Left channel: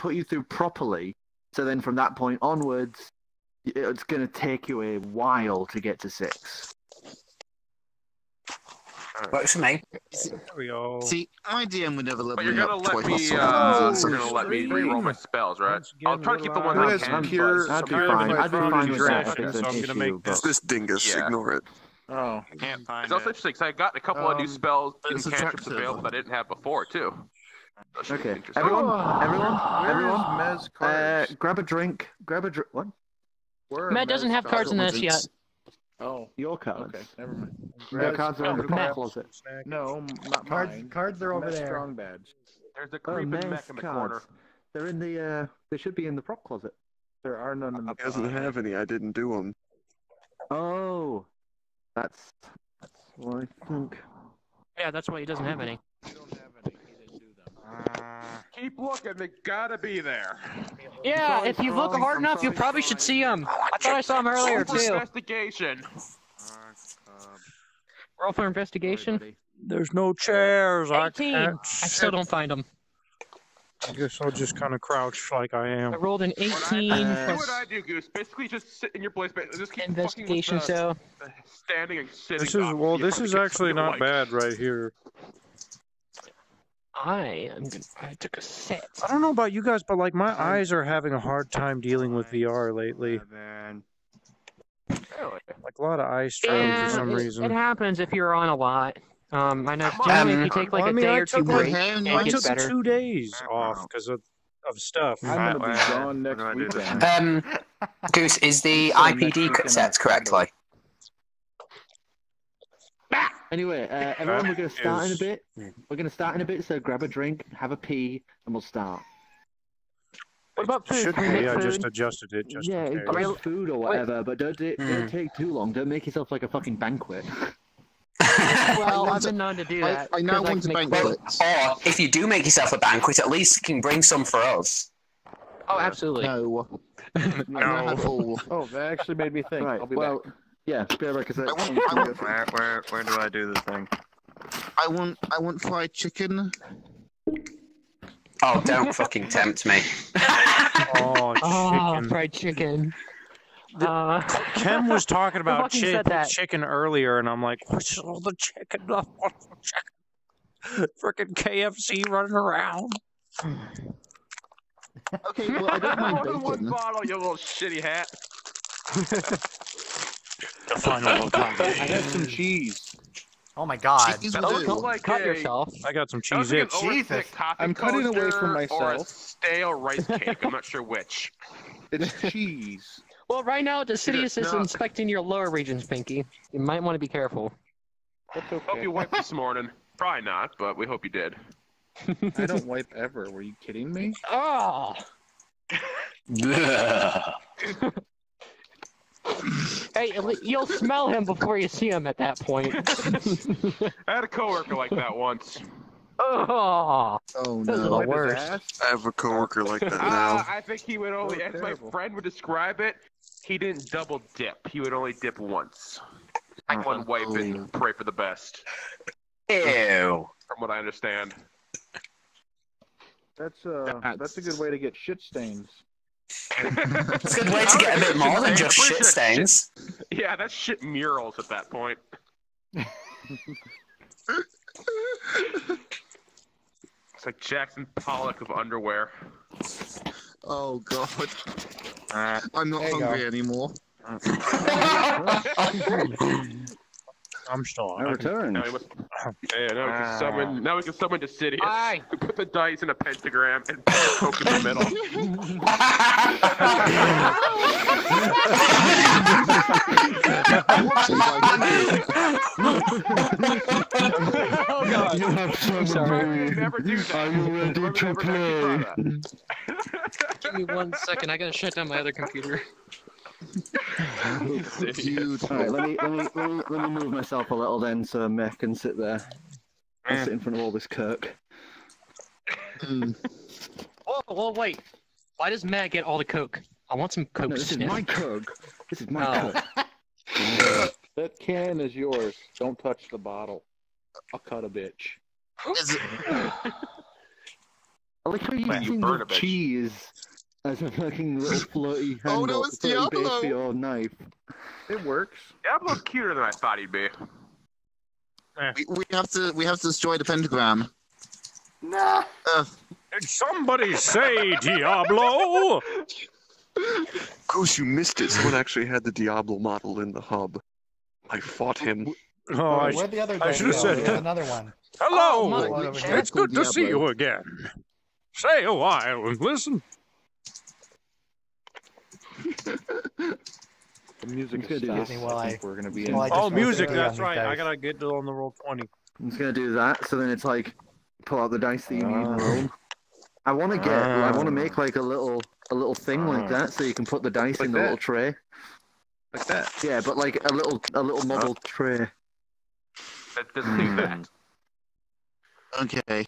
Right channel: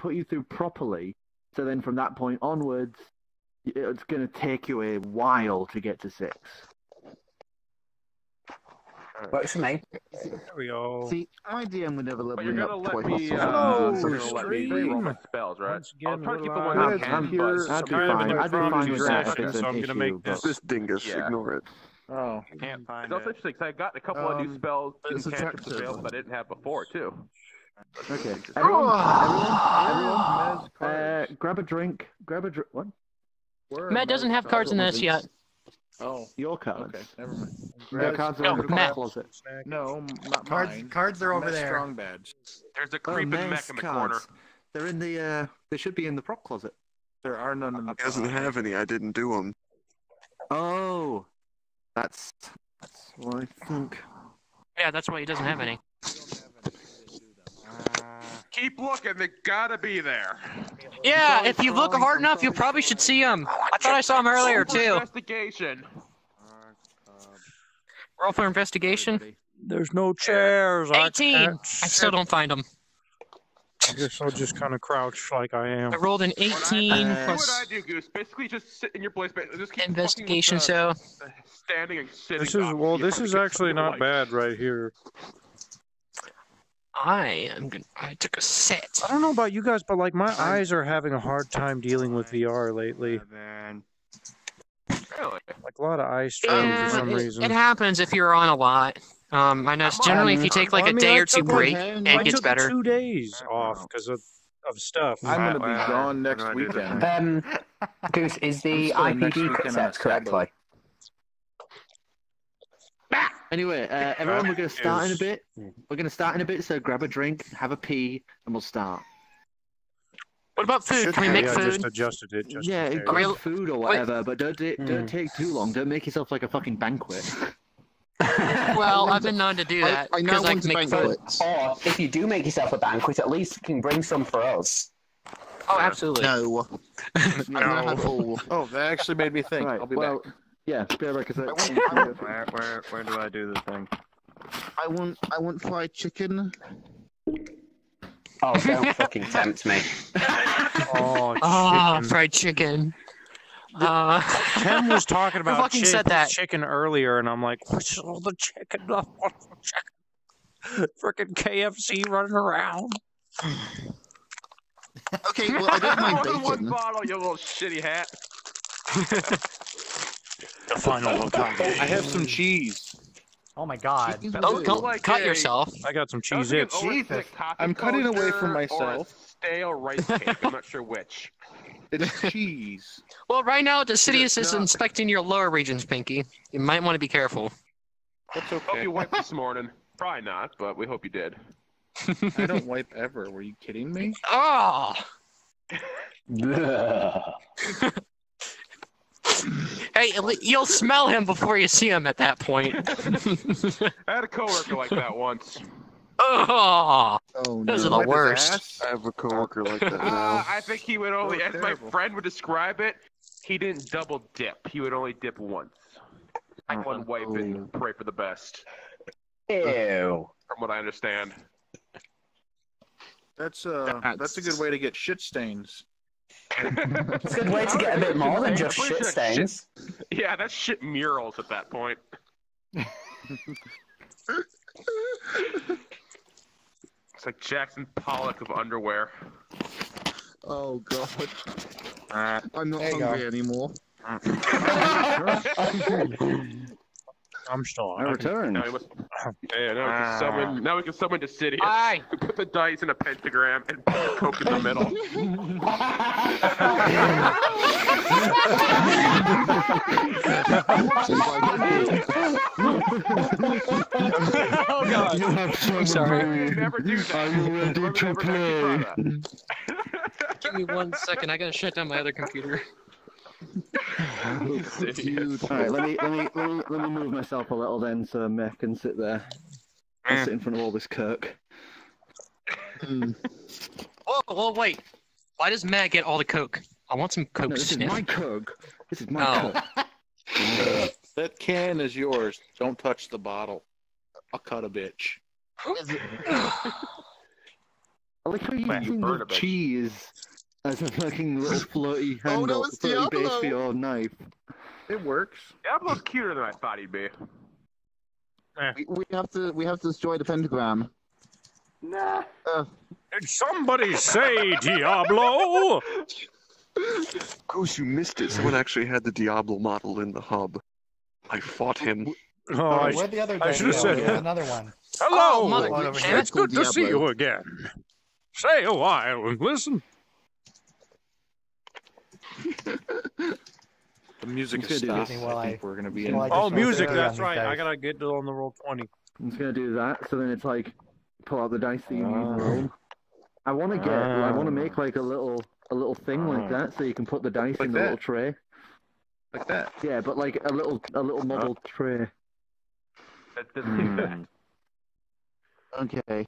put you through properly. So then from that point onwards, it's going to take you a while to get to 6. Works for me. There we go. See, my DM would never let But me you're up gonna let twice. me. Hello, You're gonna let me reroll my spells, right? Once again, I'll try to keep the we're one live. that's I'm pure. I'd be kind of fine. an I'd be fine with that. session, If it's so an I'm gonna issue, make but- It's this dingus. Yeah. Ignore it. Oh, can't find It's also it. interesting because I got a couple of new spells and it's a cantrips trap available that I didn't have before too. That's Okay, interesting. everyone, grab a drink. What? Matt doesn't have cards in this yet. Oh, Your cards. okay, never mind. Your cards are in the Matt. prop closet. No, not mine. Cards are over Mess there. Strong badge. There's a creeping mech in the corner. They're in the. They should be in the prop closet. There are none in the. He doesn't have any. I didn't do them. Oh, that's what I think. Yeah, that's why he doesn't have any. Keep looking, they gotta be there. Yeah, if you look hard enough, you probably should see him. I thought I saw him earlier too. Investigation. Roll for investigation. There's no chairs. 18. I I can't still don't find him. I guess I'll just kind of crouch like I am. I rolled an 18 What plus I do, Goose? Basically, just sit in your place, but just keep investigation. fucking with So the standing and sitting. This is up. this is actually not bad right here. I took a set. I don't know about you guys, but like my eyes are having a hard time dealing with VR lately. Like a lot of eye strain for some reason. It happens if you're on a lot. I know generally if you take like Well, I a mean, day I or two took, like, break, I it gets took better. 2 days off because of stuff. I'm gonna be gone next weekend. Goose, is the IPD set correctly? Anyway, everyone, we're going to start in a bit. We're going to start in a bit, so grab a drink, have a pee, and we'll start. What about food? Should Can we be. make I food? just adjusted it just Yeah, in case. grab food or whatever, but don't take too long. Don't make yourself like a fucking banquet. Well, I've been known to do that. I now 'cause want to can make food. banquets. Or if you do make yourself a banquet, at least you can bring some for us. Oh, absolutely. No. No. Oh, that actually made me think. Right, I'll be well, yeah, be right back. Where do I do this thing? I want fried chicken. Oh, don't fucking tempt me. Oh, Ah, chicken. fried chicken. Ken was talking about fucking said that. chicken earlier, and I'm like, what's all the chicken? Freaking KFC running around. Okay, well I don't mind One bacon. bottle, you little shitty hat. The final I have some cheese. Oh my god. Cheese That will looks do. like Cut a- yourself. I got some that looks like an Cheez-Its. overcooked coffee I'm cutting away from toaster or a myself. stale rice cake. I'm not sure which. It's cheese. Well, right now the Sidious is inspecting your lower regions, Pinky. You might want to be careful. That's Hope okay. you wiped this morning. Probably not, but we hope you did. I don't wipe ever. Were you kidding me? Oh! Hey, you'll smell him before you see him at that point. I had a coworker like that once. Oh! Oh Those are no. the worst. I have a coworker like that now. I think he would only, as my friend would describe it, he didn't double dip. He would only dip once. One wipe and pray for the best, Ew. from what I understand. That's a good way to get shit stains. It's a good way to get a bit more than just shit stains. Yeah, that's shit murals at that point. It's like Jackson Pollock of underwear. Oh god. I'm not There you hungry anymore. I'm still I return. Now we must. Yeah, now we can summon. Now we can summon Decidius. Aye. We put the dice in a pentagram and put the coke in the middle. Oh god. You have Sorry, summoned we me. never do that. Are you ready We're to never gonna keep play? that. Give me 1 second. I gotta shut down my other computer. Alright, let me move myself a little then so Mech can sit there. I'll sit in front of all this Kirk. Whoa, wait. Why does Matt get all the Coke? I want some Coke. No, this is my Kirk. This is my Kirk. That can is yours. Don't touch the bottle. I'll cut a bitch. I like how you Man, you using burn the a bitch. cheese as a fucking little floaty Oh, handle, no, it's floaty base Diablo. for your knife. It works. Diablo's cuter than I thought he'd be. We have to destroy the pentagram. Nah. Did somebody say Diablo? Goose, you missed it. Someone actually had the Diablo model in the hub. I fought him. Oh, Where'd the other I guy should have go? said There's that. another one. Hello! Oh, my shit. It's good to see Diablo. you again. Stay a while and listen. The music Let's is do stopped. this. Well, I think we're gonna be in. well, I Oh, just music, rolled 50 that's on right. these I dice. gotta get it on the roll 20. I'm just gonna do that, so then it's like pull out the dice that you need and roll. I want to make like a little thing like that, so you can put the dice Like in the that? little tray. Like that. Yeah, but like a little model tray. That doesn't exist. Okay.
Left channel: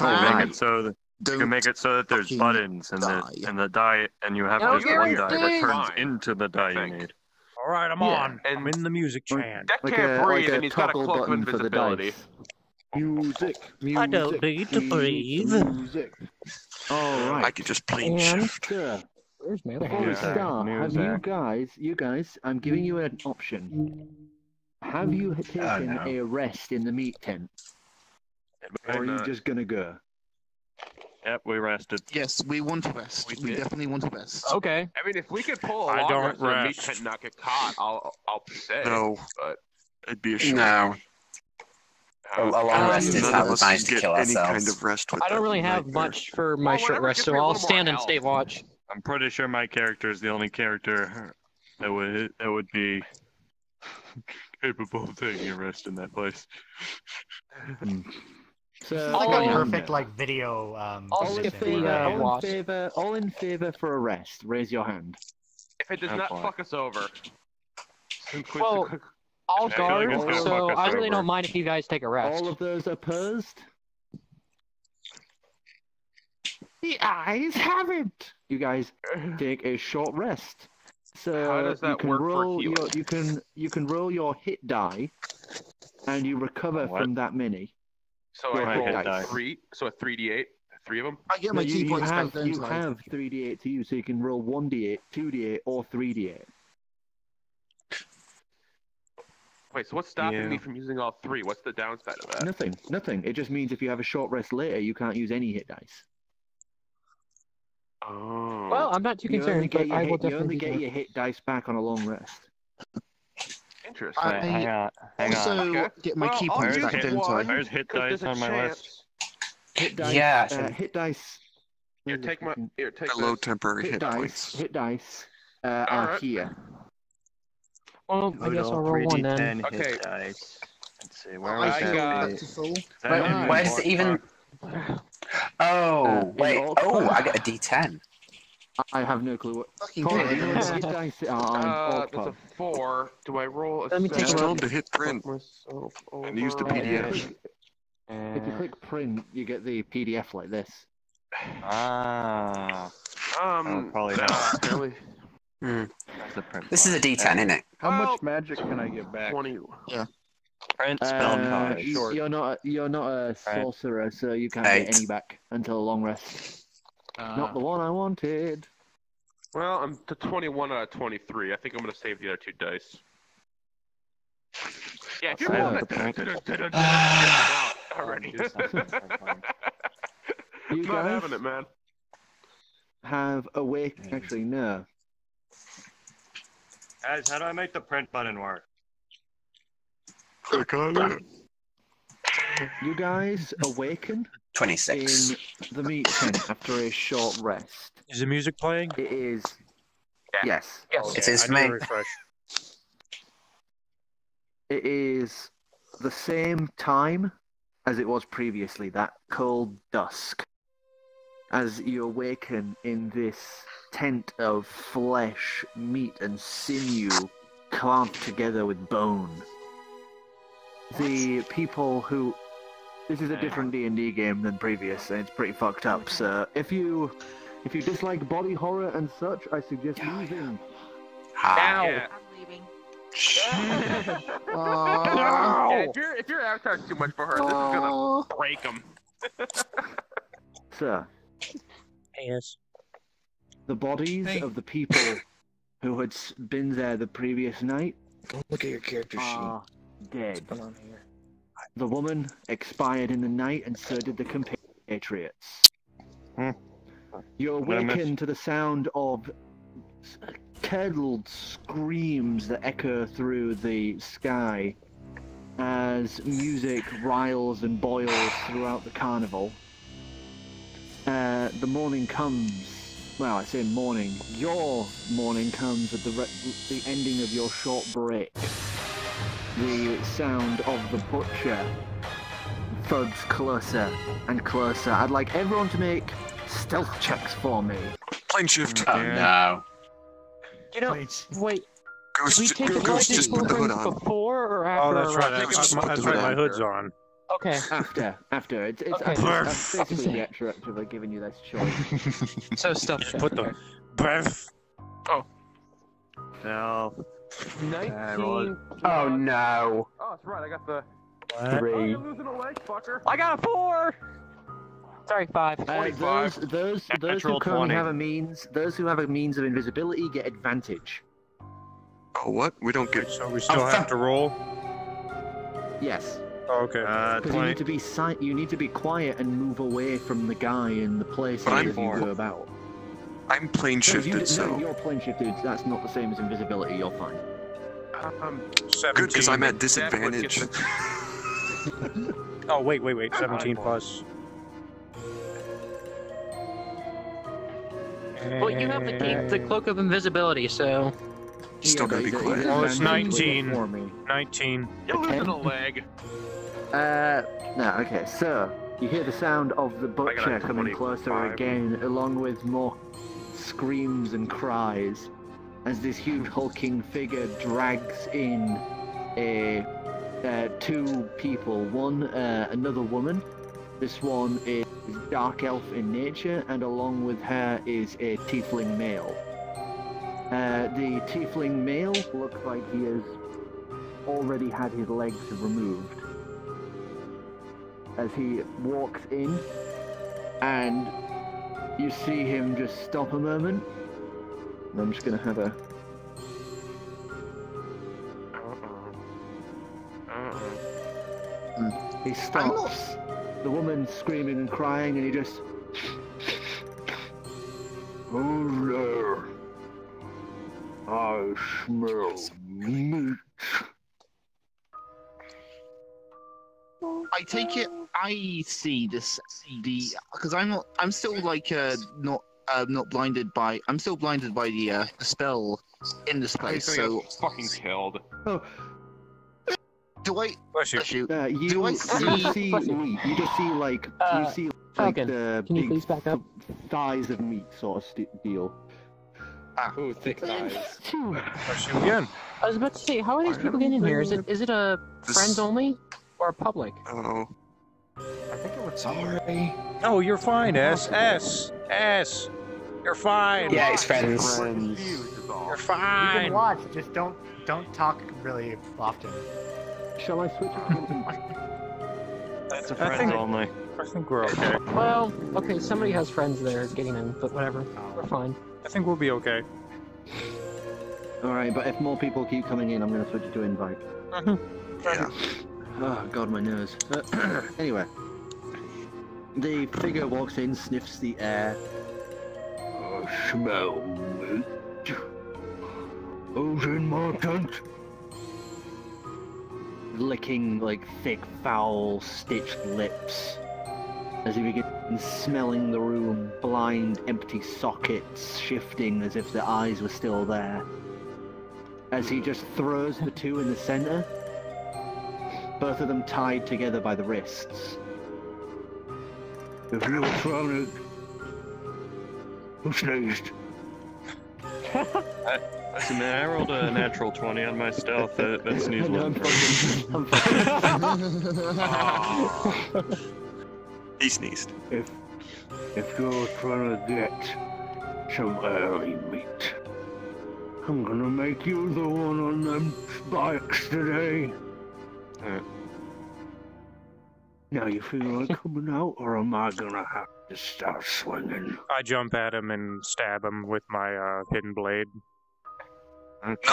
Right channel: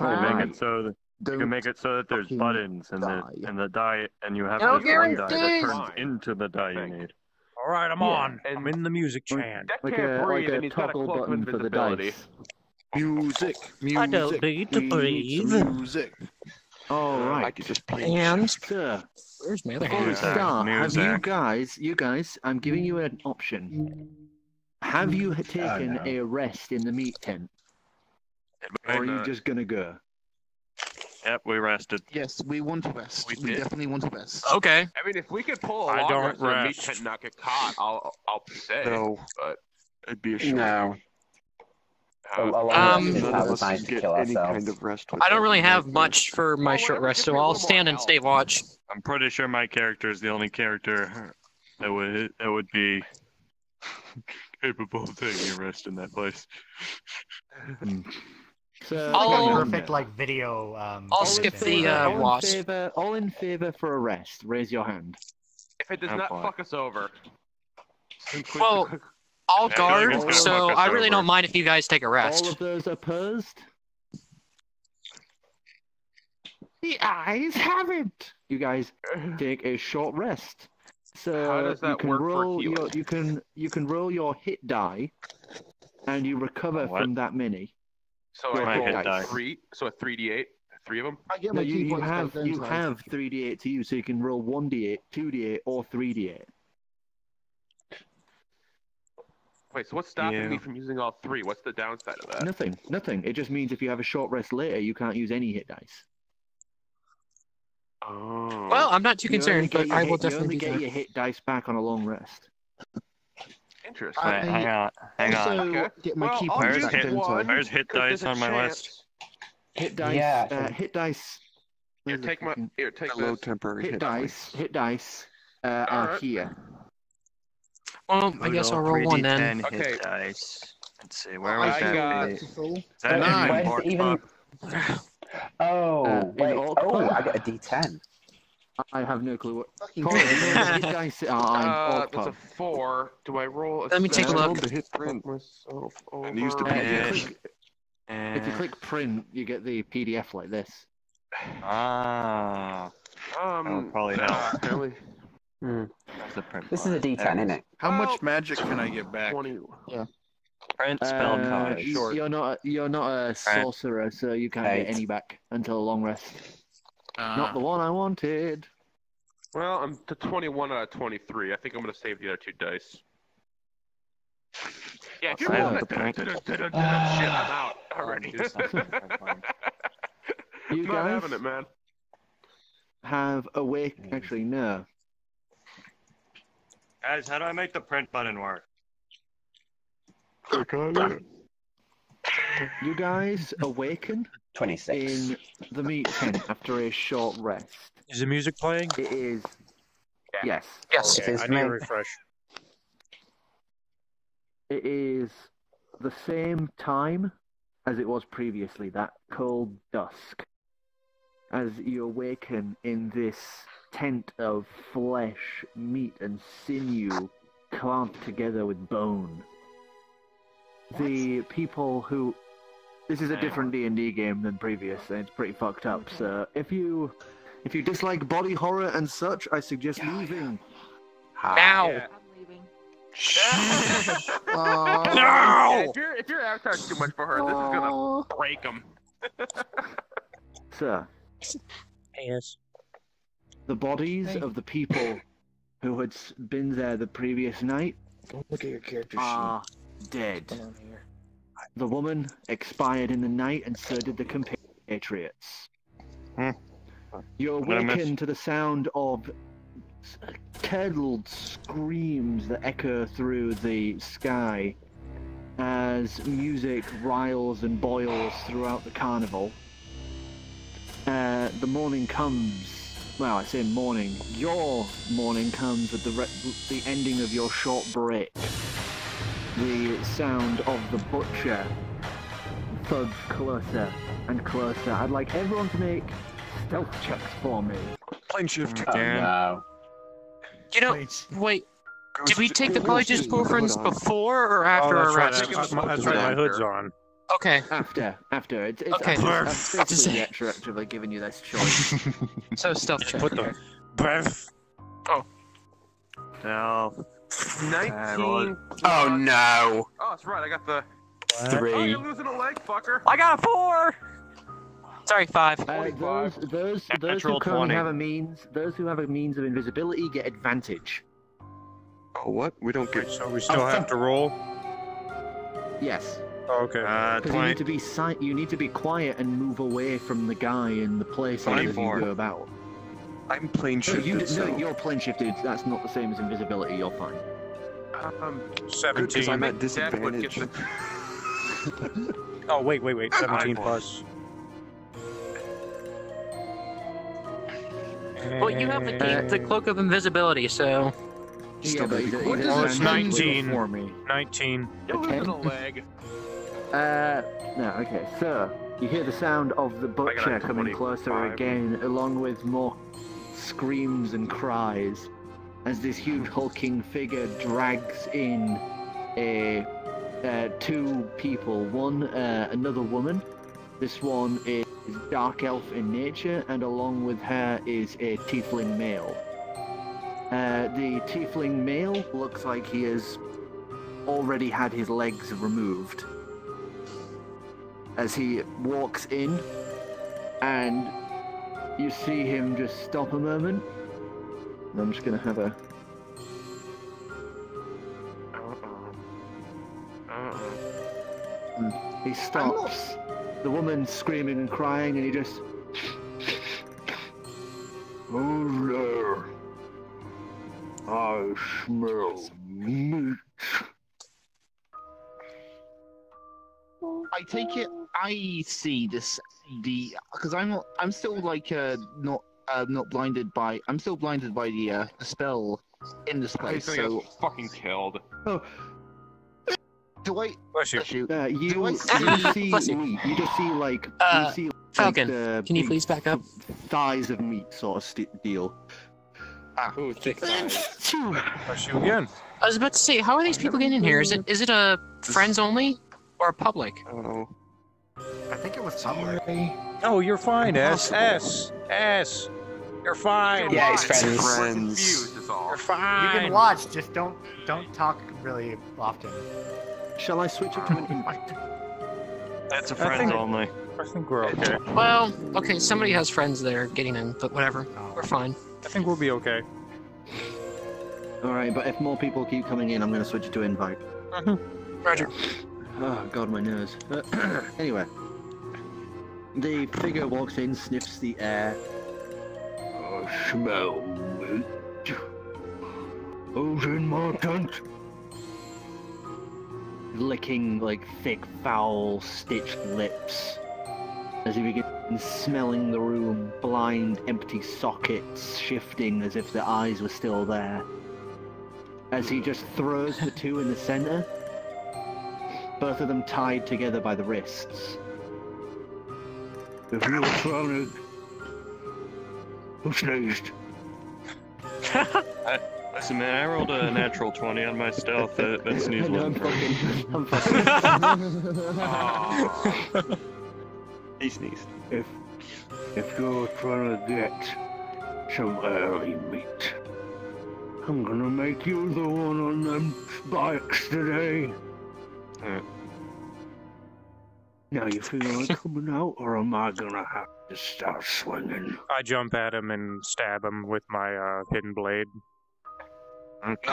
Alright. Make it so that you can make it so that there's fucking buttons and the die, and you have No just one die that guarantee. turns into the die you think. need. All right, I'm Yeah, on. and- I'm in the music chant. Deck Like can't a breathe, and he's got a toggle cloak of button for the invisibility. dice. Music. I don't need to breathe. Music. All I right. could just play. And Sir, where's my other before we Yeah. hand? start, have Music. you guys, I'm giving you an option. Have you taken no. a rest in the meat tent, or are you just gonna go? Yep, we rested. Yes, we want to rest. We We did. definitely want to rest. Okay. I mean, if we could pull a I long don't rest in a meat rest. tent and not get caught, I'll say. No, But it'd be a shame. No. A long rest is None how of we're us trying can to get kill any ourselves. kind of rest with I don't that really have nightmare. much for my Well, short whatever, rest, give so me a I'll little more stand and health. stay watch. I'm pretty sure my character is the only character that would be capable of taking a rest in that place. So, I'll- Like a Clement, perfect like video. I'll skip thing. the, all in loss. favor, all in favor for a rest. Raise your hand. if it does Oh, not boy. fuck us over, Well, I'll Yeah, guard, it's gonna so fuck us I really over. don't mind if you guys take a rest. All of those opposed? The eyes haven't. You guys take a short rest. So How does that you can work for roll your healing? you can roll your hit die, and you recover What? from that many. so Your I hit roll dice. three, so a 3d8, three of them. I get No, my key you points have back you then, have 3d8 to use, so you can roll 1d8, 2d8, or 3d8. Wait, so what's stopping Yeah. me from using all three? What's the downside of that? Nothing. It just means if you have a short rest later, you can't use any hit dice. Oh. Well, I'm not too You only concerned, get but your I will hit- you definitely only do get that. your hit dice back on a long rest. Interesting. I- Hang on. Hang also on. Okay. get my Well, key I'll points use back hit then, one. so I- There's hit 'Cause dice there's a on my chance. list. Hit dice. Yeah, actually. Hit dice. Here, take my. Here, take Hello, this. temporary Hit hit dice. points. Hit dice. Are Alright. here. Well, I guess I'll roll one then. Okay. Hit dice. Let's see, where I is that? got- Is that But in why does Orc it even? Talk? Oh, in wait. Orc Oh, Talk? I got a D10. I have no clue what. Fucking Colin, good. you know what the hit dice are on Orc That's a Talk? 4. Do I roll a Let me take a seven? look. Told to hit print Myself and use the over? PDF. If you click print, you get the PDF like this. Ah, that would probably nah, help. really. That's the print This is a part. D10, isn't it? How Well, much magic can I get back? 20. Print spell card. short. You're not a sorcerer, so you can't get Right. any back until a long rest. Not the one I wanted. Well, I'm to 21 out of 23. I think I'm going to save the other 2 dice. Yeah, if you're Fair. rolling that, I'm out already. You Not guys having it, man. have awake. Actually, no. Guys, how do I make the print button work? Click on it. You guys awaken 26. in the meat tent after a short rest. Is the music playing? It is. Yeah. Yes. Yes. It is I for need to me. refresh. It is the same time as it was previously, that cold dusk. As you awaken in this tent of flesh, meat, and sinew clamped together with bone. The people who... This is a different D&D game than previous, and it's pretty fucked up, so if you dislike body horror and such, I suggest leaving. Now. Yeah. Oh, Yeah, if your avatar's too much for her, this is gonna break him. Sir, Yes. the bodies of the people who had been there the previous night Look at your character are dead. sheet. Come on here. The woman expired in the night, and so did the compatriots. You awaken to the sound of curdled screams that echo through the sky as music riles and boils throughout the carnival. The morning comes. Well, I say morning. Your morning comes at the ending of your short break. The sound of the butcher thuds closer and closer. I'd like everyone to make stealth checks for me. Plane shift. Oh, no. You know, wait. Did we take the college squadrons before or after? Oh, that's right. That's right. My hood's on. Okay. After. It's Okay. I'm basically retroactively giving you this choice. So stealth check. Put the breath. Now, 19. Oh, no. Oh, that's right. I got the. Oh, 3. you're losing a leg, fucker. I got a 4. Sorry, 5. Those who Natural currently 20. have a means, those who have a means of invisibility get advantage. Oh, what? We don't get. So we still have to roll. Yes, Oh, okay. because you 20. need to be you need to be quiet and move away from the guy in the places as you 24. go about. I'm plane No, shifted, so. you're plane shifted. That's not the same as invisibility. You're fine. Good, because 17. I'm at That would get disadvantage. Oh, wait. 17 plus. Well, you have the cloak of invisibility, so. Still but gotta be he's- quiet. he's Oh, it's advantage 19. for me. 19. You're losing a leg. No, okay, so you hear the sound of the butcher a coming closer 25. again, along with more screams and cries, as this huge hulking figure drags in two people. One, another woman. This one is dark elf in nature, and along with her is a tiefling male. The tiefling male looks like he has already had his legs removed. As he walks in, and you see him just stop a moment. And I'm just gonna have a. He stops. The woman's screaming and crying, and he just. Oh there. I smell meat. I take it I see this because I'm still like not blinded by I'm still blinded by the spell in this place. He's gonna So get fucking killed. Oh, do I? Bless you. Shoot. you Do I see Bless you. meat. You just see like Falcon, the can you big please back up? thighs of meat sort of deal. Ooh, thick thighs. Bless you again. I was about to say, how are these people getting in here? Is it a friends only or public? Oh. I think it was somewhere. Oh, you're fine, S. You're fine. Yeah, he's friends. We're confused, is all. You're You fine. can watch, just don't talk really often. Shall I switch it to an invite? That's a I friend think- only. I think we're okay. Well, okay, somebody has friends there getting in, but whatever. We're fine. I think we'll be okay. Alright, but if more people keep coming in, I'm going to switch it to invite. Roger. Oh, God, my nose. Anyway. The figure walks in, sniffs the air. I smell meat. Who's in my tent? Licking, like, thick, foul, stitched lips. As he begins smelling the room, blind, empty sockets shifting as if the eyes were still there. As he just throws the two in the center, both of them tied together by the wrists. If you're trying to... Who sneezed? Listen, man, I rolled a natural 20 on my stealth. That's I know, I'm fucking... He sneezed. If you're trying to get some early meat, I'm gonna make you the one on them bikes today. Now you feel like coming out, or am I gonna have Just start swinging. I jump at him and stab him with my hidden blade. Okay.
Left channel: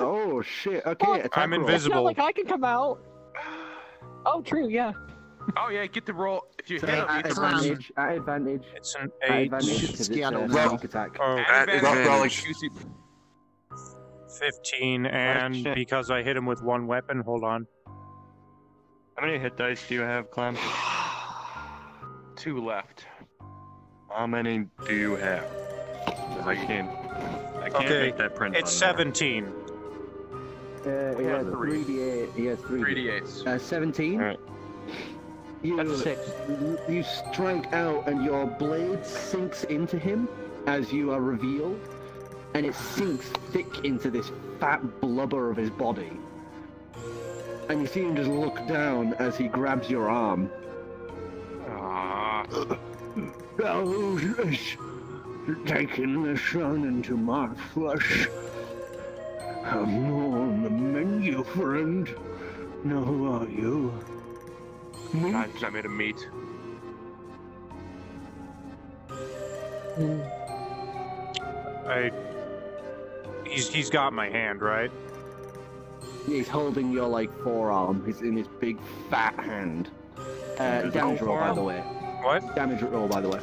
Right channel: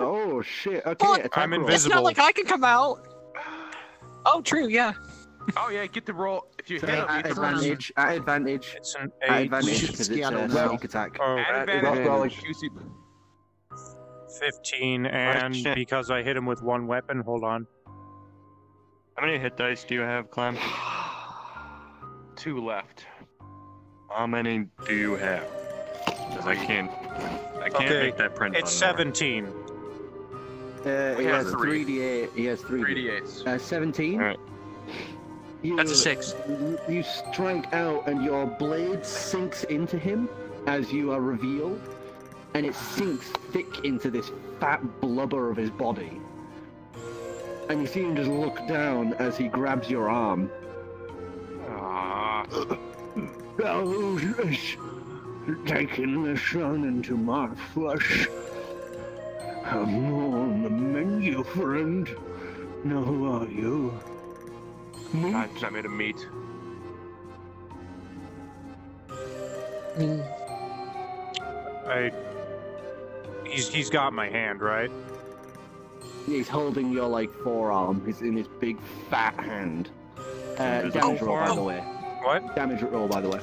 Oh shit! Okay, attack I'm roll. invisible. It's not like I can come out. Oh, true. Yeah. Oh yeah, get the roll. If you So hit him, at you can roll. advantage. At advantage. It's an At 8. advantage because it's a sneak attack. Oh, At advantage, roll like advantage. QC. 15, and shit. because I hit him with one weapon, hold on. How many hit dice do you have, Clem? 2 left. How many do you have? 'Cause I can't Okay, make that print. it's on 17. We He have has 3. 3d8. He has 3d8. 3d8s. 17. Alright. That's a 6. You strike out, and your blade sinks into him as you are revealed, and it sinks thick into this fat blubber of his body. And you see him just look down as he grabs your arm. Ah. Oh, yes. Taking the sun into my flesh. Have more on the menu, friend. Now who are you? God, I made him meat. He's got my hand, right? He's holding your, like, forearm. He's in his big, fat hand. Damage roll, by the way. What? Damage roll, by the way.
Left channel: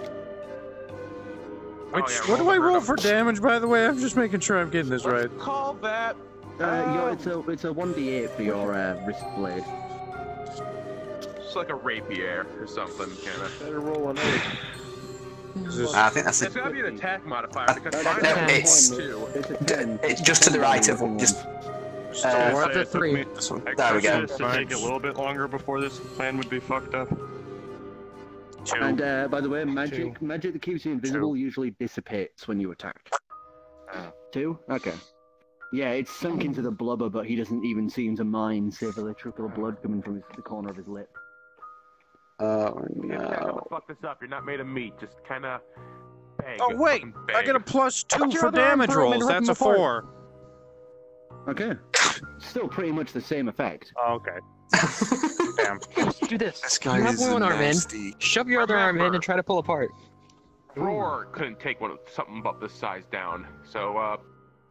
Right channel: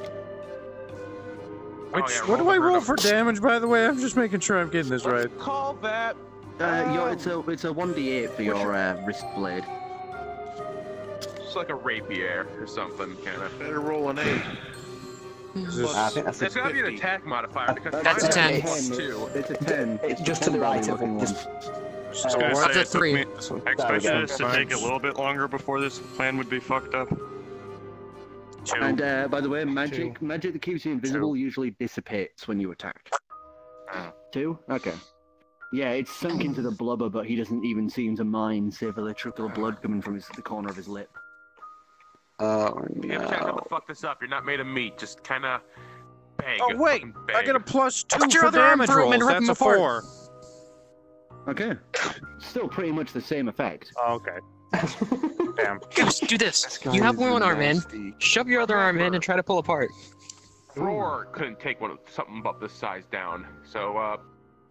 Which, yeah, what do roll I the roll rhythm. for damage, by the way? I'm just making sure I'm getting this right. Call that. It's a 1d8 for your wrist blade. It's like a rapier or something, kind of. Better roll an 8. I think that's It's gotta be an attack modifier because That's mine a 10. has 2. It's a 10. It's just to the right of him. Just So What's a 3? there we go. It take a little bit longer before this plan would be fucked up. 2. And by the way, magic that keeps you invisible usually dissipates when you attack. 2? Okay. Yeah, it's sunk into the blubber, but he doesn't even seem to mind, save a trickle of blood coming from the corner of his lip. Oh Yeah, but how no. to fuck this up? You're not made of meat. Just kind of bang. Oh, wait! Fucking I get a bang. +2 Put your for other arm damage through him rolls. and rip That's him a apart. 4. Okay. Still pretty much the same effect. Oh, okay. Damn. Just do this. This guy You have is one arm in. nasty. Shove your other arm in and try to pull apart. Roar couldn't take something about this size down. So, a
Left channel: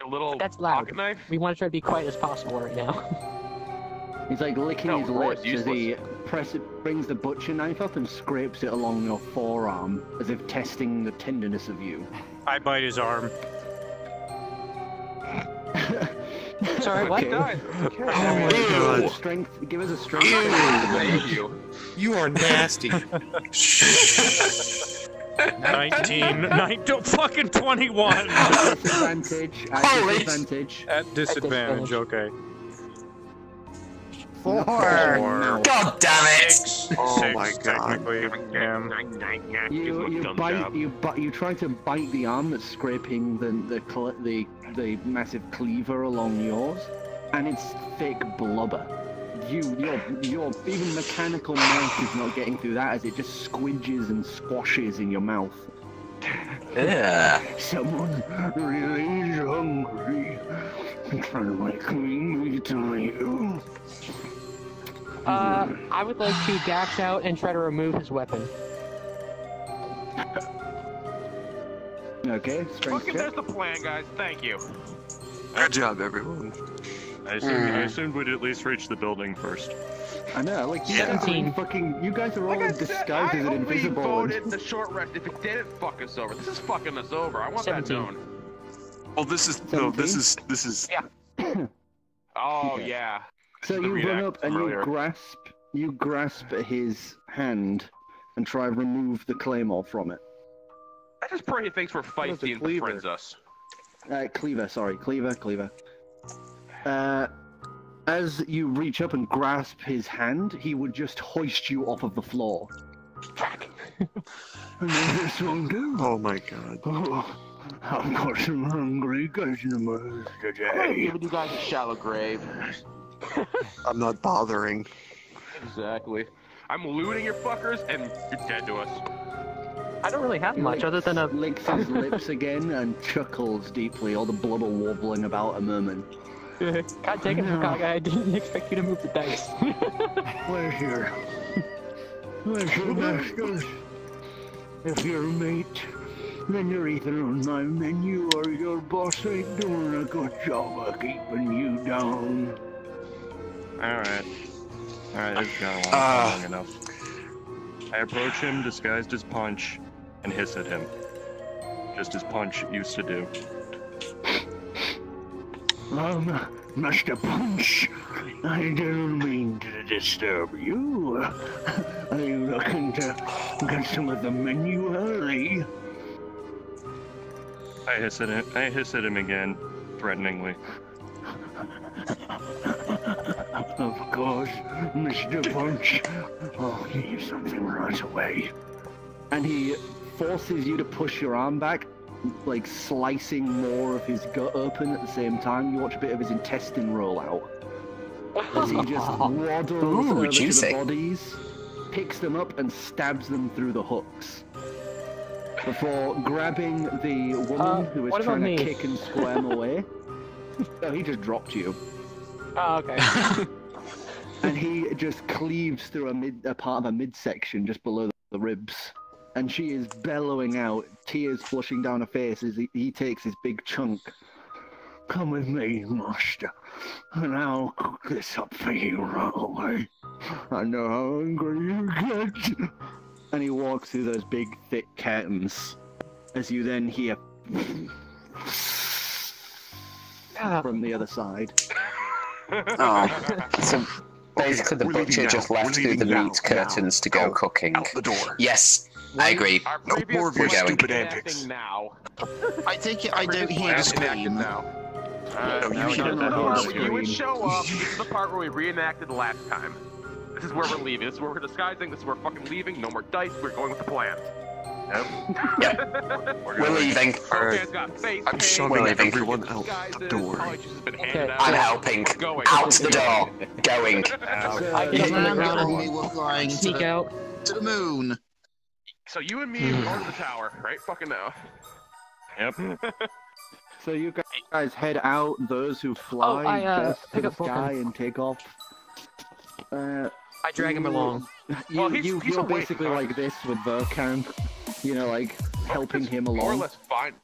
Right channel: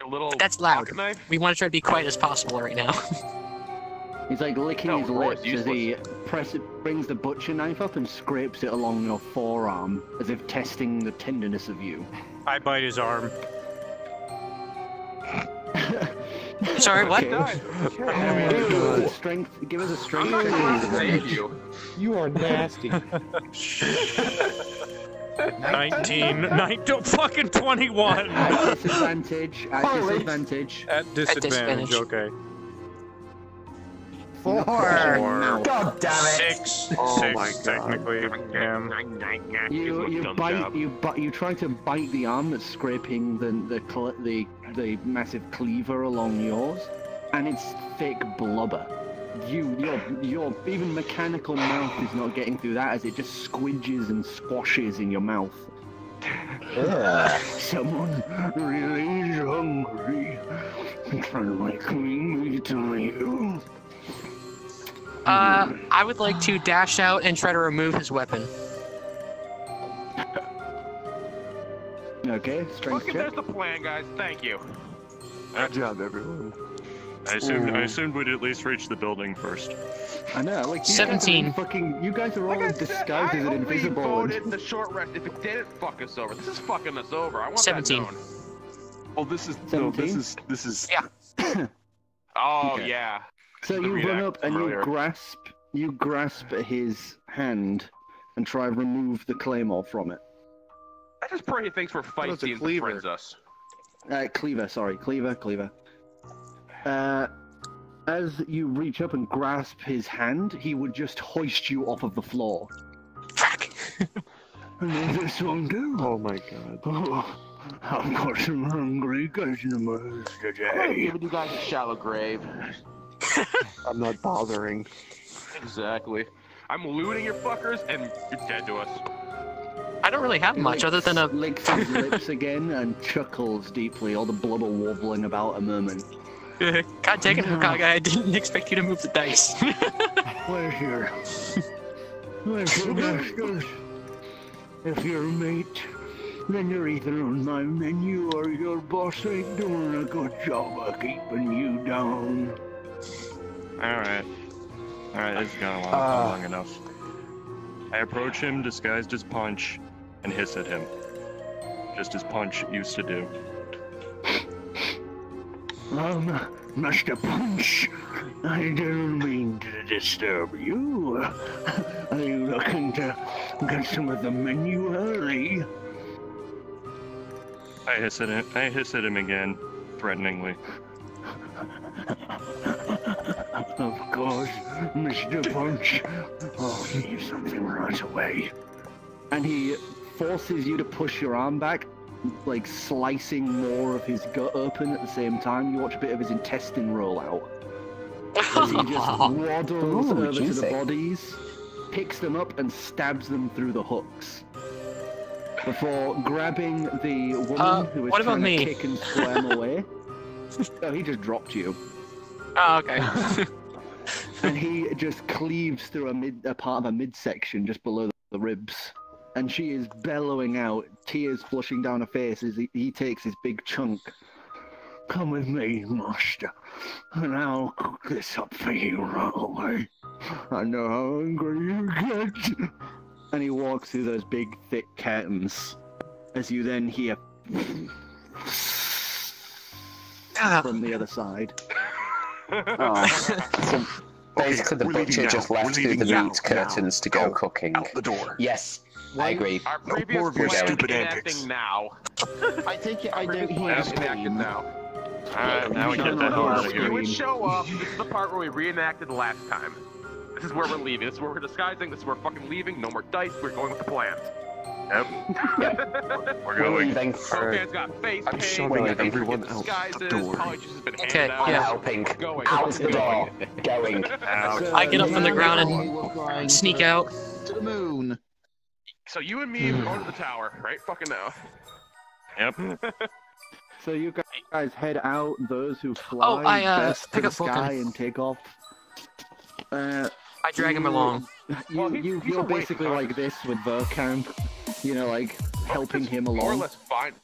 little That's loud. pocket knife. We want to try to be quiet as possible right now. He's like licking No, his Roar's lips as he brings the butcher knife up and scrapes it along your forearm, as if testing the tenderness of you. I bite his arm. Sorry, what? Okay. Give us a strength. I'm not gonna save you. You are nasty. 19, fucking 21! At disadvantage. At disadvantage. At disadvantage, okay. 4. Now. God damn it! 6, Oh 6 my God. technically. Yeah. You try to bite the arm that's scraping the massive cleaver along yours, and it's thick blubber. Your even mechanical mouth is not getting through that as it just squidges and squashes in your mouth. Someone really is hungry. I'm trying to make me tell you. I would like to dash out and try to remove his weapon. Okay, strength Fucking, check. there's the plan, guys. Thank you. Good job, everyone. I assumed we'd at least reach the building first. I know, like you guys are 17. fucking. You guys are all Like I said, disguised as I an only invisible. voted the short rest. If it didn't fuck us over, this is fucking us over. I want 17. that known. Well, this is 17? Oh Okay. yeah. So This is the you run react up and from you earlier. grasp his hand and try and remove the claymore from it. I just pray he thinks we're fight That's a teams and cleaver. friends us. Cleaver. As you reach up and grasp his hand, he would just hoist you off of the floor. And then this one too. Oh my god. Oh, I've got some hungry customers I'm today. giving you guys a shallow grave. I'm not bothering. Exactly. I'm looting your fuckers, and you're dead to us. I don't really have much other than a. Licks his lips again and chuckles deeply, all the blubber wobbling about a moment. God dang it, Hokage, I didn't expect you to move the dice. Pleasure. Listen, Masters, if you're a mate, then you're either on my menu or your boss ain't doing a good job of keeping you down. Alright. Alright, this has gone on long enough. I approach him, disguised as Punch, and hiss at him. Just as Punch used to do. Mr. Punch, I didn't mean to disturb you. Are you looking to get some of the menu early? I hiss at him again, threateningly. Of course, Mr. Punch. I'll give you something right away. And he forces you to push your arm back, like slicing more of his gut open at the same time. You watch a bit of his intestine roll out. As he just waddles over to the bodies, picks them up and stabs them through the hooks. Before grabbing the woman who was trying to kick and squirm away. Oh, he just dropped you. Oh, okay. And he just cleaves through a part of a midsection just below the ribs. And she is bellowing out, tears flushing down her face as he takes his big chunk. Come with me, Master, and I'll cook this up for you right away. I know how hungry you get. And he walks through those big, thick curtains, as you then hear from the other side. So basically, the butcher just left through the meat curtains to go cooking. Out the door. Yes, I agree. Our previous more of your plan stupid is antics. enacting now. I take it I don't hear the That's enacted scream. now. Now This is the part where you would show up. This is the part where we reenacted last time. This is where we're leaving. This is where we're disguising. This is where we're fucking leaving. No more dice. We're going with the plan. Yep. We're leaving. Okay, it's got face I'm paint. shoving we got everyone disguises, out the door. College has been handed Okay, out. I'm helping. We're going. Out the door. Going. I get up on the ground and sneak out. To the moon. So you and me, we're going to the tower, right? Fucking now. Yep. So you guys head out, those who fly best to pick the up sky Vulcan. and take off. I drag him along. You're basically like this with Vulcan, you know, like helping him along. More or less fine.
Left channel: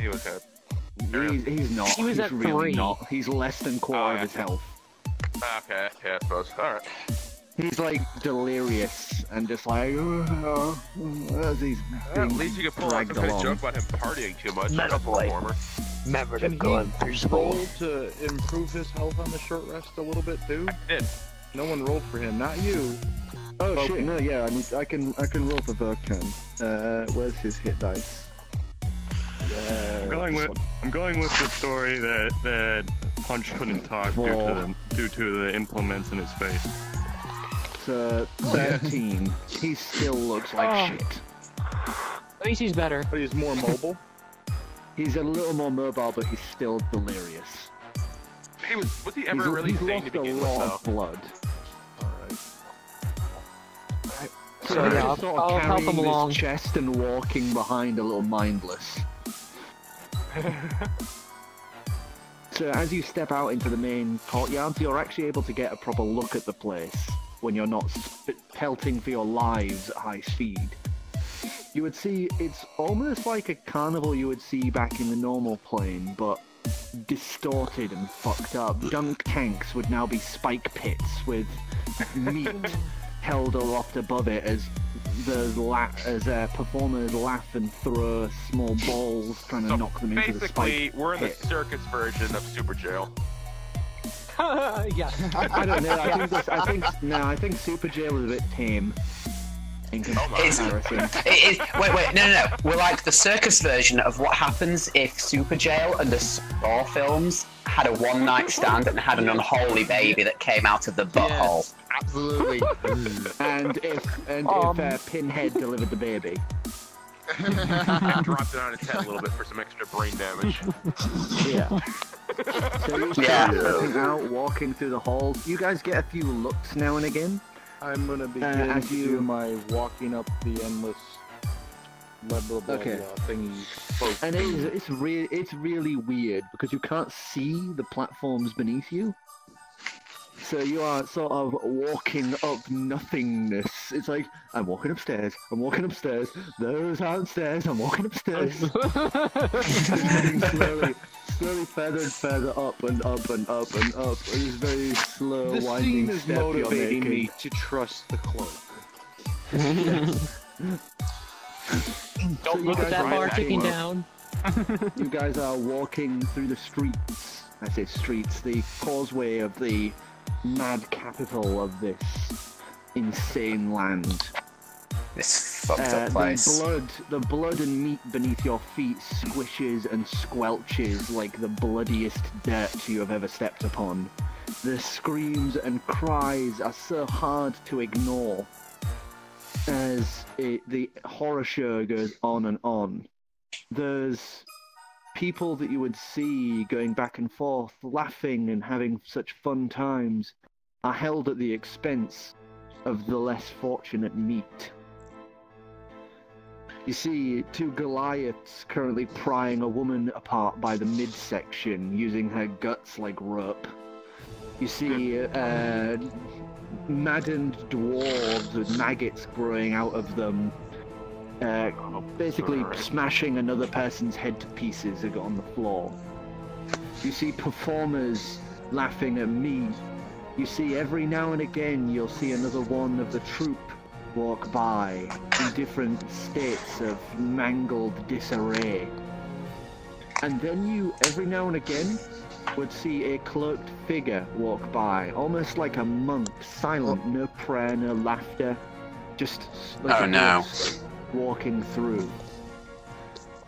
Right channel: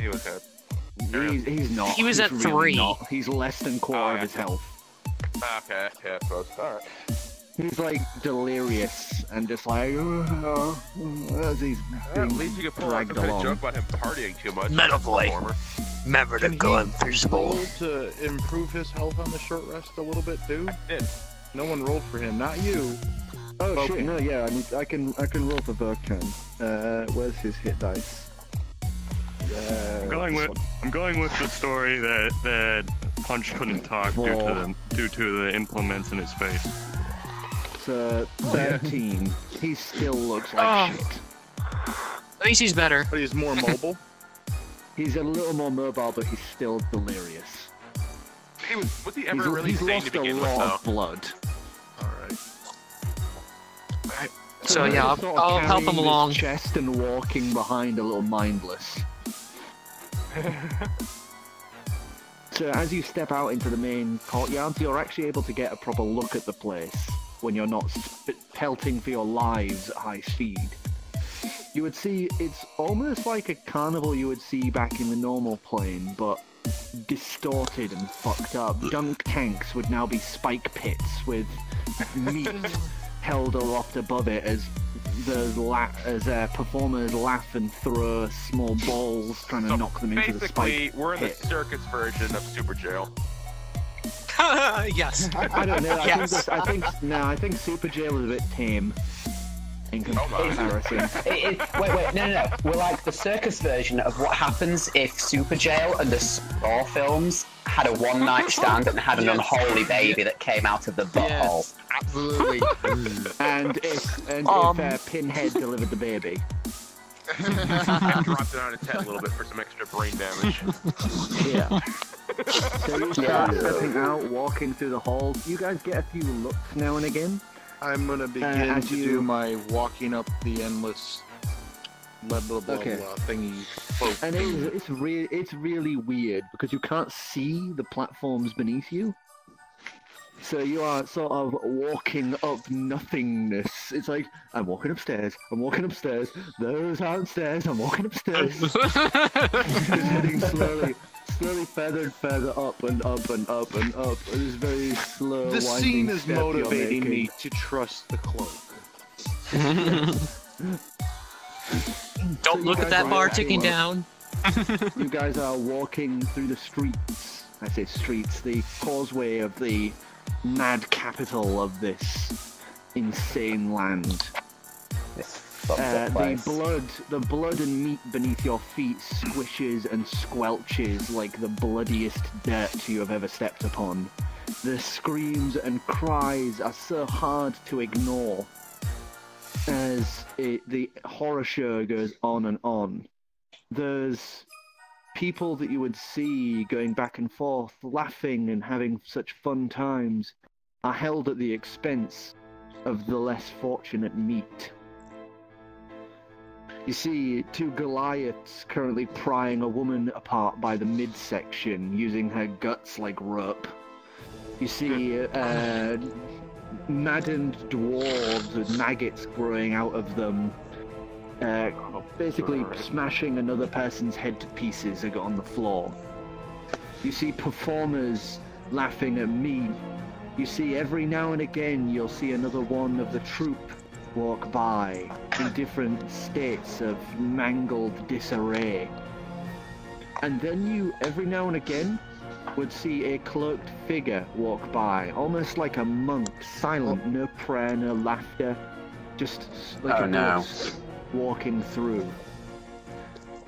He was hit. He's not. He was He's at really 3. Not. He's less than quarter of his health. Okay, yeah, I suppose. Alright. He's like delirious and just like as he's At being least you could pull out dragged some kind of along. joke about him partying too much. Metal As a boy. performer. Remember to go in first Roll to improve his health on the short rest a little bit too. Did. No one rolled for him, not you. Oh shit! No, yeah, I can roll for Vulcan. Where's his hit dice? I'm going with the story that Punch couldn't talk due to the implements in his face. So 13. He still looks like shit. At least he's better. But he's more mobile. He's a little more mobile, but he's still delirious. Was he ever really he's sane lost to begin a with, lot of though? blood. So he's yeah, just sort of I'll help carrying him his along. chest and walking behind a little mindless. So as you step out into the main courtyards, you're actually able to get a proper look at the place when you're not pelting for your lives at high speed. You would see it's almost like a carnival you would see back in the normal plane, but distorted and fucked up. Dunk tanks would now be spike pits with meat held aloft above it as performers laugh and throw small balls trying to knock them into the spike Basically, we're in the pit. circus version of Super Jail. Yes. I don't know. I think Super Jail was a bit tame in comparison. Wait, no. We're like the circus version of what happens if Super Jail and the Saw films had a one-night stand and had an unholy baby that came out of the butthole. Yes, absolutely. and if Pinhead delivered the baby. I dropped it on his head a little bit for some extra brain damage. Yeah. So you start stepping out, walking through the halls. You guys get a few looks now and again. I'm gonna begin as to you- do my walking up the endless blah blah blah, Okay. blah thingy. And it's really weird because you can't see the platforms beneath you. So you are sort of walking up nothingness. It's like, I'm walking upstairs, those aren't stairs, I'm walking upstairs. Walking slowly further and further up and up and up and up. It is very slow, The winding scene is step you're motivating making. me to trust the cloak. Don't look at that bar ticking down. You guys are walking through the streets. I say streets, the causeway of the mad capital of this insane land. This fucked up place. The blood and meat beneath your feet squishes and squelches like the bloodiest dirt you have ever stepped upon. The screams and cries are so hard to ignore as the horror show goes on and on. There's people that you would see going back and forth, laughing and having such fun times, are held at the expense of the less fortunate meat. You see two Goliaths currently prying a woman apart by the midsection, using her guts like rope. You see maddened dwarves with maggots growing out of them, basically smashing another person's head to pieces on the floor. You see performers laughing at me. You see every now and again you'll see another one of the troupe walk by in different states of mangled disarray. And then you, every now and again, would see a cloaked figure walk by, almost like a monk, silent, no prayer, no laughter, just like a ghost walking through.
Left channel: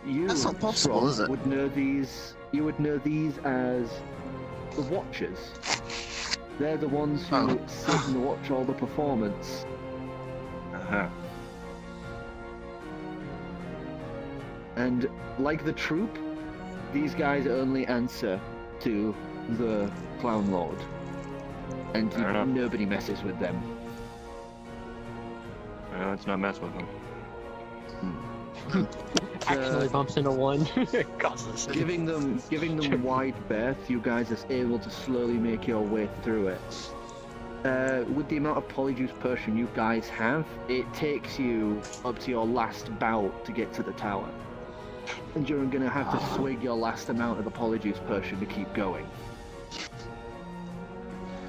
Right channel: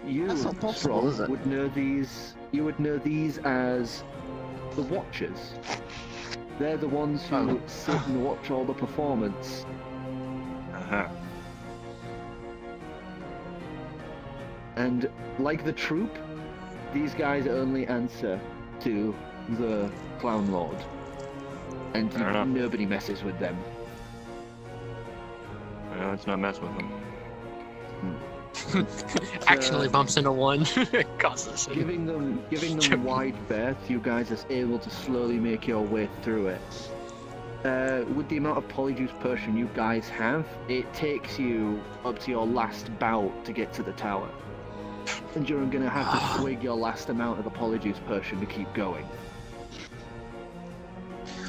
You, Strong, would know these. You would know these as the Watchers. They're the ones who sit and watch all the performance. And like the troupe, these guys only answer to the Clown Lord, and nobody messes with them. Well, let's not mess with them. Accidentally bumps into one. Causes giving them wide berth, you guys are able to slowly make your way through it. With the amount of Polyjuice Potion you guys have, it takes you up to your last bout to get to the tower. And you're going to have to swig your last amount of the Polyjuice Potion to keep going.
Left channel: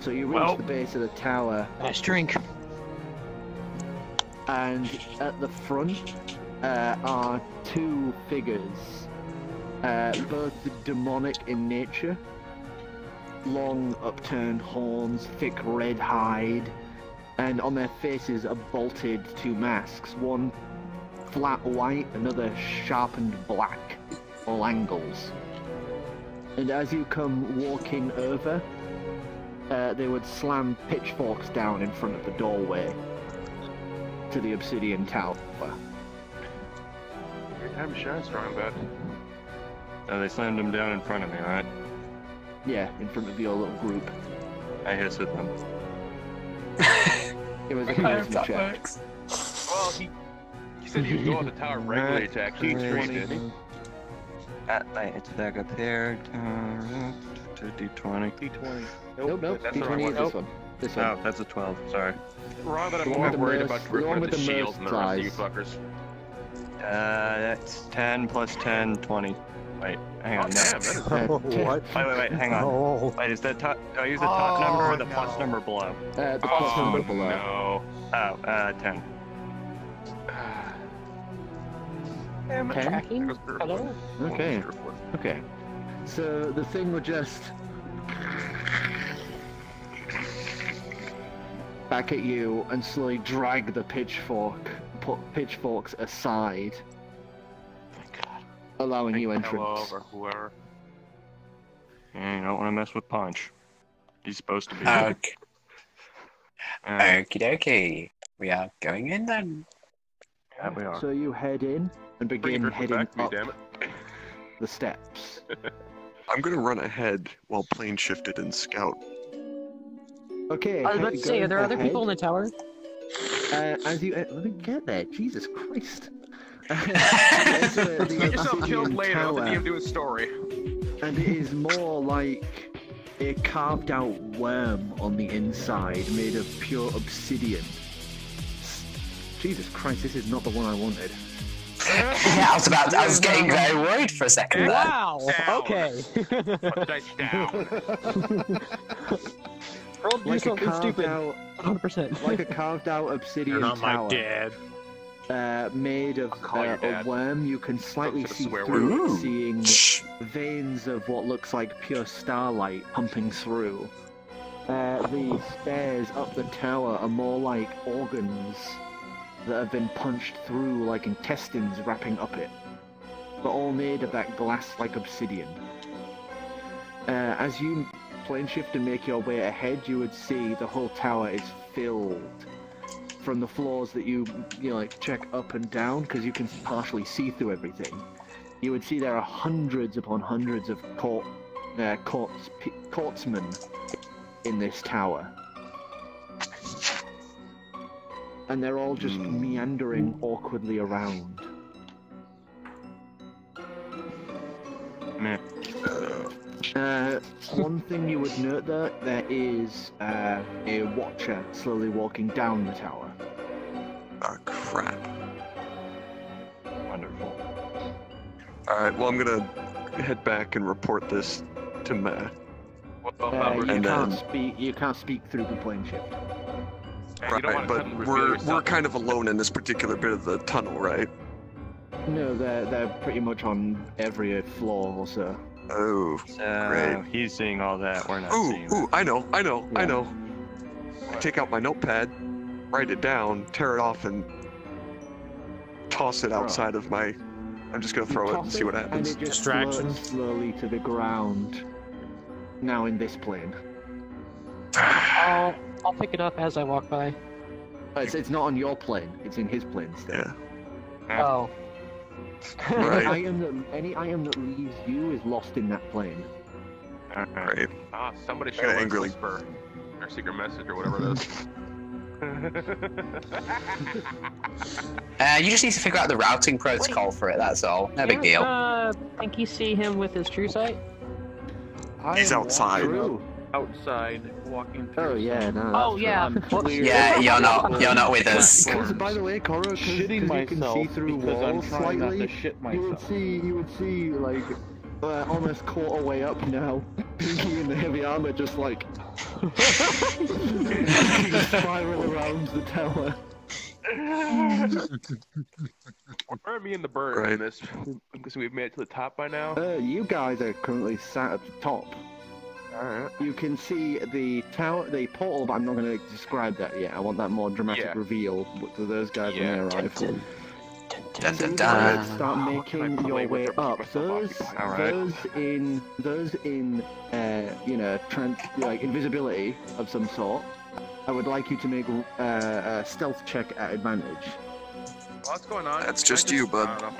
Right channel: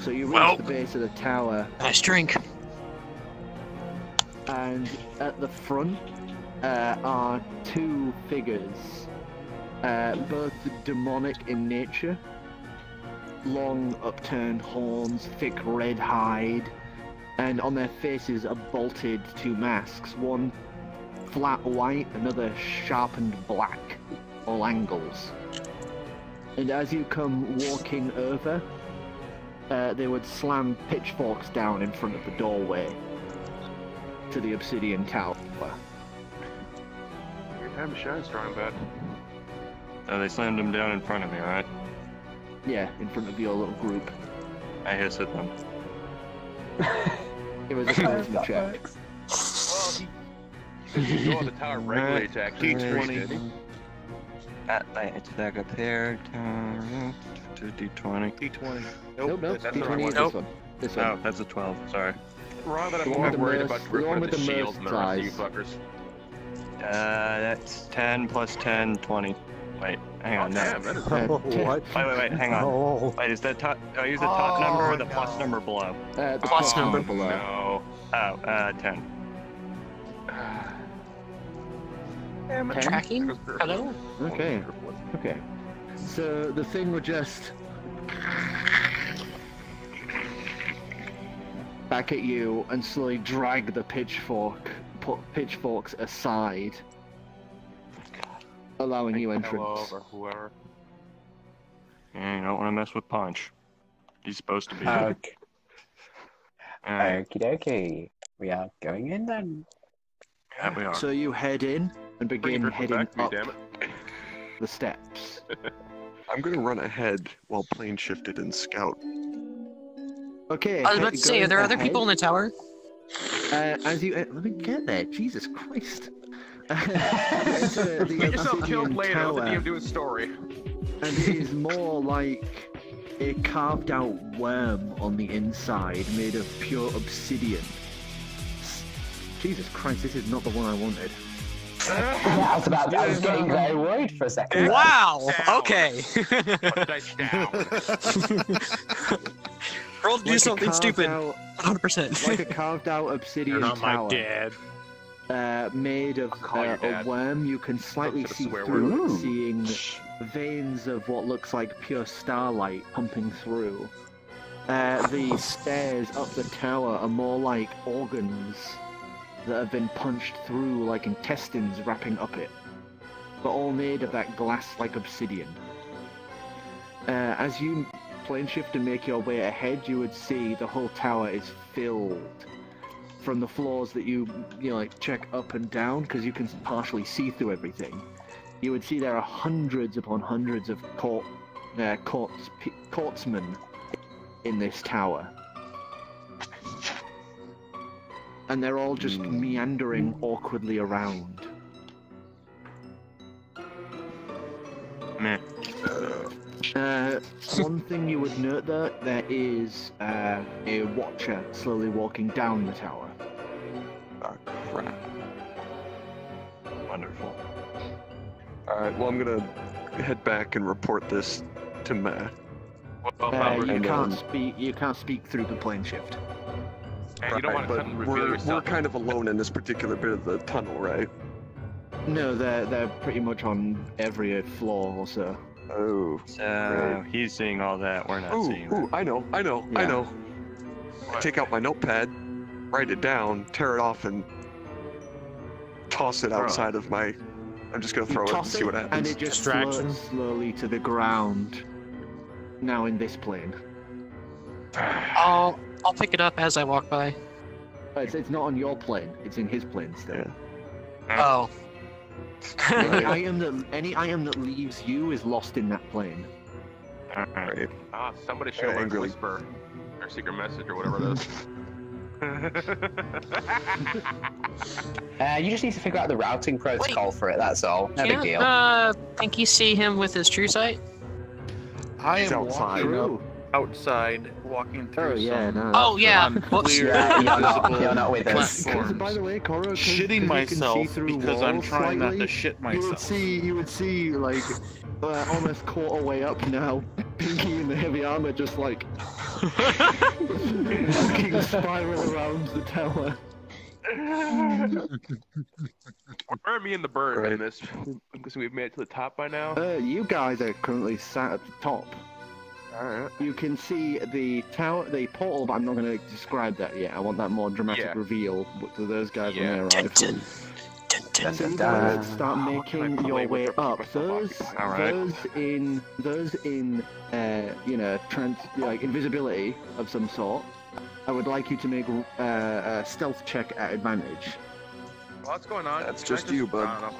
So you reach the base of the tower. Nice drink. And at the front are two figures, both demonic in nature. Long upturned horns, thick red hide, and on their faces are bolted two masks, one flat white, another sharpened black, all angles. And as you come walking over, they would slam pitchforks down in front of the doorway to the obsidian tower. Your time to shine, Strong Bad. They slammed them down in front of me, alright? Yeah, in front of your little group. I hissed at them. It was a charisma check. Well, he says you go on the tower regularly to actually increase it. It's back up there. D20. D20. Nope, D20 is this one. This one. Oh, that's a 12, sorry. Wrong, but I'm more worried about ripping the shields and the rest of you fuckers. That's 10 plus 10, 20. Wait, hang on. Damn, that is What? Wait, hang on. No. Wait, is that top? Do I use the top number or the plus number below? The plus number below. No. Oh, 10. 10? Tracking? Hello? Okay. Okay. So the thing would just back at you and slowly drag the pitchforks aside, allowing you entrance. Yeah, you don't want to mess with Punch. He's supposed to be. Okay. Okie dokie. We are going in then. Yeah, we are. So you head in and begin heading up the steps. I'm gonna run ahead while plane shifted and scout. Okay. I was about to say, are there other people in the tower? As you let me get there. Jesus Christ. You Get yourself killed later. tower, Let the DM do his story. and it is more like a carved out worm on the inside made of pure obsidian. Jesus Christ, this is not the one I wanted. I was getting very worried for a second. Wow. Down. Okay. Put the dice down. Roll to do Like something stupid. 100%. Like a carved out obsidian You're not tower. my dad. Made of your a dad. worm, you can slightly That's a see swear through word. it, seeing veins of what looks like pure starlight pumping through. The stairs up the tower are more like organs that have been punched through like intestines wrapping up it, but all made of that glass-like obsidian. As you plane shift and make your way ahead, you would see the whole tower is filled from the floors that you like check up and down, because you can partially see through everything. You would see there are hundreds upon hundreds of courtsmen in this tower, and they're all just meandering awkwardly around. One thing you would note there is a watcher slowly walking down the tower. Oh, crap. Wonderful. Alright, well, I'm gonna head back and report this to Matt. You can't speak through the plane shift. And you don't want to but suddenly reveal we're yourself. kind of alone in this particular bit of the tunnel, right? No, they're pretty much on every floor or so. Oh, great. He's seeing all that. We're not seeing that. I know. I take out my notepad, write it down, tear it off, and toss it outside of my... I'm just gonna throw it and see what happens. And it just floats slowly to the ground. Now in this plane. I'll pick it up as I walk by. It's not on your plane. It's in his plane still. Oh. Any item that leaves you is lost in that plane. Alright. Somebody should have learned to whisper or secret message or whatever it is. You just need to figure out the routing protocol for it, that's all. No big deal. Think you see him with his true sight? He's outside. Outside, walking through. Oh yeah, no. Oh yeah. Whoops. Yeah, you're not with us. By the way, Coro, Shitting myself you can see through because I'm walls trying slightly, not to shit myself. You would see like almost quarter way up now, Pinky in the heavy armor just like walking spiral around the tower. Where are me and the bird in this? Because we've made it to the top by now. You guys are currently sat at the top. Alright. You can see the tower, the portal, but I'm not going to describe that yet. I want that more dramatic reveal to those guys when they arrive. So you guys start making your way up. Those in invisibility of some sort. I would like you to make a stealth check at advantage. What's going on? That's just you, bud. I don't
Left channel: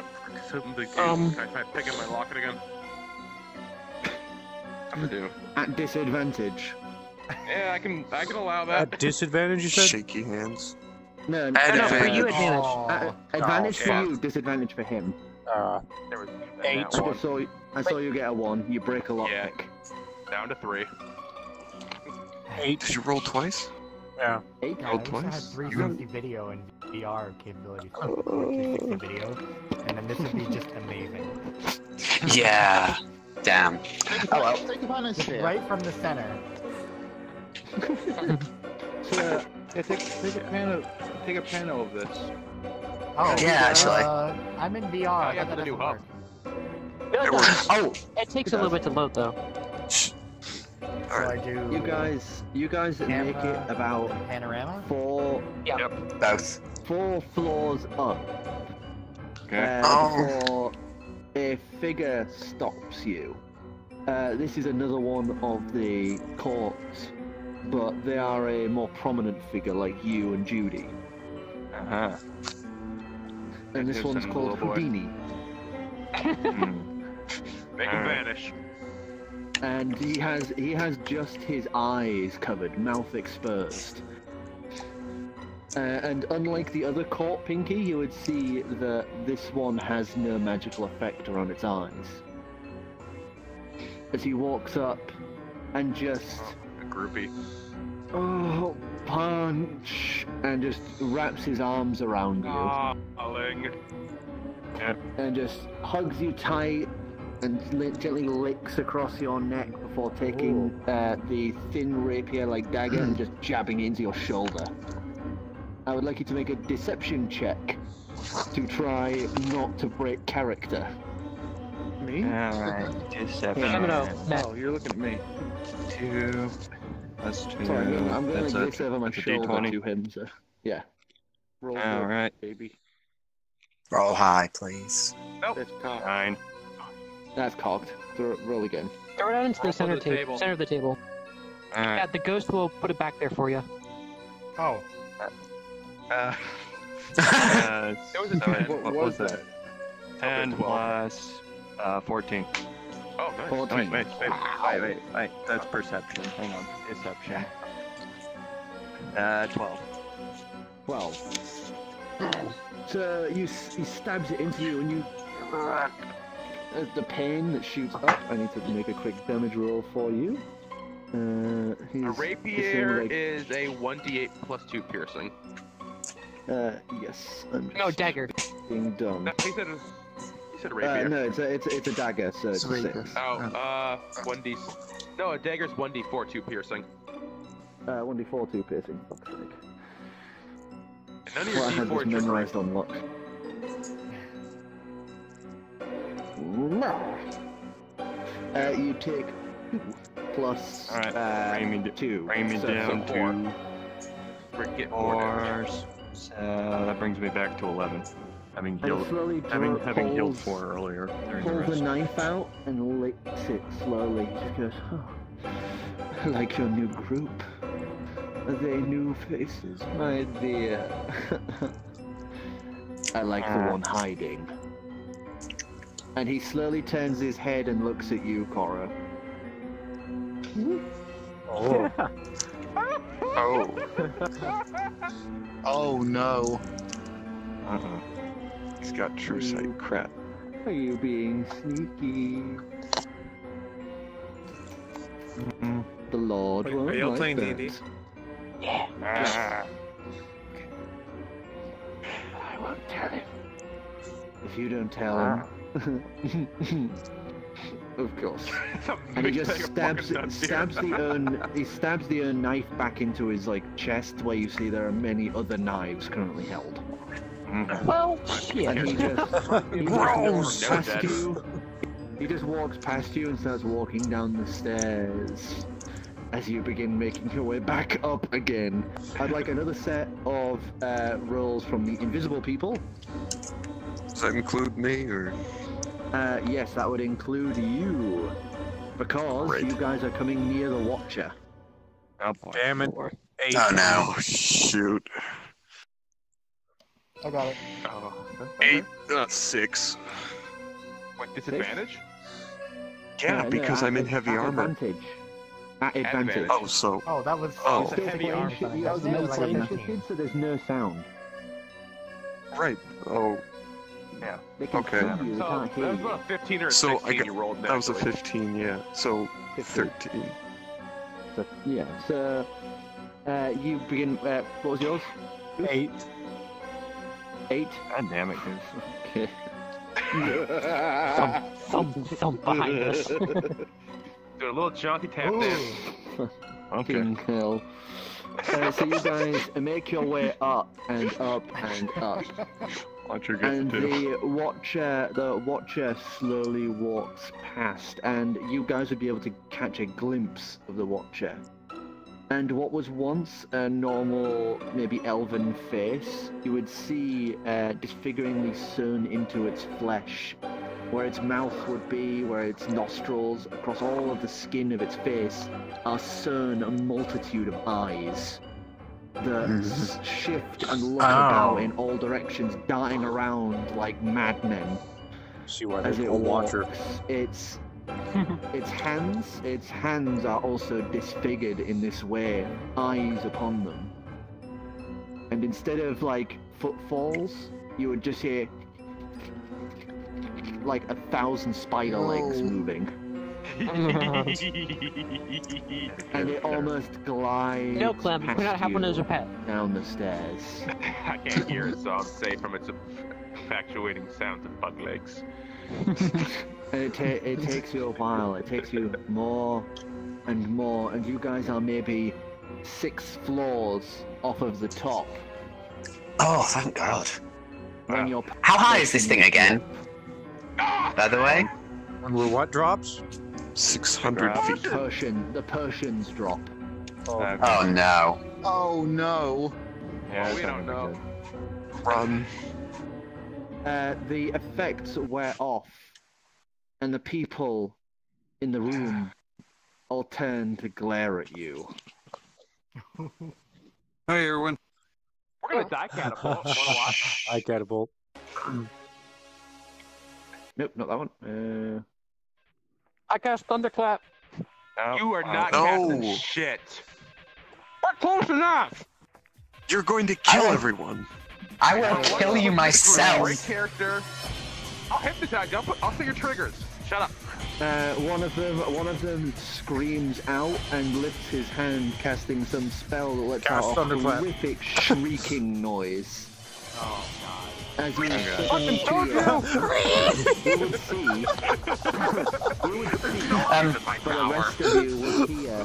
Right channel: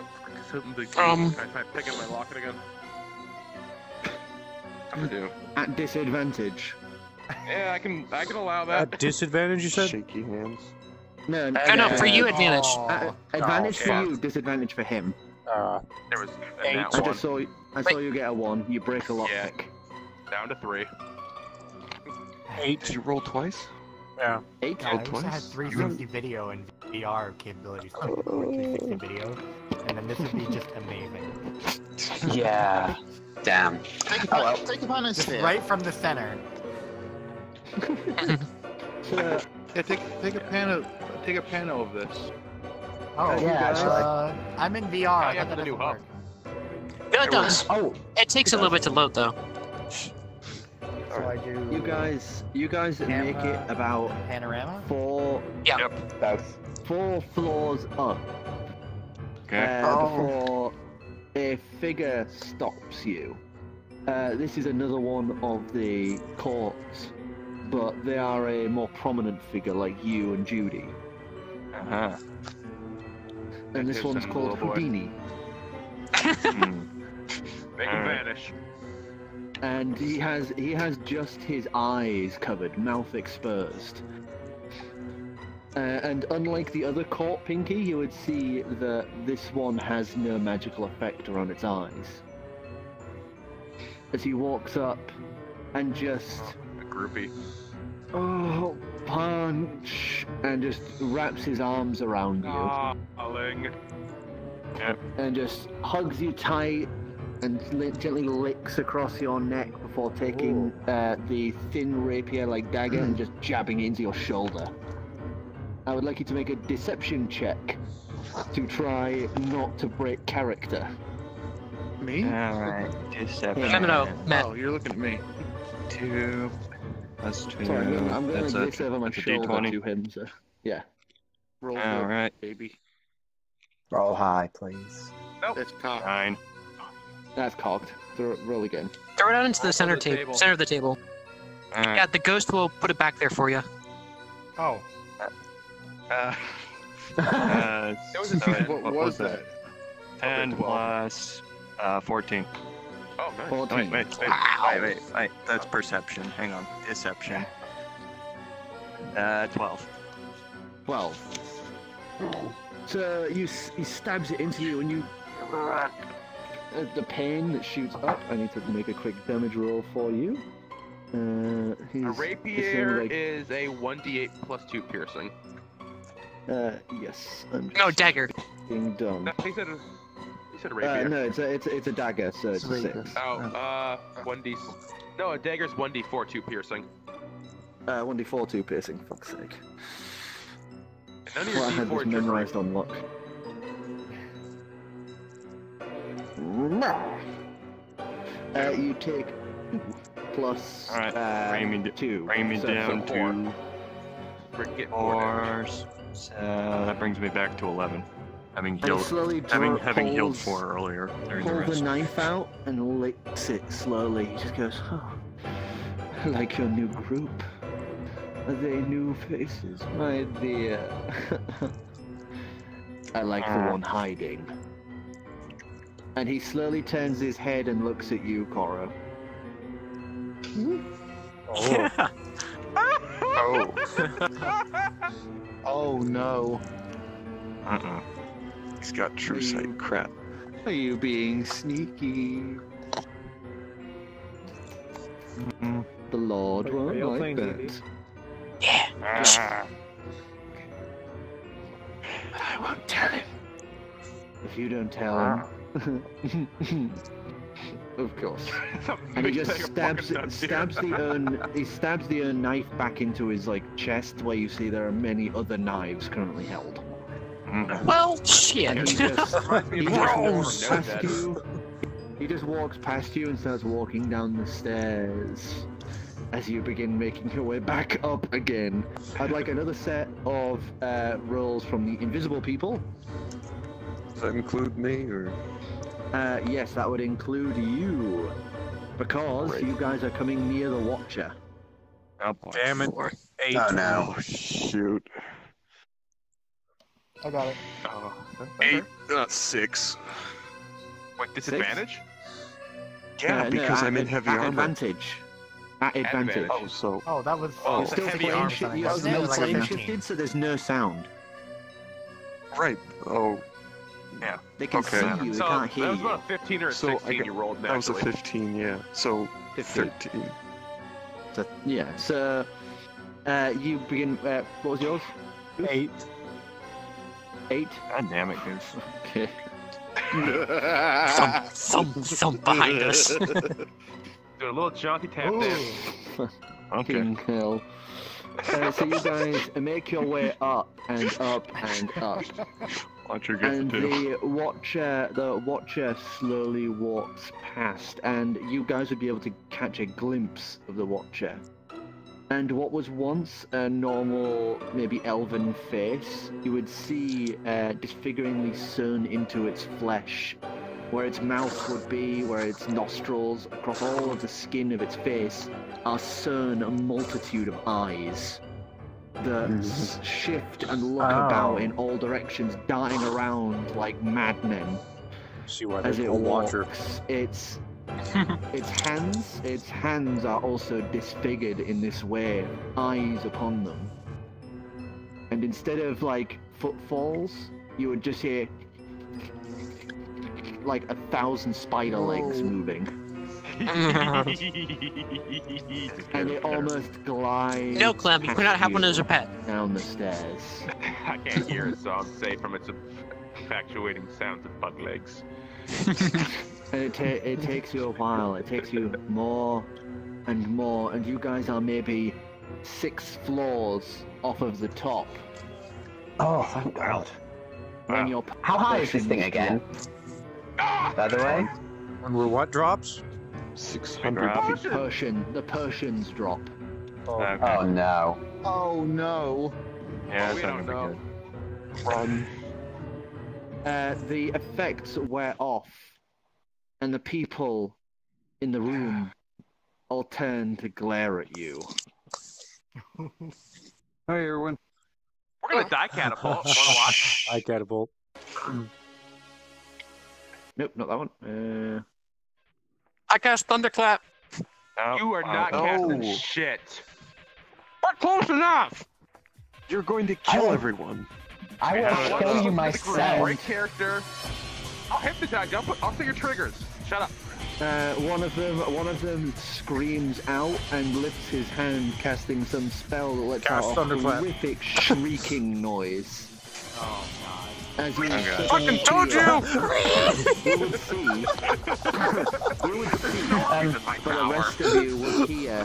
know. Can I try picking my locket again? I do. At disadvantage. Yeah, I can allow that. At disadvantage, you said? Shaky hands. No, for you advantage. Advantage for you, disadvantage for him. There was 8. I saw you get a 1. You break a lockpick. Down to 3. 8. Did you roll twice? Yeah. 8? Yeah, I also had 360 video and VR capabilities for 360 video, and then this would be just amazing. Yeah. Damn. Oh well. Take advantage Just here. right from the center. Yeah, take a panel of this. Oh, Yeah, I'm in VR. Yeah, for the new hub. No, it does. It takes a little bit to load though. So I do You guys make it about panorama. 4 Both. 4 floors up before a figure stops you. This is another one of the courts, but they are a more prominent figure like you and Judy. And this one's called Houdini. Make him vanish. And he has just his eyes covered, mouth exposed. And unlike the other court, Pinky, you would see that this one has no magical effect on its eyes. As he walks up, and just A groupie. punch, and just wraps his arms around you. Darling. And just hugs you tight and gently licks across your neck before taking the thin rapier-like dagger and just jabbing it into your shoulder. I would like you to make a deception check to try not to break character. Me? Alright, deception. Oh, you're looking at me. 2 plus 2. Sorry, I'm going to That's this over my that's a shoulder D20. to him, so yeah. Roll Alright. baby. Roll high, please. Nope. That's cocked. 9. That's cocked. Roll again. Throw it out into the center table. Center of the table. Alright. Yeah, the ghost will put it back there for you. Oh. It was a 10. What was that? 10 plus 14. Oh, nice. 14. Wait. That's perception. Hang on. Deception. 12. 12. So he stabs it into you, and you the pain that shoots up. I need to make a quick damage roll for you. A rapier is a 1d8 plus 2 piercing. Yes. I'm No, dagger. being done. No, he said a rapier. No, it's a dagger, so it's a 6. Oh, 1d. No, a dagger's 1d4 2 piercing. 1d4 2 piercing. Fuck's sake. None of Well, I your had this D4s memorized on luck. No. You take 2 plus Alright, 2. Bring me so down to 4. 4. That brings me back to 11. Having And he slowly having healed pulls- 4 earlier. Pulls the knife out and licks it slowly. He just goes, "Oh, I like your new group. Are they new faces, my dear?" I like the one hiding. And he slowly turns his head and looks at you, Cora. Oh. Oh. Oh no. He's got true sight. Crap. Are you being sneaky? The Lord won't you all like playing that. D&D? Ah. I won't tell him. If you don't tell him. Of course. And he just stabs the urn knife back into his chest, where you see there are many other knives currently held. Well, shit. And he just walks past you. He just walks past you and starts walking down the stairs as you begin making your way back up again. I'd like another set of rolls from the invisible people. Does that include me, or? Yes, that would include you, because Great. you guys are coming near the Watcher. Oh, Damn it. 8. Oh no. Oh, shoot. I got it. Oh, 8, 6. With disadvantage? Yeah, because I'm in heavy armor. Advantage. At advantage. Oh, so. Oh, that was Oh. the Still heavy flame arm shit, thing. you That was still like flame 15. shifted, so there's no sound. Right. Oh. They can Okay. see you, they can't hear That was you. a 15 or a So 16 you rolled that was a naturally. 15, yeah. So 13. So, yeah, so you begin. What was yours? 8. 8. God damn it, dude. Okay. Some behind us. Do a little jaunty tap dance. Fucking hell. So you guys make your way up and up and up. Watcher gets And two. the watcher slowly walks past, and you guys would be able to catch a glimpse of the watcher. And what was once a normal, maybe elven face, you would see disfiguringly sewn into its flesh, where its mouth would be, where its nostrils, across all of the skin of its face, are sewn a multitude of eyes that shift and look about in all directions, darting around like madmen. See why As they it call Watcher. walks. Its hands are also disfigured in this way, eyes upon them. And instead of footfalls, you would just hear 1,000 spider legs moving. and it almost glides. No, Clem, you cannot have one as a pet. Down the stairs. I can't hear it, so I'm safe from its infatuating sounds of bug legs. And it takes you a while. It takes you more and more, and you guys are maybe 6 floors off of the top. Oh, thank God. When you're How high is this thing again? By the way? And we're what drops? 600 feet. The Persians drop. Oh no. Oh no. Well, we don't know. The effects wear off, and the people in the room all turn to glare at you. Hey, everyone. We're gonna die catapult. I catapult. Nope, not that one. I cast Thunderclap. You are not casting No. shit. We're close enough. You're going to kill everyone. I will kill you myself. Great character. I'll hypnotize you. I'll say your triggers. Shut up. One of them screams out and lifts his hand, casting some spell that lets out a Thunderclap. horrific shrieking noise. Oh god. As you Fucking told you! you would see, for the rest of you will hear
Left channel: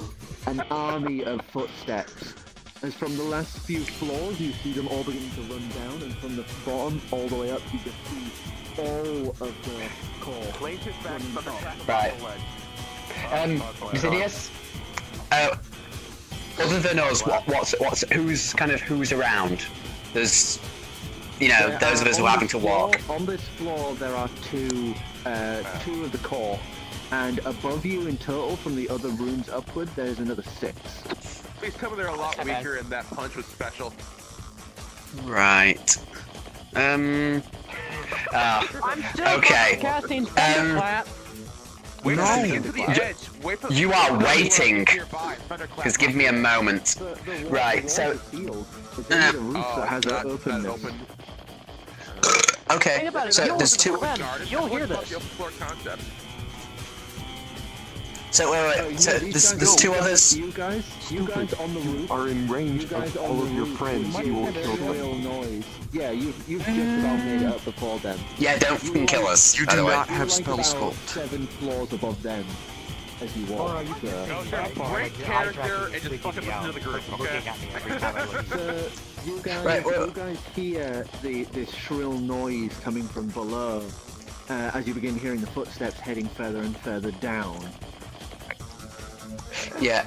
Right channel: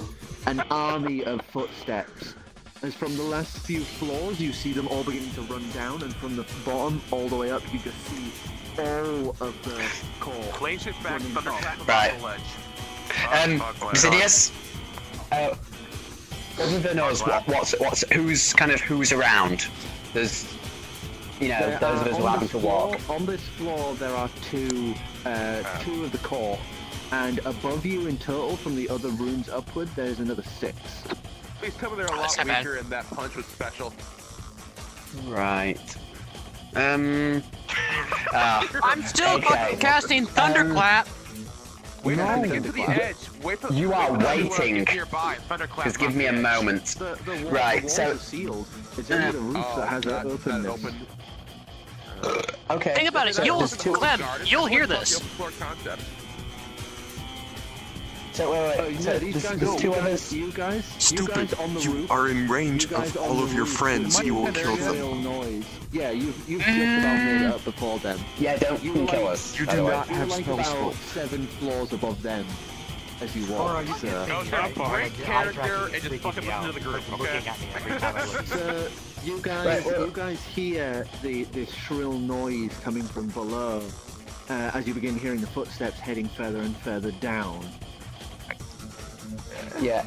an army of footsteps. As from the last few floors, you see them all beginning to run down, and from the bottom all the way up, you just see all of the core. Right. Xenius? Other than us, who's around? There's, those of us who are having to walk. On this floor, there are two of the core, and above you in total, from the other rooms upward, there's another 6. Please tell me they're a lot weaker and that punch was special. Right. I'm still fucking casting Thunderclap. We're moving into the edge. Wait for You are waiting. Just give me a moment. Right, so... It's only the roof that has an openness. Okay. Think about it. So there's two... Clem, you'll hear this. So wait. Oh, yeah, So there's two others. You guys on the roof. You are in range of all of your friends. You will kill them. Real noise. Yeah, you've just about made it up before them. Yeah, don't fucking kill us. You by the do way. not have spell about spot. 7 floors above them as you walk. Great character and just fucking listen to the group, okay? So you guys hear this shrill noise coming from below as you begin hearing the footsteps heading further and further down. Yeah.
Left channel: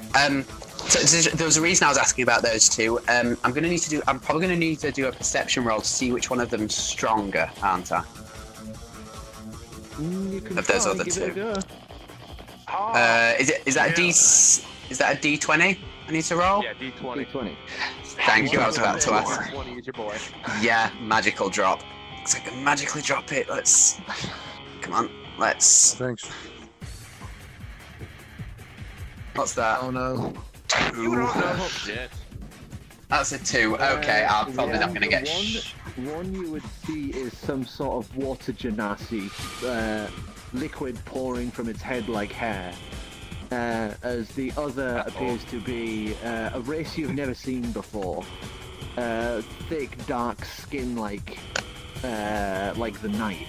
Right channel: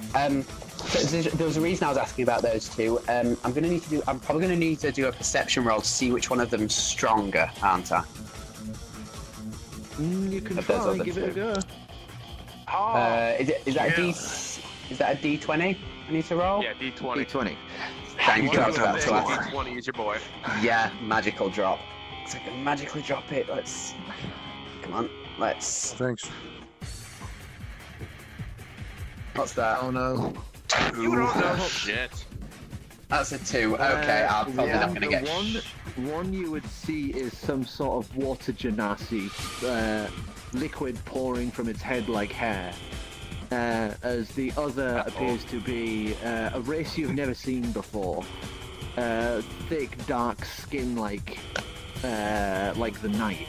So there was a reason I was asking about those two. I'm probably gonna need to do a perception roll to see which one of them's stronger, aren't I? You can Of those try, other give two. it a go. Is that a D20 I need to roll? Yeah, D20. D20. Thank you. I was about to D20 ask. is your boy. Yeah, magical drop. So I can magically drop it. Come on. Thanks. What's that? Oh no. You don't know shit. That's a 2. Okay, I'm probably not gonna get. One you would see is some sort of water genasi, liquid pouring from its head like hair. As the other appears to be a race you've never seen before. Thick, dark skin like the night.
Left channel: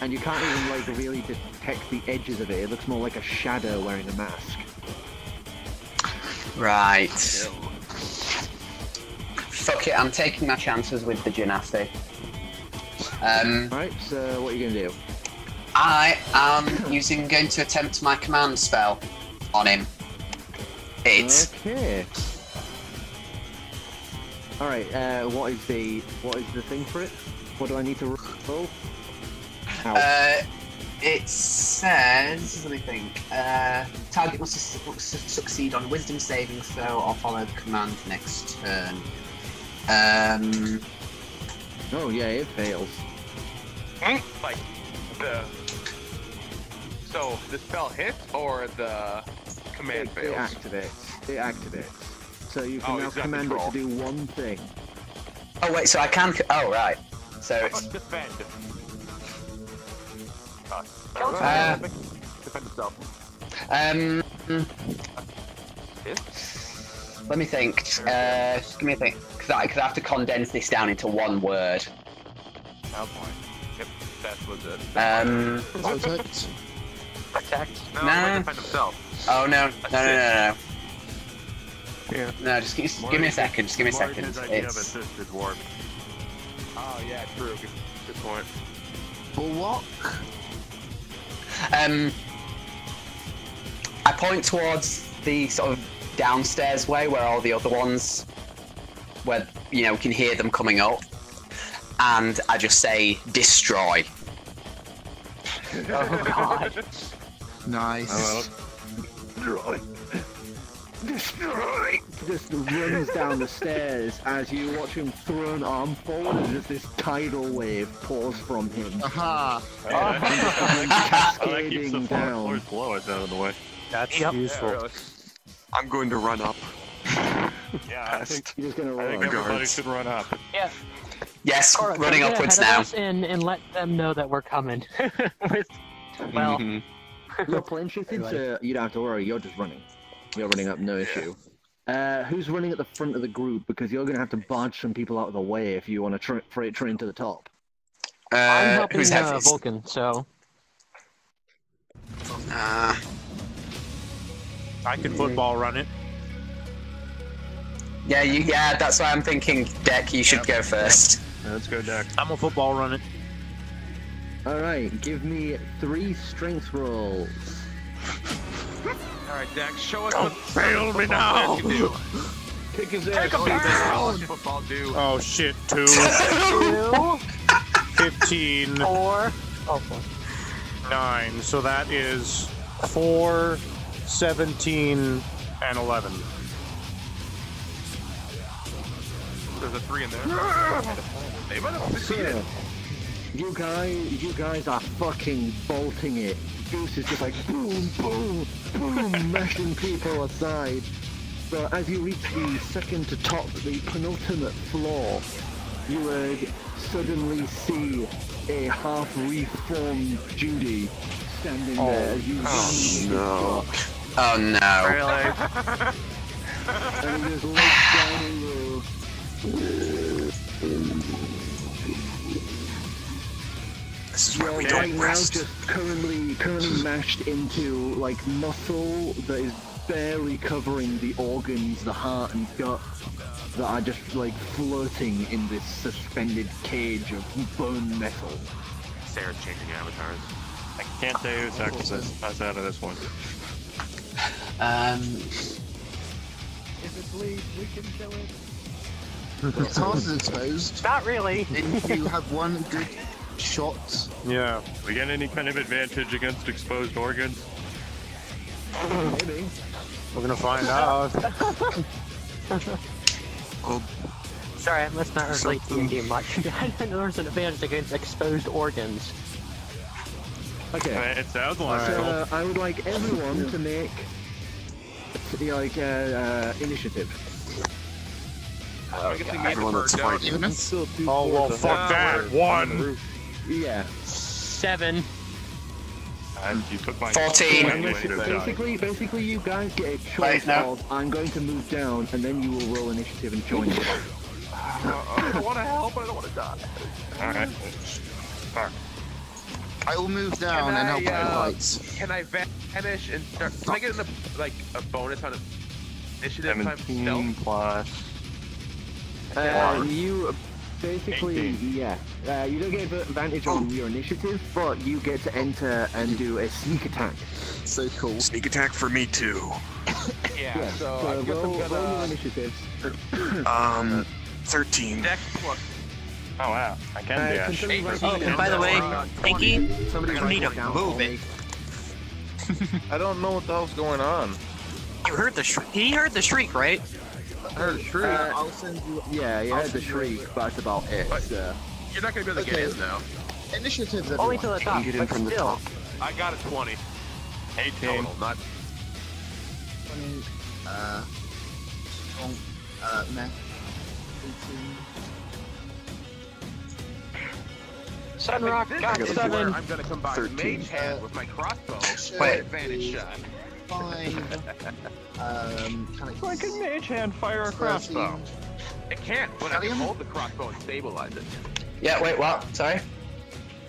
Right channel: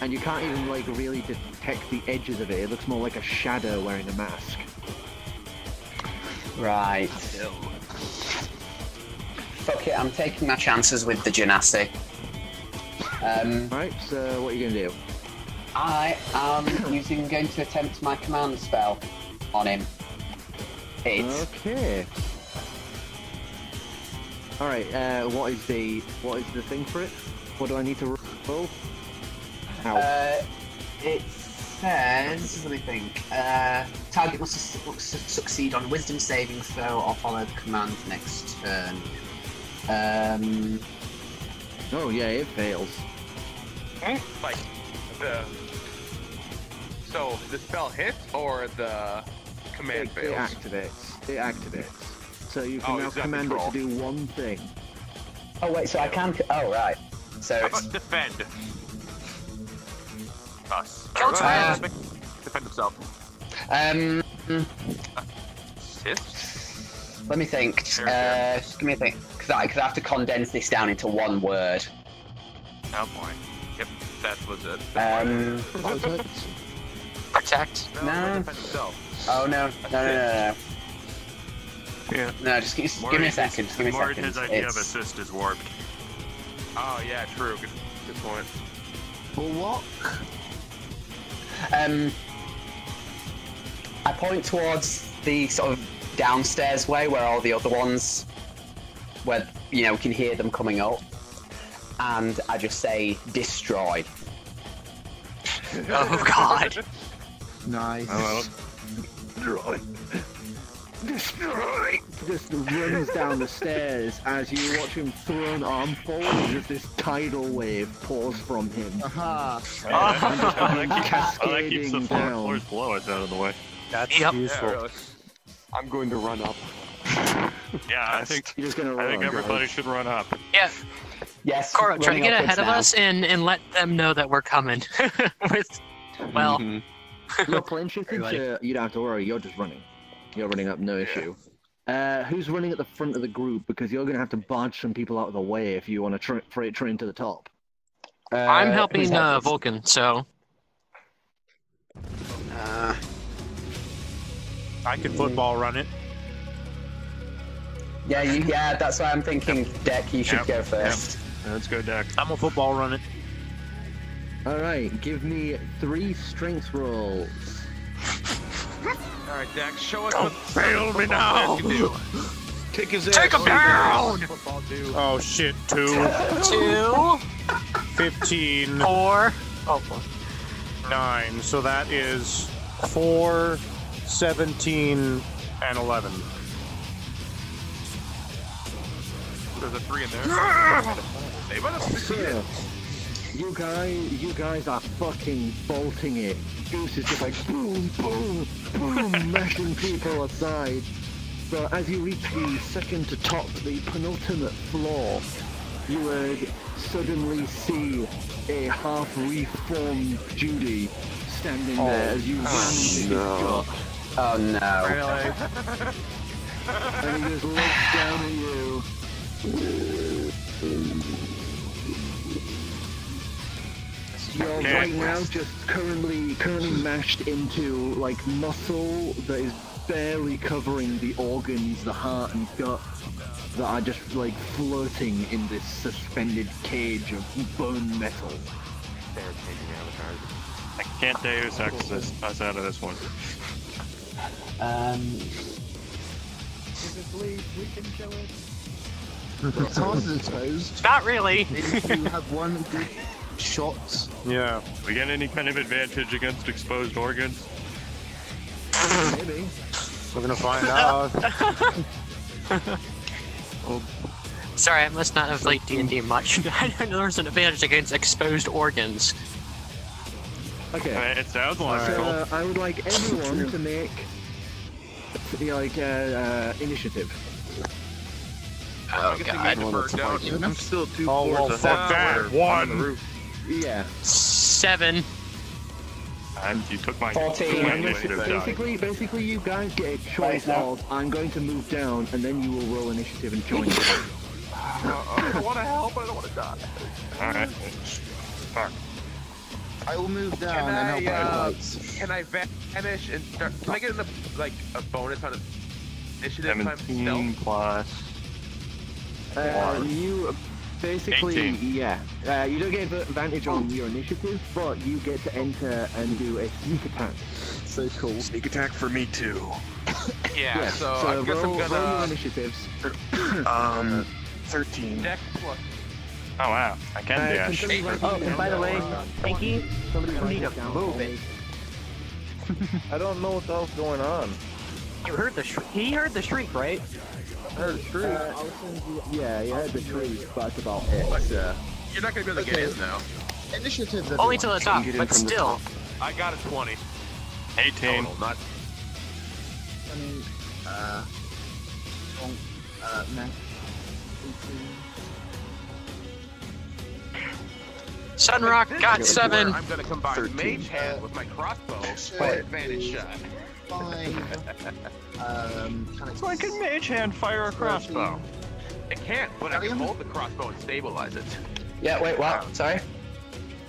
And you can't even really detect the edges of it. It looks more like a shadow wearing a mask. Right. Fuck it, I'm taking my chances with the Genasi. Right, so what are you going to do? I am going to attempt my command spell on him. Okay. Alright, what is the thing for it? What do I need to roll? How? It says, let me think, target must succeed on wisdom saving throw or follow the command next turn. Oh yeah, it fails. Like, so the spell hits or the command It fails? activates. So you can now he's got command control. it to do one thing. Oh wait, so I can, oh right. So it's, Defend. Defend himself. Let me think. Just give me a think. Because I have to condense this down into one word. Oh boy. Yep, that was it. Protect. No. Oh no. No. Yeah. No, just give me a second. Just give me a second. His idea of assist is warped. Oh yeah, true. Good point. What? I point towards the sort of downstairs way where all the other ones, where we can hear them coming up, and I just say destroy. Oh god. Nice. Destroy. Just runs down the stairs as you watch him throw an arm forward and just this tidal wave pours from him. Aha. And just cascading down. Blow us out of the way. That's useful. Yeah, really. I'm going to run up. Yeah, I think You're just gonna run. everybody should run up. Yeah. Yes, Cora, try to running get upwards ahead of now. us and let them know that we're coming. Well, You're plane shifted, so you don't have to worry. You're just running. You're running up, no issue. Who's running at the front of the group? Because you're going to have to barge some people out of the way if you want to freight train to the top. I'm helping who's next? Vulcan, so. I could football run it. Yeah, that's why I'm thinking, Deck, you should go first. Yeah, let's go, Deck. I'm a football run it. Alright, give me 3 strength rolls. All right, Dax, show us Don't what fail me now. Can do. Kick his ass. Take him down! Oh shit, 2. 2, 15. 4. Oh, 9. So that is 4, 17, and 11. There's a 3 in there. Hey, So, you guys are fucking bolting it. Goose is just like boom, boom, boom, mashing people aside. So as you reach the second to top, the penultimate floor, you would suddenly see a half-reformed Judy standing there. No. Oh no. Really? And he just looks down at you. You're right now just currently mashed into like muscle that is barely covering the organs, the heart and gut that are just like floating in this suspended cage of bone metal. I can't say who's us out of this one. If it bleeds, we can kill it. It's hard to expose. not really. If you have one good shot. Yeah. We get any kind of advantage against exposed organs? Maybe. We're gonna find out. Sorry, I must not have played D&D much. I didn't know there was an advantage against exposed organs. Okay. It sounds like So I would like everyone to make initiative. I'm guessing me and the bird don't. I'm still 2 Oh well, fuck that. 1. Yeah. 7. And you took my 14. Basically, you guys get a choice of I'm going to move down, and then you will roll initiative and join the fight. I want to help, but I don't want to die. Alright. Fuck. I will move down Can and help out I, lights. can I vanish and start? Can I get a bonus on initiative time 17 plus. You basically, 18. you don't get advantage on your initiative, but you get to enter and do a sneak attack. So cool. Sneak attack for me too. Yeah, so I So guess I'm roll your gonna. initiatives. 13. Dex plus. Oh wow, I can dash. Oh, and by the way, Pinky, you need to move it. I don't know what the hell's going on. You heard the he heard the shriek, right? Heard a shriek. I'll send you. Yeah, you heard the shriek, but that's about it. You're not gonna be able to get in though. Initiative. Only to the top, Get in but from the still. top. I got a 20 18. total, not. Sunrock got This is 7. where I'm gonna combine Mage Hand with my crossbow for an advantage shot. 5. So I can Mage Hand fire a crossbow. It can't, but I can hold the crossbow and stabilize it. Yeah, wait, what? Sorry?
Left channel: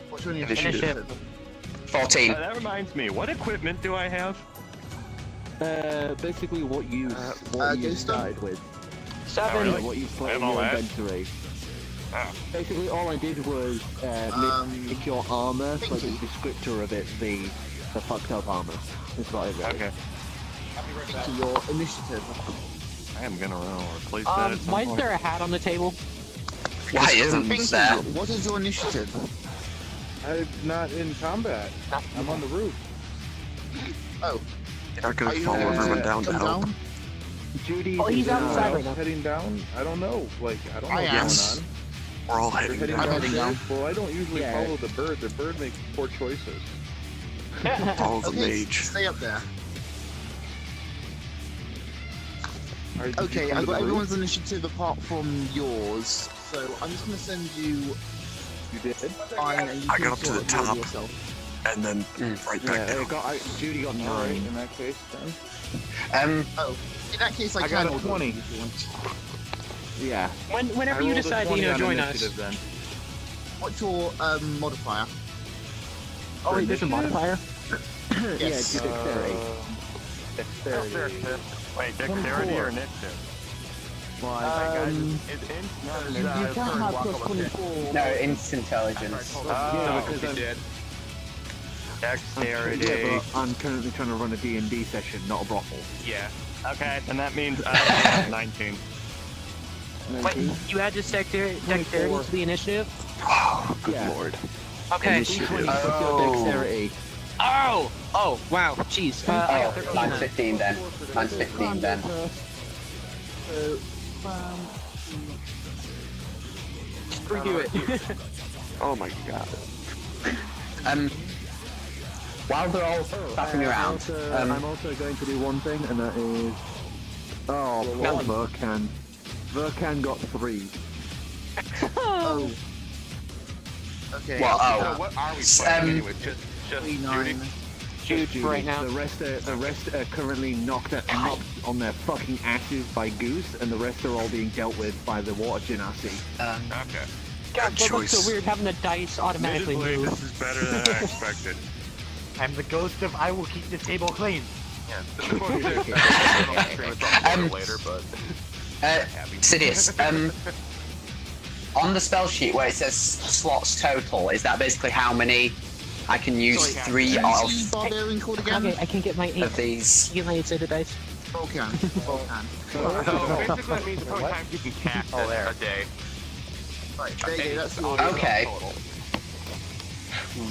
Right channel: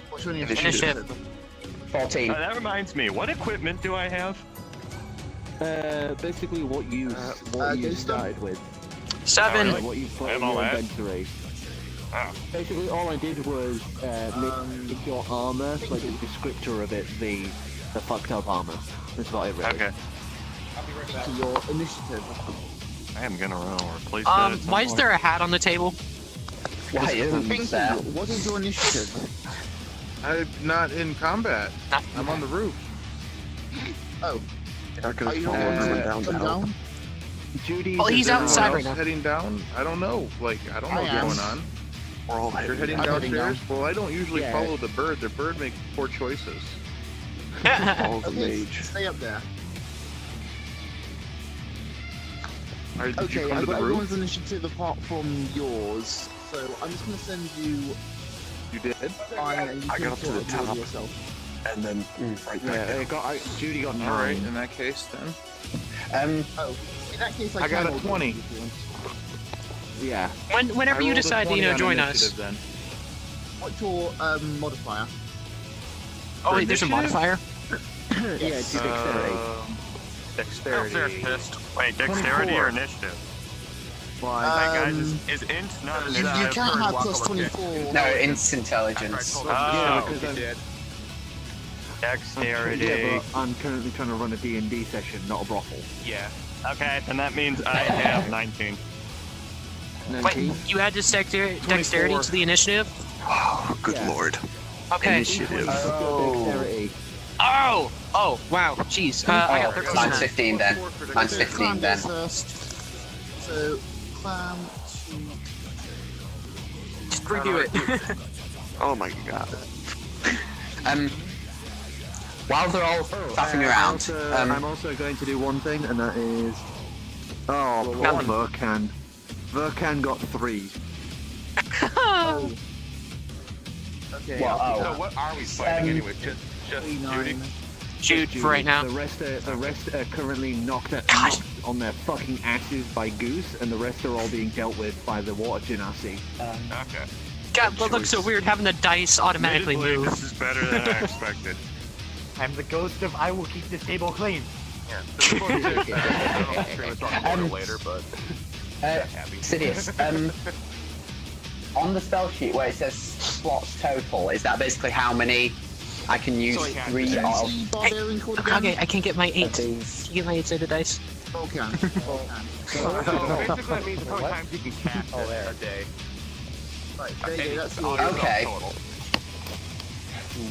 What's your Initiative. 14. That reminds me, what equipment do I have? Basically what you started with. 7. What you put in all your that? inventory. Oh. Basically, all I did was make your armor, like the descriptor of it, the fucked up armor. That's what I read. Okay. I'll be right back. To your initiative. I am gonna replace that at some Why is point. there a hat on the table? Why isn't there? What is your initiative? I'm not in combat. I'm on the roof. Oh. Not gonna Are you follow not everyone gonna down to come help. down? Judy, Well, he's outside right now. Heading down? I don't know. Like, I don't know I what's am. going on. We're all You're heading heading down. I'm heading downstairs? down. Well, I don't usually Yeah. follow the bird. The bird makes poor choices. Follow the Okay, mage. stay up there. Did you Okay, come I've to got the everyone's roof? initiative apart from yours, so I'm just gonna send you. You did? Fine, and you I can got up to sort the of deal with top. yourself. And then right back down. Judy got 9. Alright, in that case then. Oh, in that case, I I got can a 20. if you want. Yeah. Whenever I you rolled a decide to 20 on join us. initiative then. What's your modifier? Oh wait, there's a Initiative? modifier. Yeah, it's dexterity. Dexterity. Wait, dexterity or initiative? Hey guys, is int not an You initiative can't for have walk plus of a kid? 24. No, it's intelligence. Yeah, Oh, because Did. dexterity. yeah, but I'm currently trying to run a D&D session, not a brothel. Yeah. Okay, then that means I have 19. Wait, you add this dexterity to the initiative? Wow, good Yeah. lord. Okay. Initiative. Dexterity. Oh! Oh, wow. Jeez. I got Oh, 13 mine's then. 15 then. Mine's 15 then. First. So, Just redo it. Oh my god. While they're all faffing around, I'm also going to do one thing, and that is... Oh, poor Verkan. Verkan got 3. oh. Okay. Well, I'll do So that. what are we fighting anyway? Just Judy? Jude for right now. The rest are currently knocked on their fucking asses by Goose, and the rest are all being dealt with by the water genasi. Okay. God, that looks so weird having the dice automatically Admittedly, move. this is better than I expected. I'm the ghost of I will keep this table clean. Yeah. This is supposed to, I don't know if we're gonna talk about it later, but happy. Sidious, on the spell sheet where it says slots total, is that basically how many I can use? 3 of Barbarian called again? Okay, I can get my 8 these. healing instead of dice. Volcan. So basically that means how many times you can cast it a day. Right, there you go, that's the Okay. Total.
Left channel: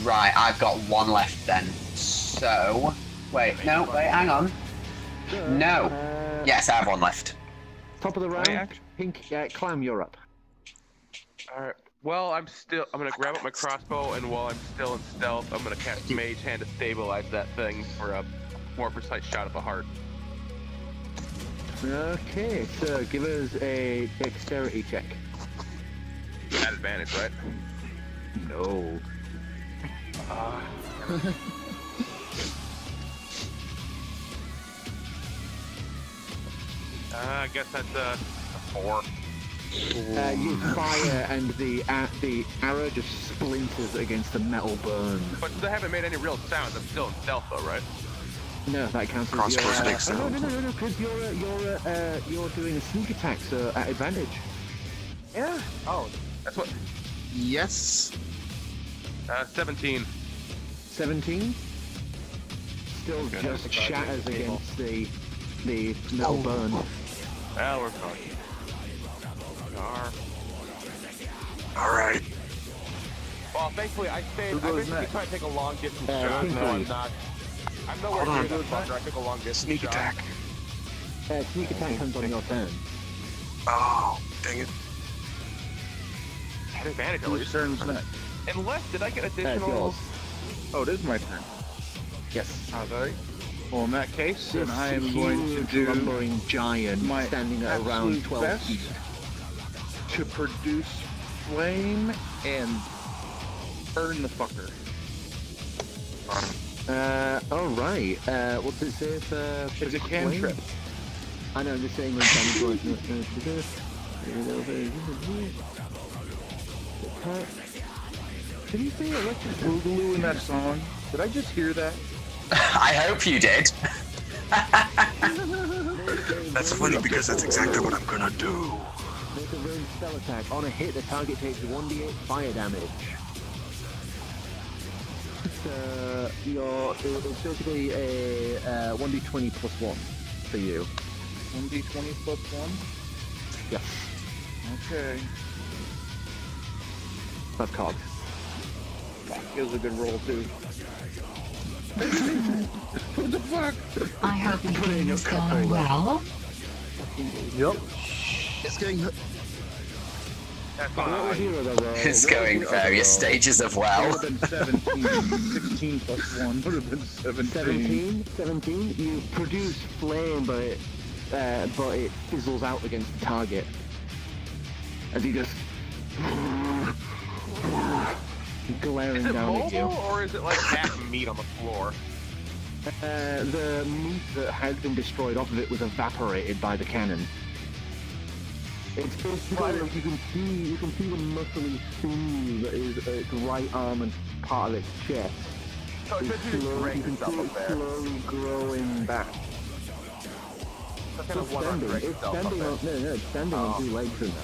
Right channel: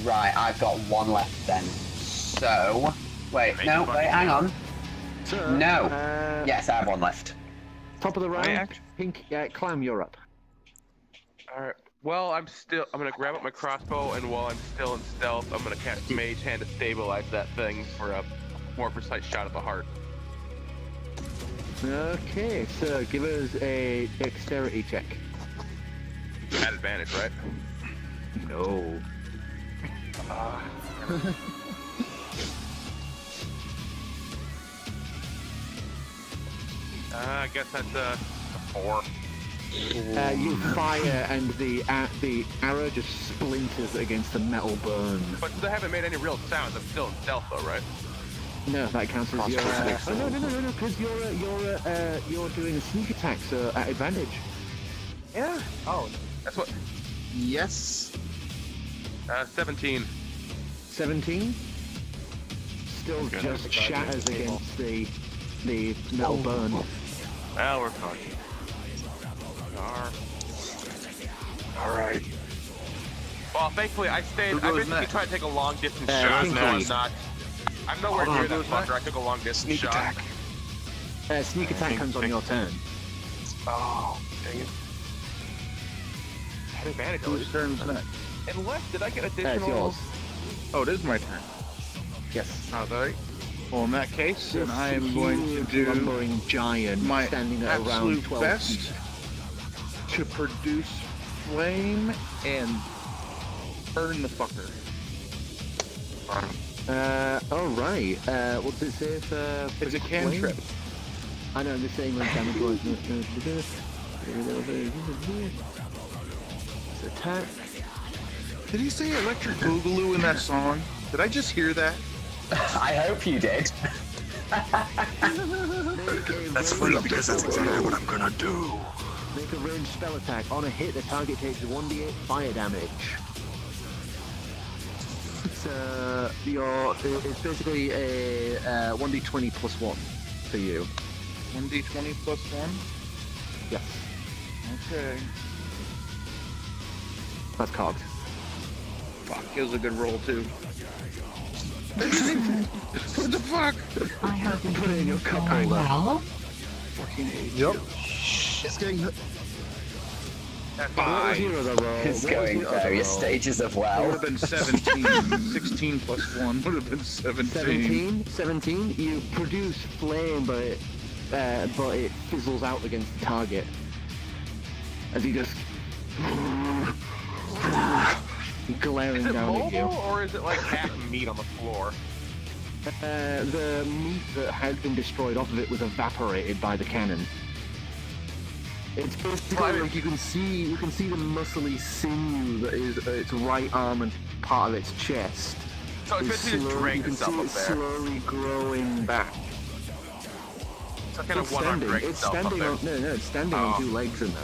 Right, I've got 1 left then. So, wait, no, wait, hang on. No. Yes, I have 1 left. Top of the round, Pink, Clam, you're up. Alright. Well, I'm gonna grab up my crossbow, and while I'm still in stealth, I'm gonna cast Mage Hand to stabilize that thing for a more precise shot at the heart. Okay, so give us a dexterity check. At advantage, right? No. I guess that's a 4. You fire, and the arrow just splinters against the metal burn. But I haven't made any real sounds. I'm still in stealth, though, right? No, that counts as your. Oh no, because you're doing a sneak attack, so at advantage. Yeah. Oh, that's what. Yes. 17. 17. Still just shatters against the metal burn. Now we're talking. Alright. Well, thankfully, I basically tried to take a long distance shot. Pinky. I'm nowhere near that fucker. I took a long distance Sneak shot. attack. Sneak attack comes on your turn. Oh, dang it. I had advantage, at Whose least. turn's next? Unless, did I get It's additional? yours. Oh, it is my turn. Yes. Alright. Well, in that case, then This I am going to do lumbering giant my standing at around absolute 12 best feet. to produce flame and Burn the fucker. Alright. What does it say for... It's a cantrip. I know, I'm just saying when damage was... Attack. Did he say electric boogaloo in that song? Did I just hear that? I hope you did. That's funny because that's exactly what I'm gonna do. Make a ranged spell attack. On a hit, the target takes 1d8 fire damage. It's basically a 1d20 plus 1 for you. 1d20 plus 1? Yes. Okay. That's cogs. Fuck, it was a good roll too. What the fuck? I have Put it in your cup very well. Yep. It's going. It's going various stages of It would well. have been 17. 16 plus 1 would have been 17. 17? You produce flame, but it fizzles out against the target. As you just... glaring Is it down at you. mobile, or is it like half meat on the floor? The meat that has been destroyed off of it was evaporated by the cannon. It's basically like you can see the muscly sinew that is its right arm and part of its chest. So it's basically just You dragging can see itself it up there. slowly growing back. So kind It's of one arm standing. dragging It's itself up standing there. on it's standing on two legs in there.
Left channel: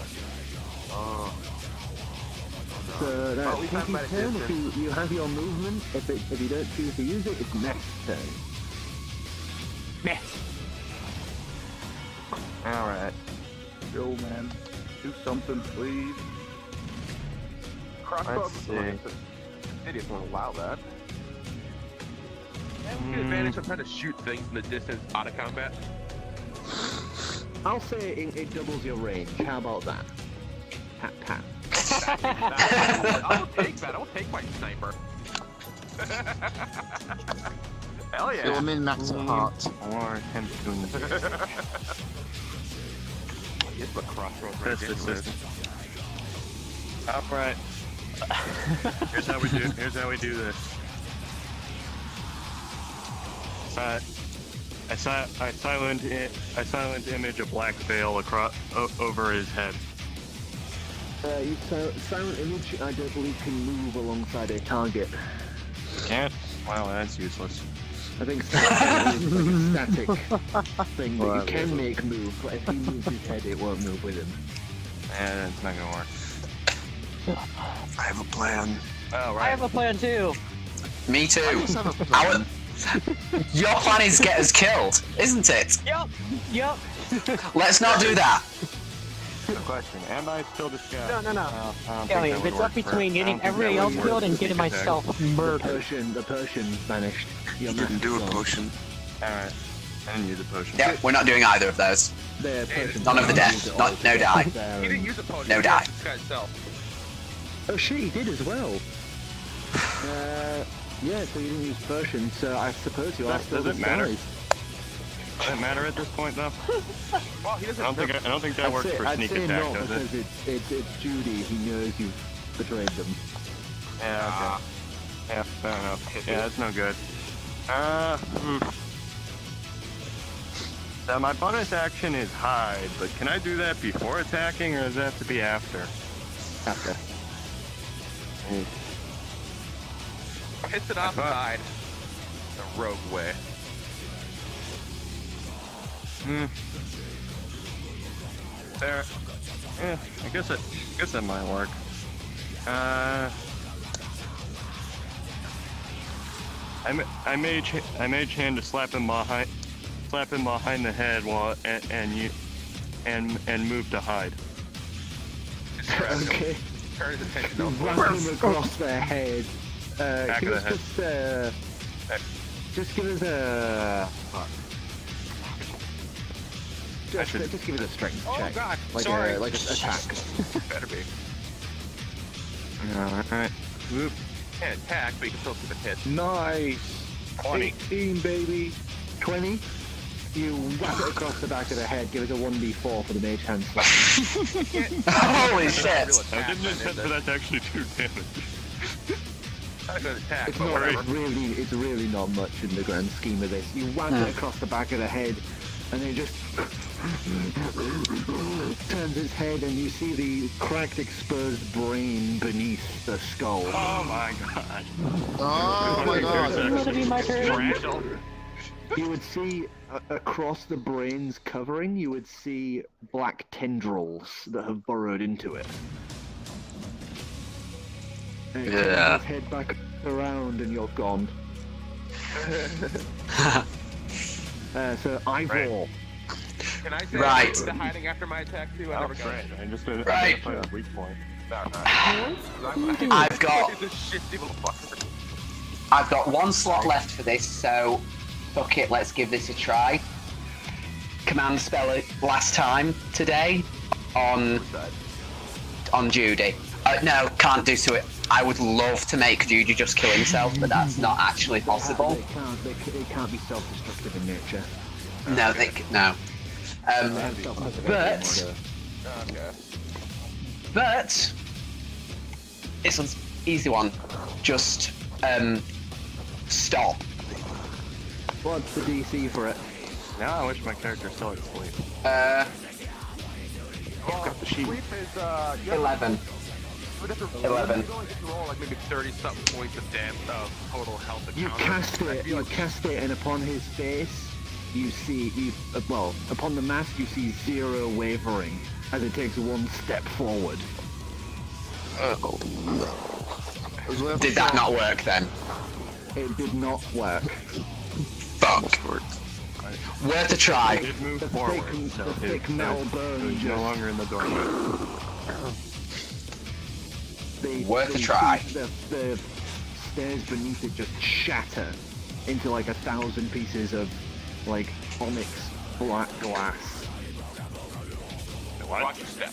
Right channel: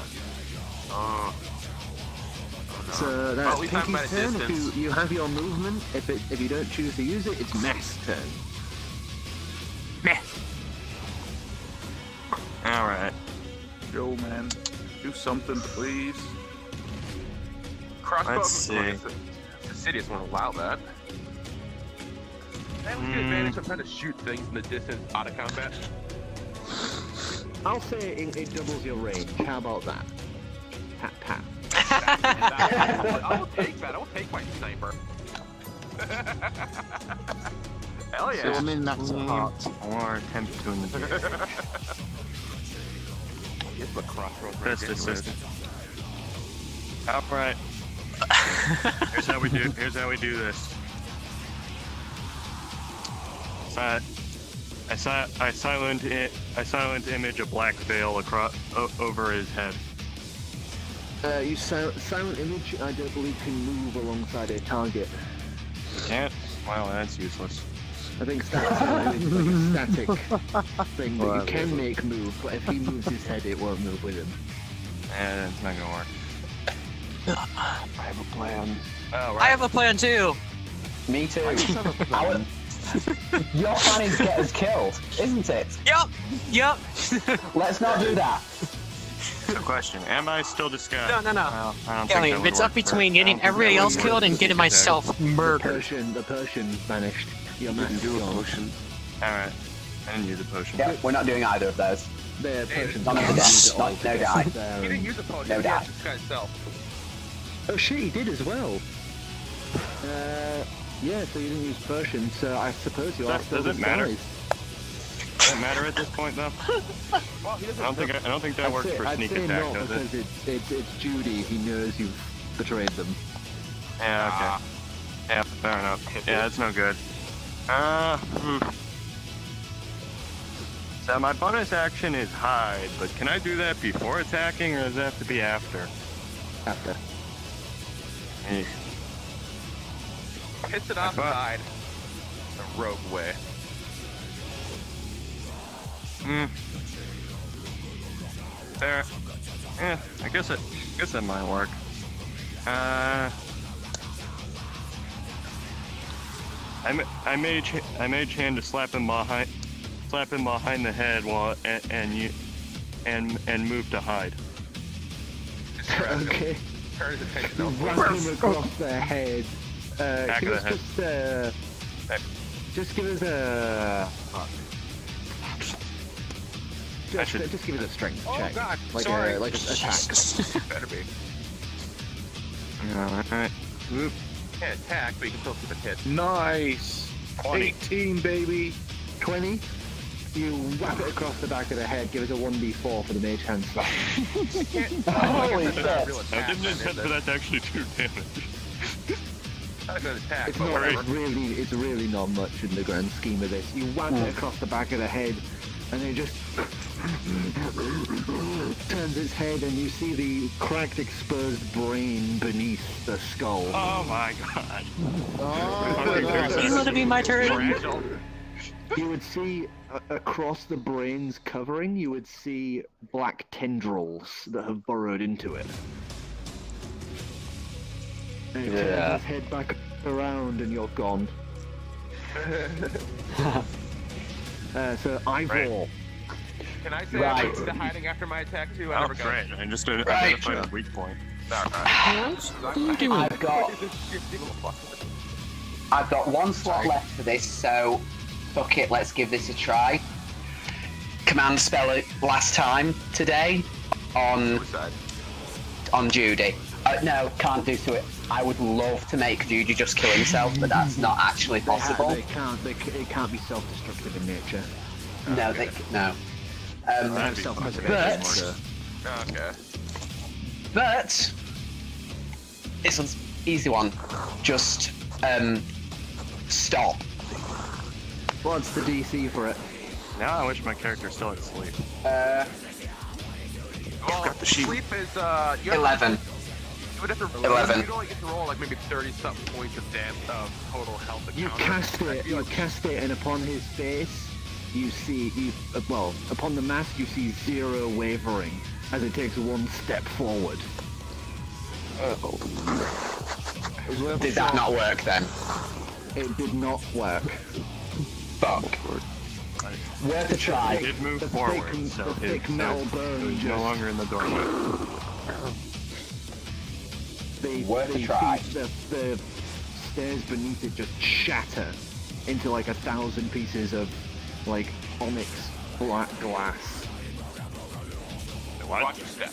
So Well, that's at least I'm Pinky's at a turn. If distance. you have your movement, if you don't choose to use it, it's Mess' turn. Meh. Alright. Go, man. Do something, please. Crossbow. Let's see. The city won't allow that. I have the advantage of trying to shoot things in the distance out of combat. I'll say it doubles your range. How about that? Pat pat. I'll take that. I'll take my sniper. Hell yeah. So I'm in max heart. Or 10 to in the It's the crossroads right anyways. Alright. Here's how we do this. I silent image a black veil across over his head. You silent image, I don't believe, can move alongside a target. Yeah, well, that's useless. I think silent is like a static thing that Well, you can make move, but if he moves his head, it won't move with him. And it's not gonna work. I have a plan. Oh, right. I have a plan too. Me too. Your plan is get us killed, isn't it? Yep. Let's not do that. Good question. Am I still disguised? No. Well, I don't think Elliot, that would it's up work between I getting don't think everybody that else would killed work and getting for sneak attack. myself murdered. The Persian vanished. Your You can mask do is a gone. potion. Alright. I didn't use a potion. Yeah, we're not doing either of those. The Persian. None of the deaths. No die. He didn't use a potion. No He die. used this guy himself. Oh shit, he did as well. Yeah, so you didn't use Persian, so I suppose you are still Does it matter? disguised. Does it matter at this point, though? Well, he doesn't. I don't think that works for sneak attack, not does it? because it's Judy. He knows you've betrayed them. Yeah, okay. Yeah, fair enough. Yeah, that's no good. So my bonus action is hide, but can I do that before attacking, or does it have to be after? After. Piss it off and hide. The rogue way. I guess that might work. I mage hand to slap him behind the head while and move to hide. Okay. Turn his attention You elsewhere. whack him across their head. Back Give of us the just give us a... Fuck. Just give us a strength Oh check. god, Like sorry. a attack. Better be. Alright. Whoop. Can't attack, but you can still keep a hit. Nice. 20. 18, baby. 20. You whack it across the back of the head. Give us a 1d4 for the mage hand slap. Holy shit. I didn't intend for that to actually do damage. Not an attack. It's but not. whatever. It's really not much in the grand scheme of this. You whack it across the back of the head, and it just turns its head, and you see the cracked, exposed brain beneath the skull. Oh my god. Will it be my turn? You would see across the brain's covering, you would see black tendrils that have burrowed into it. And it turns its head back around, and you're gone. So Ivor. Can I say I'm into hiding after my attack too? I never got it. And just Right. a weak point. I've got one slot left for this, so fuck it, let's give this a try. Command spell it last time today on Judy. No, can't do to it. I would love to make Judy just kill himself, but that's not actually possible. It can't be self-destructive in nature. No, no. But this one's easy one. Just stop. What's the DC for it? Now I wish my character still had sleep. Got the sheet. Sleep is 11. 11. You only get to roll like maybe 30-something points of damage of total health. You cast it, and upon his face, you see, upon the mask, you see 0 wavering as it takes 1 step forward. Did that not work then? It did not work. Fuck. Worth a try. It moved The forward, thick, so the thick metal bone he's no just... longer in the door. Worth a try. The stairs beneath it just shatter into like 1,000 pieces of like onyx black glass. Watch your step.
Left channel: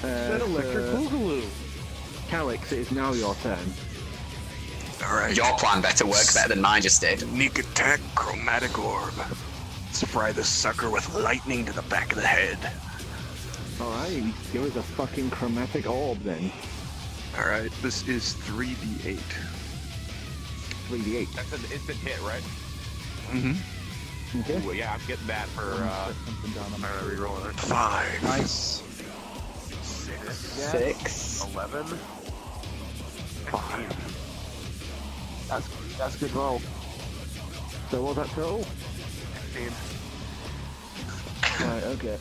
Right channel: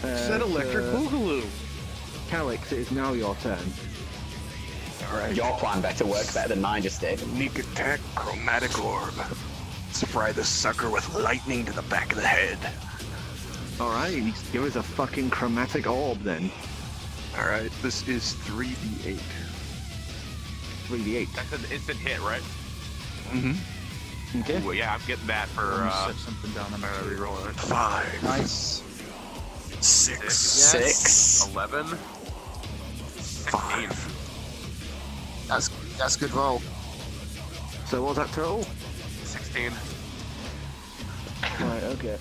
Said electric boogaloo. Calyx, it is now your turn. Alright. Your plan better work better than mine just did. Sneak attack, chromatic orb. Let's fry the sucker with lightning to the back of the head. Alright, give us a fucking chromatic orb then. Alright, this is 3d8. 3d8. That's an instant hit, right? Mm-hmm. Okay. Ooh, yeah, I'm getting that for Alright, reroll it. 5. Nice. 6. 6. 11. 15. That's good roll. So what was that total? 16. Right, okay.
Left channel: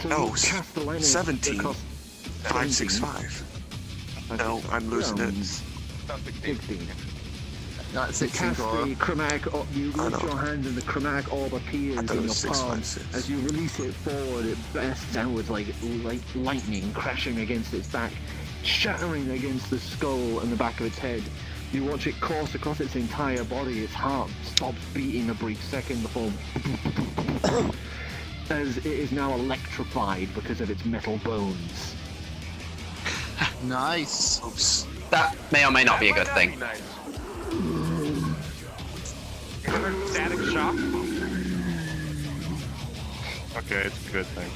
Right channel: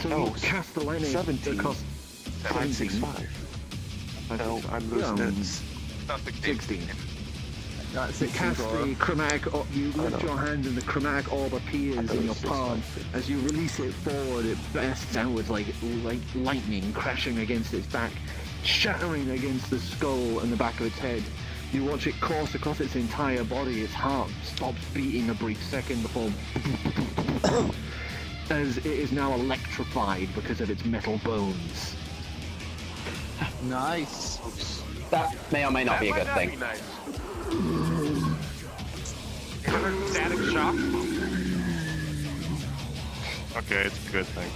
So No, you cast the lightning. 17. 565. No, I'm losing it. 16. Yeah, You cast the chromatic orb, you lift your hand and the chromatic orb appears in your palm. As you release it forward, it bursts outwards like lightning crashing against its back, shattering against the skull and the back of its head. You watch it course across its entire body. Its heart stops beating a brief second before as it is now electrified because of its metal bones. Nice. That may or may not be a good thing. Be nice. Another static shock. Okay, it's a good thing.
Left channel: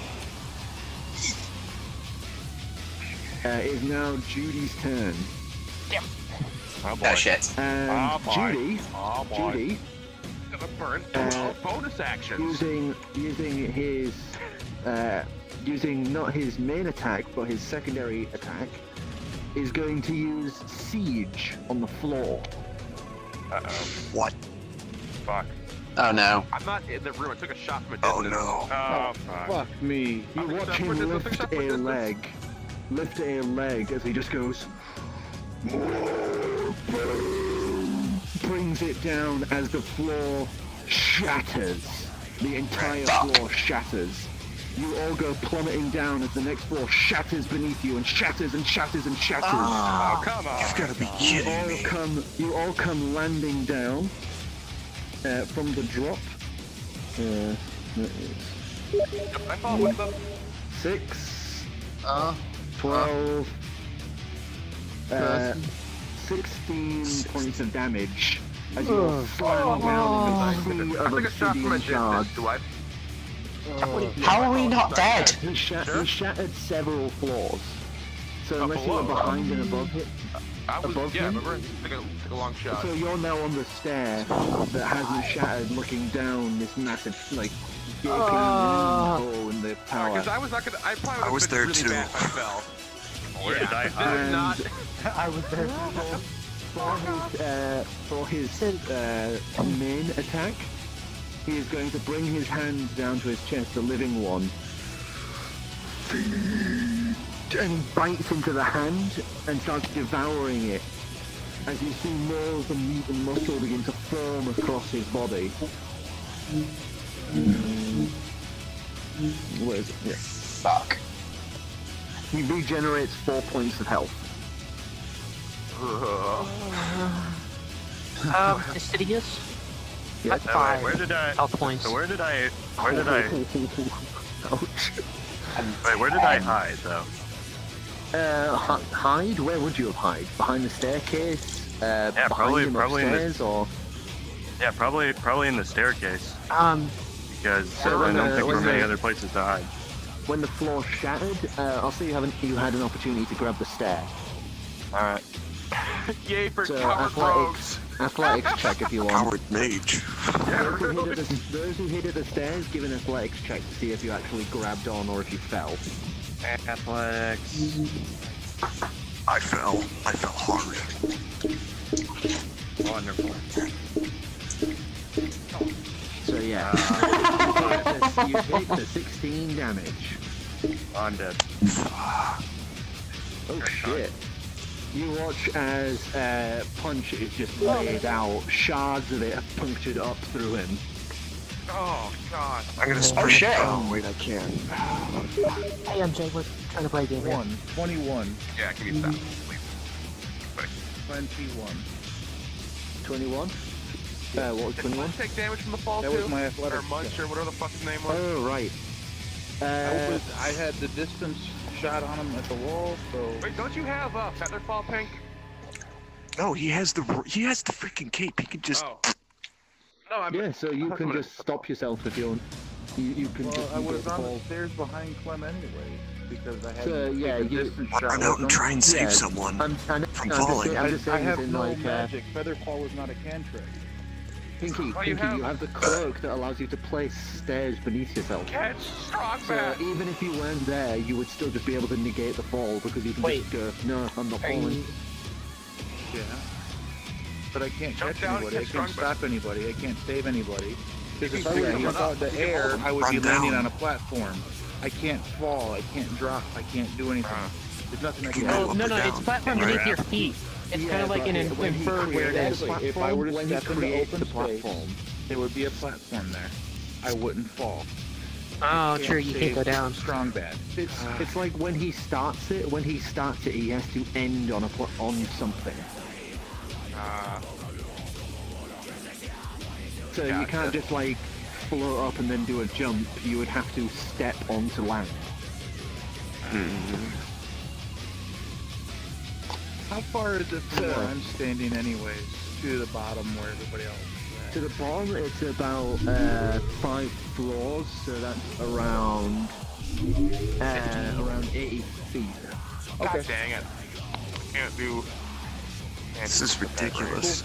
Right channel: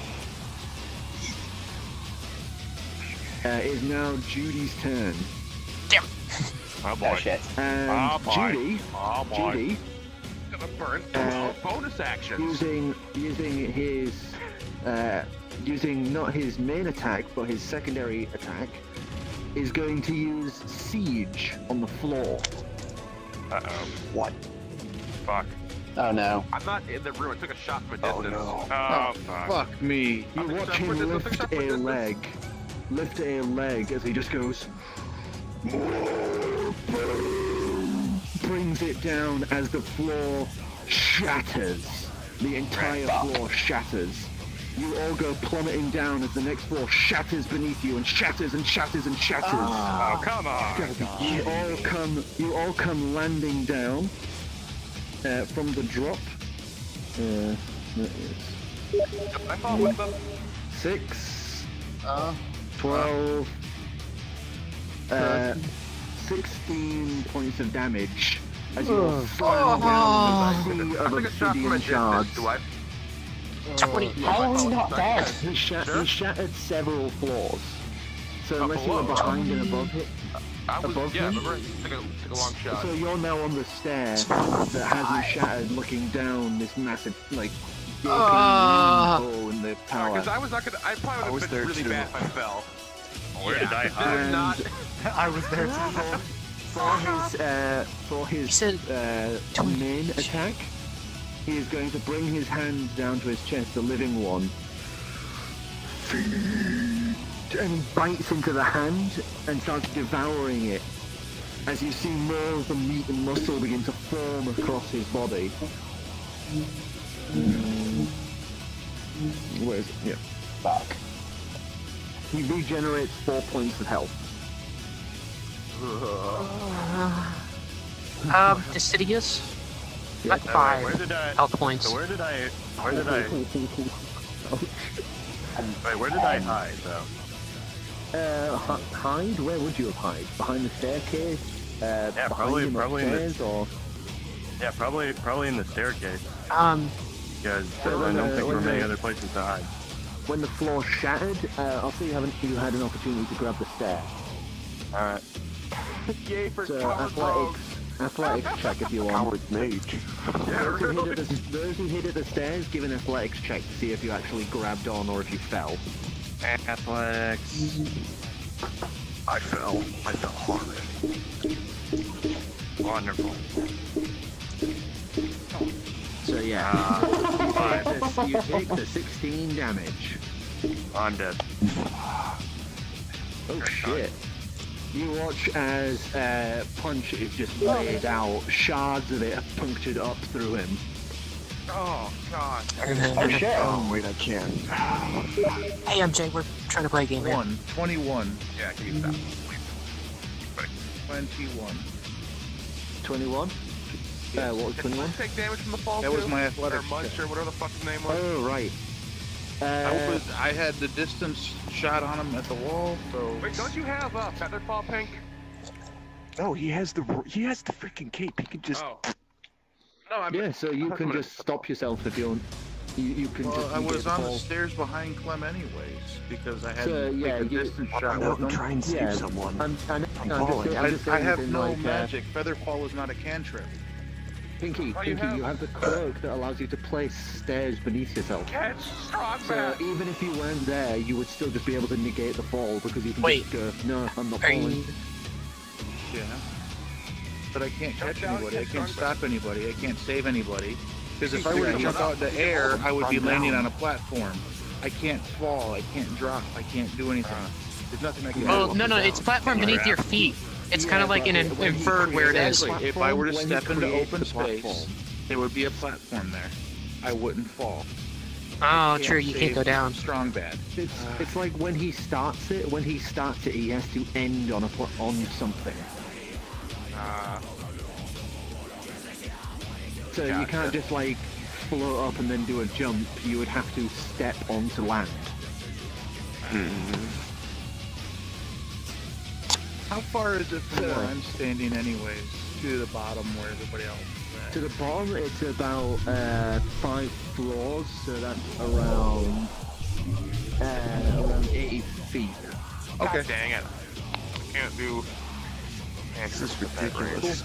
It is now Judy's turn. Oh boy. Oh shit. And Oh, boy. Judy, Oh boy. Judy, Gonna burn 12 bonus actions. using his using not his main attack but his secondary attack, is going to use siege on the floor. Uh-oh. What? Fuck. Oh no. I'm not in the room. I took a shot from a Oh distance. no. Oh, fuck. Fuck me. You watch him lift a leg as he just goes, brings it down as the floor shatters. The entire floor shatters. You all go plummeting down as the next floor shatters beneath you and shatters and shatters and shatters. Oh, come on. You've got to be kidding me. You all come landing down from the drop. That is I fought with them. 6, 12, 16 points of damage as you are slammed down in the sea of I took a shot from a obsidian shards. distance. Do I? How are we not dead? He shattered several floors. So unless you were below. behind and above it, I was, above yeah, him? remember? Took a long shot. So you're now on the stair that hasn't shattered, looking down this massive, like, gaping hole in the tower. Because I was not gonna. I probably would have been really bad if I fell. Where did I And hide? not. I was there For his main attack, he is going to bring his hand down to his chest, the living one, and he bites into the hand and starts devouring it. As you see nails and meat and muscle begin to form across his body. Where is it? Yeah. Fuck. He regenerates 4 points of health. Fastidious? Yeah. At 5 Where did I? health points. So where did I? Wait, where did I hide though? Hide? Where would you have hide? Behind the staircase? Yeah, behind probably him in the. upstairs, or? Yeah, probably in the staircase. Because So I don't think there were when many the- other places to hide. When the floor shattered, also you had an opportunity to grab the stair. Alright. Yay for So coward rogues. athletics check if you want. Coward mage. Those who hit at the stairs, give an athletics check to see if you actually grabbed on or if you fell. Athletics. I fell hard. Wonderful. So yeah, you take the 16 damage. I'm dead. Oh shit. You watch as Punch is just laid out, shards of it have punctured up through him. Oh god. I gotta Oh, shit. Oh wait, I can't. Hey, MJ, we're trying to play a game here. 21. Yeah, I can use that. 21. 21? What was Did 21? Munch take damage from the fall That too? was my athletics Or Munch, check. or whatever the fuck his name was. Oh, right. I had the distance shot on him at the wall, so... Wait, don't you have Featherfall Pink? No, he has the freaking cape. He can just. Oh. No, I'm. Yeah, so you I can thought just stop yourself if you want. You can Well, just I negate was the on the fall. stairs behind Clem anyways, because I had So, yeah, a you- distance shot I with wouldn't them. try and save Yeah, someone I'm from just falling. I have saying no like, magic. Featherfall is not a cantrip. Pinky, Oh, you you have the cloak that allows you to place stairs beneath yourself. Get strong, So man. even if you weren't there, you would still just be able to negate the fall because you can just go, no, I'm not falling. Yeah. But I can't catch anybody. I can't stop anybody. I can't save anybody. Because if I were to jump out of the air, I would be landing on a platform. I can't fall. I can't drop. I can't do anything. There's nothing I can Oh, do. no, it's a platform beneath your feet. It's kind of like an inferred where it is. Exactly. If I were to When he step into creates open the space, platform. there would be a platform there. I wouldn't fall. Oh, true, you can't go save down. Strong bad. It's like when he starts it. When he starts it, he has to end on on something. So you can't just like float up and then do a jump. You would have to step onto land. How far is it from where I'm standing anyways? To the bottom where everybody else is? To the bottom, it's about 5 floors, so that's around 80 feet. God dang it. I can't do. This is ridiculous.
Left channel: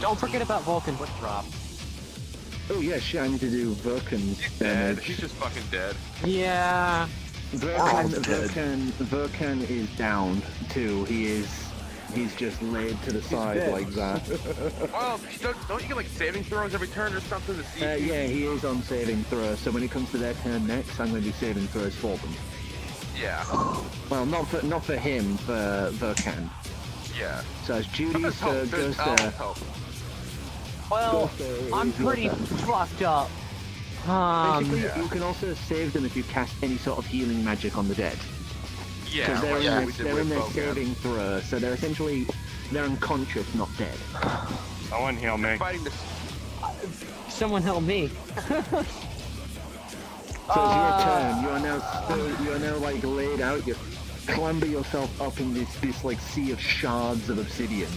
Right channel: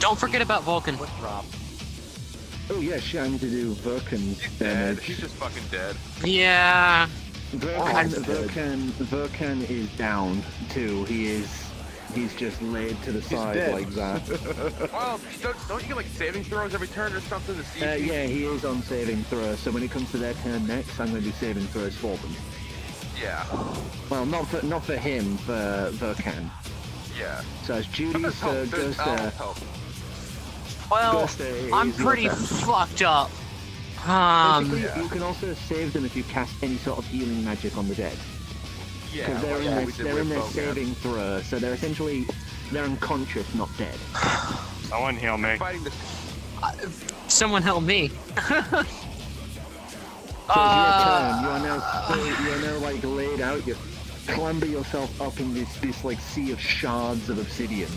Don't forget about Vulcan. Oh yeah, shit, I need to do Vulcan's Dead. damage. He's just fucking dead. Yeah. Vulcan is downed too. He's just laid to the side like that. Well, don't you get like saving throws every turn or something to see if you... Yeah, he is on saving throw, so when it comes to their turn next, I'm going to do saving throws for them. Yeah. Well, not for him, for Vulcan. Yeah. So it's Judy, so goes to... Well, I'm pretty fucked up. Basically, you can also save them if you cast any sort of healing magic on the dead. Yeah. Because they're in their saving throw, so they're essentially unconscious, not dead. Someone heal me. Someone help me. So it's your turn. You are now like laid out. You clamber yourself up in this like sea of shards of obsidian.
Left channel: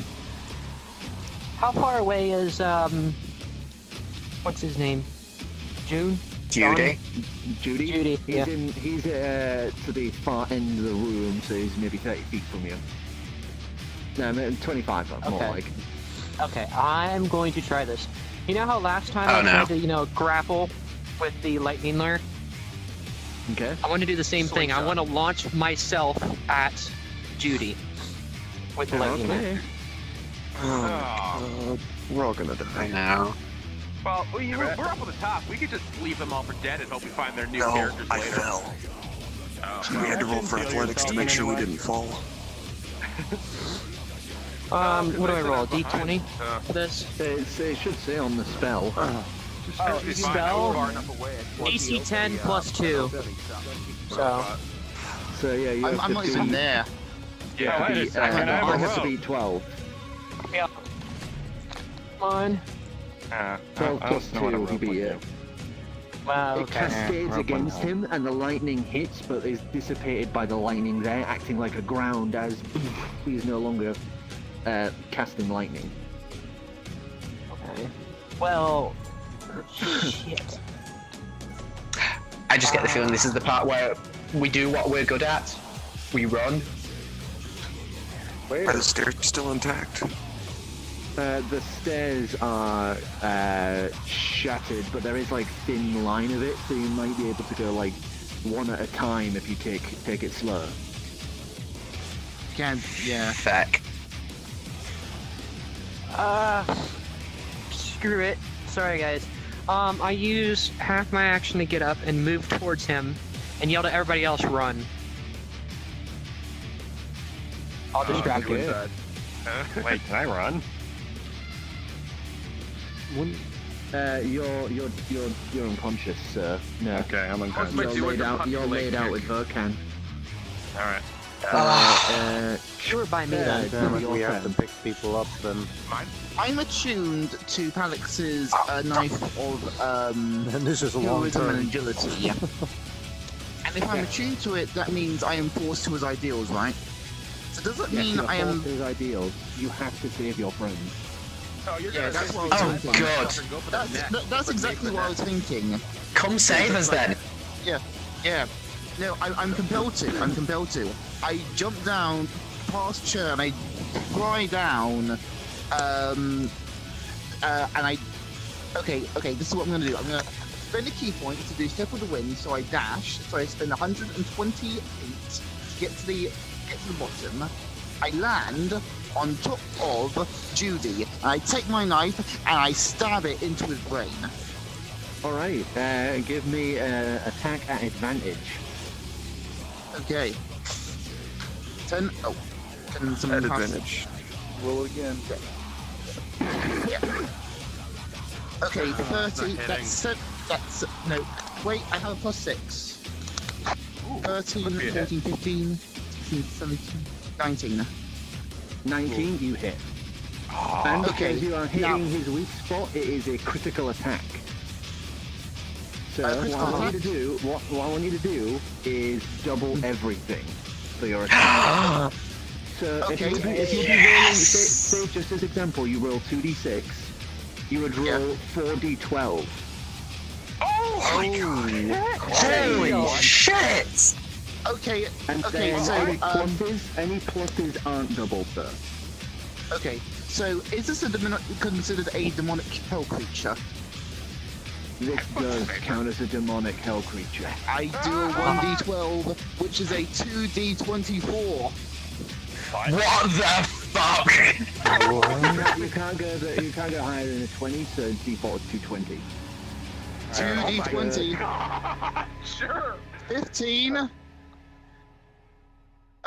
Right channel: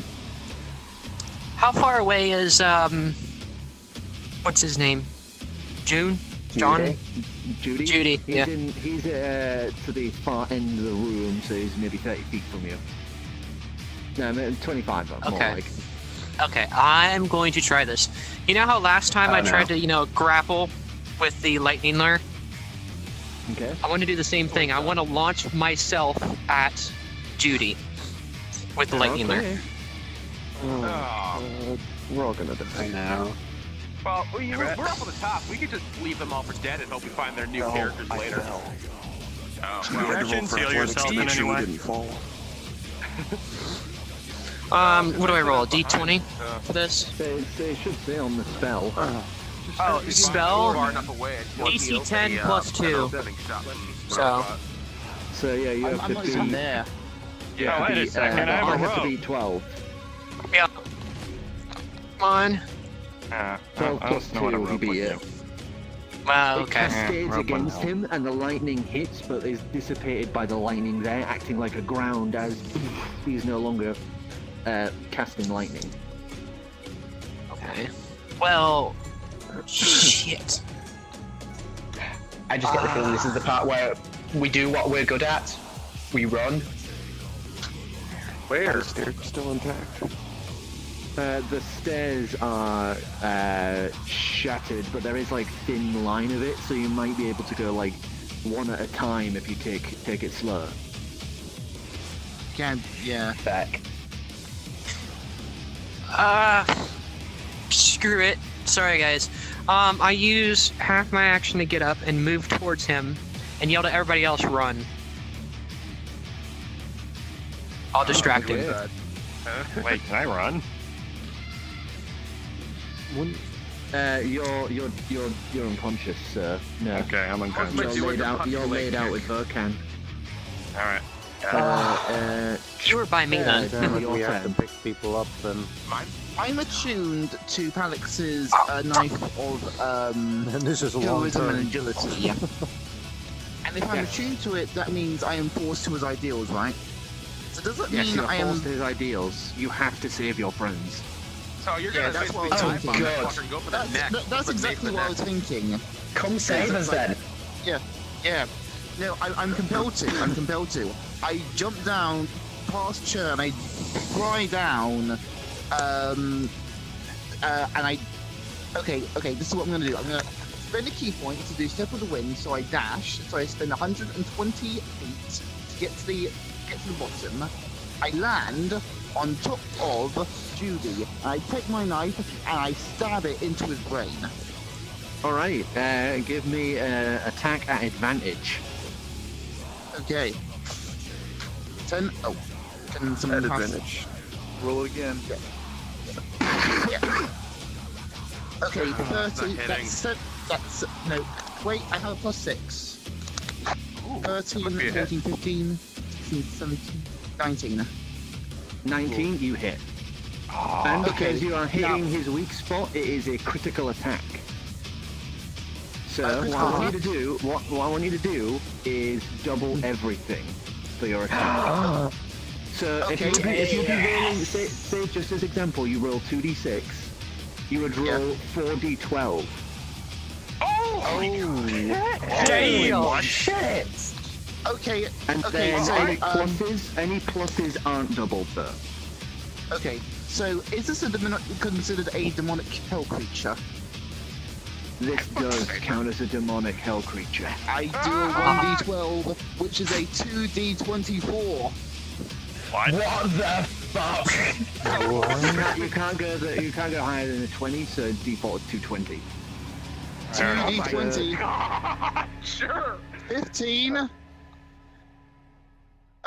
How far away is what's his name? June? Judy. Judy? Judy, He's he's to the far end of the room, so he's maybe 30 feet from you. No, 25 more like. Okay, I'm going to try this. You know how last time I tried to, grapple with the lightning lure? Okay. I want to do the same thing. I want to launch myself at Judy with the lightning lure. We're all gonna die now. Well, we're up on the top. We could just leave them all for dead and hope we find their new characters later. We had to roll for athletics to make sure we didn't fall. What do I roll? D20 for this? It should say on the spell. Spell? DC 10 plus 2. So yeah, you have to be there. Yeah, I have to be 12. Yeah. Come on. 12 plus 2 will be it. Wow, It cascades against him, and the lightning hits, but is dissipated by the lightning there, acting like a ground as he's no longer casting lightning. Okay. Well, shit. I just get the feeling this is the part where we do what we're good at. We run. Where? Are the stairs still intact? The stairs are shattered, but there is like thin line of it, so you might be able to go like one at a time if you take it slow. Yeah. Feck. Screw it. Sorry, guys. I use half my action to get up and move towards him and yell to everybody else, run. I'll distract him. Wait, can I run? You're unconscious, sir. No. Okay, I'm unconscious. You're laid out with Vokan. Alright. You were by me Yeah, then. damn it, we have to pick people up then. I'm attuned to Palix's knife of And this is a long heroism and term. agility. And if I'm attuned to it, that means I am forced to his ideals, right? So does that mean I am his ideals? You have to save your friends. So you're Yeah, that's what I was thinking. That's exactly what I was thinking. Come save us then. Yeah. No, I'm compelled to. I jump down past Chur and I fly down. And I. Okay. This is what I'm gonna do. I'm gonna spend a key point to do Step of the Wind. So I dash. So I spend 120 feet to get to the bottom. I land on top of Judy, and I take my knife and I stab it into his brain. Alright, give me attack at advantage. Okay. 10. Oh. Can someone pass? Advantage. Roll again. Yeah. Okay, 30. That's. No. Wait, I have a plus 6. 13, 14, 15, 16, 17, 19. 19, you hit. And because you are hitting his weak spot, it is a critical attack. So what I want you to do is double everything for your attack. So if you'd be rolling, say just as example, you roll 2d6, you would roll 4d12. Oh shit! Okay, And okay, then so any pluses aren't doubled though. okay, so is this considered a demonic hell creature? This does count as a demonic hell creature. I do a 1d12, which is a 2d24. What the fuck? You can't go higher than a 20, so default is 220. 2d20. Sure. 15.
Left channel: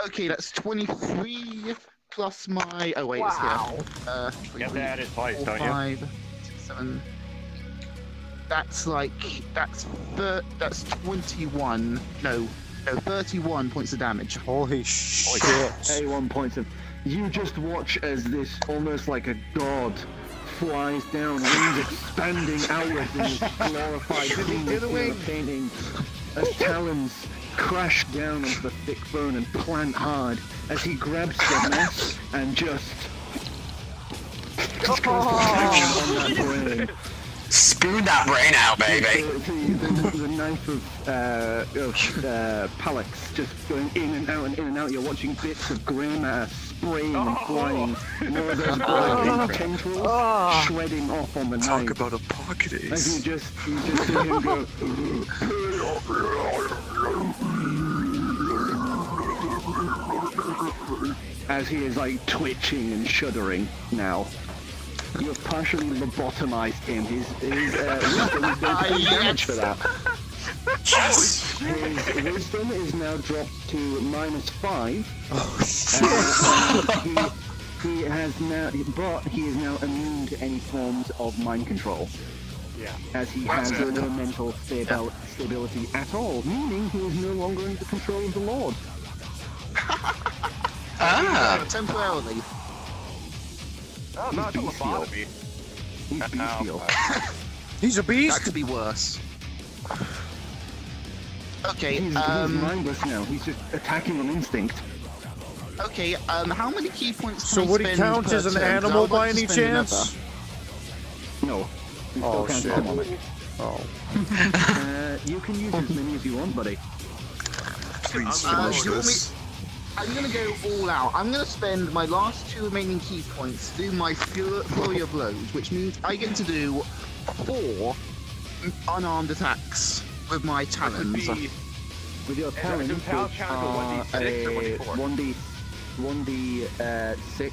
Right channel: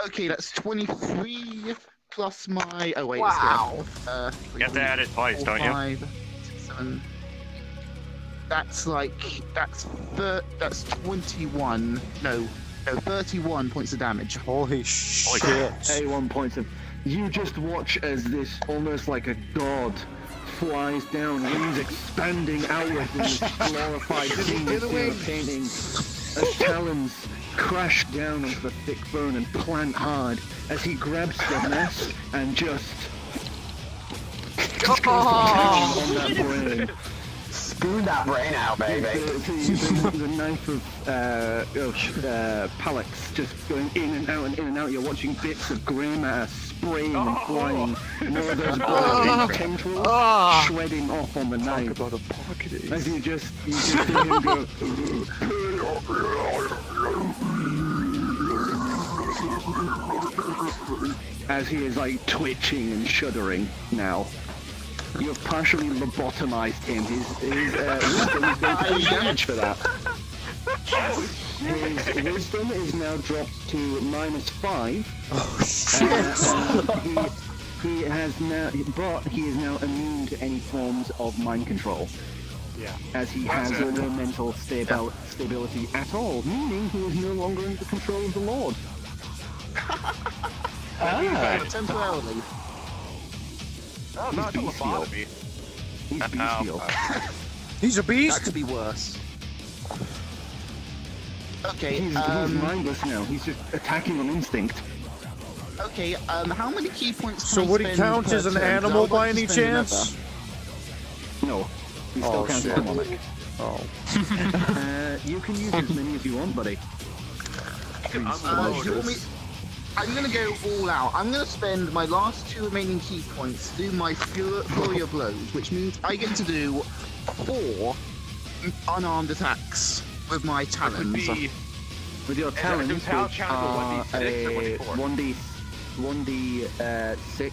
Okay, that's 23 plus my. Oh wait, it's here. You have to add it twice, don't you? 5, 6, 7. That's like that's 21. No, 31 points of damage. Holy shit. 31 points of. You just watch as this almost like a god flies down, wings expanding outwards in this glorified painting as talons crash down onto the thick bone and plant hard as he grabs the mess and just goes to town on that brain. Spoon that brain out, baby. The knife of Palex just going in and out and in and out. You're watching bits of grey matter spraying and flying. More of those tendrils shredding off on the knife. Talk about a pocket ace. As you just see him go. As he is like twitching and shuddering now. You have partially lobotomized him. His wisdom is going to take damage for that. His wisdom is now dropped to -5. Oh shit! And he has now, but he is now immune to any forms of mind control. Yeah. As he has no mental stability at all, meaning he is no longer under the control of the Lord. Temporarily. Oh, not a lobotomy. He's bestial. He's a beast? That could be worse. Okay, He's mindless now. He's just attacking on instinct. Okay, how many key points So can I would he spend count per as an turn? animal I'd by like to any spend chance? No. He still Oh counts as shit. demonic. Oh. You can use as many as you want, buddy. I'm gonna go all out. I'm gonna spend my last 2 remaining key points through my flurry of blows, which means I get to do 4 unarmed attacks with my talons. With your talons, which are a 1d6,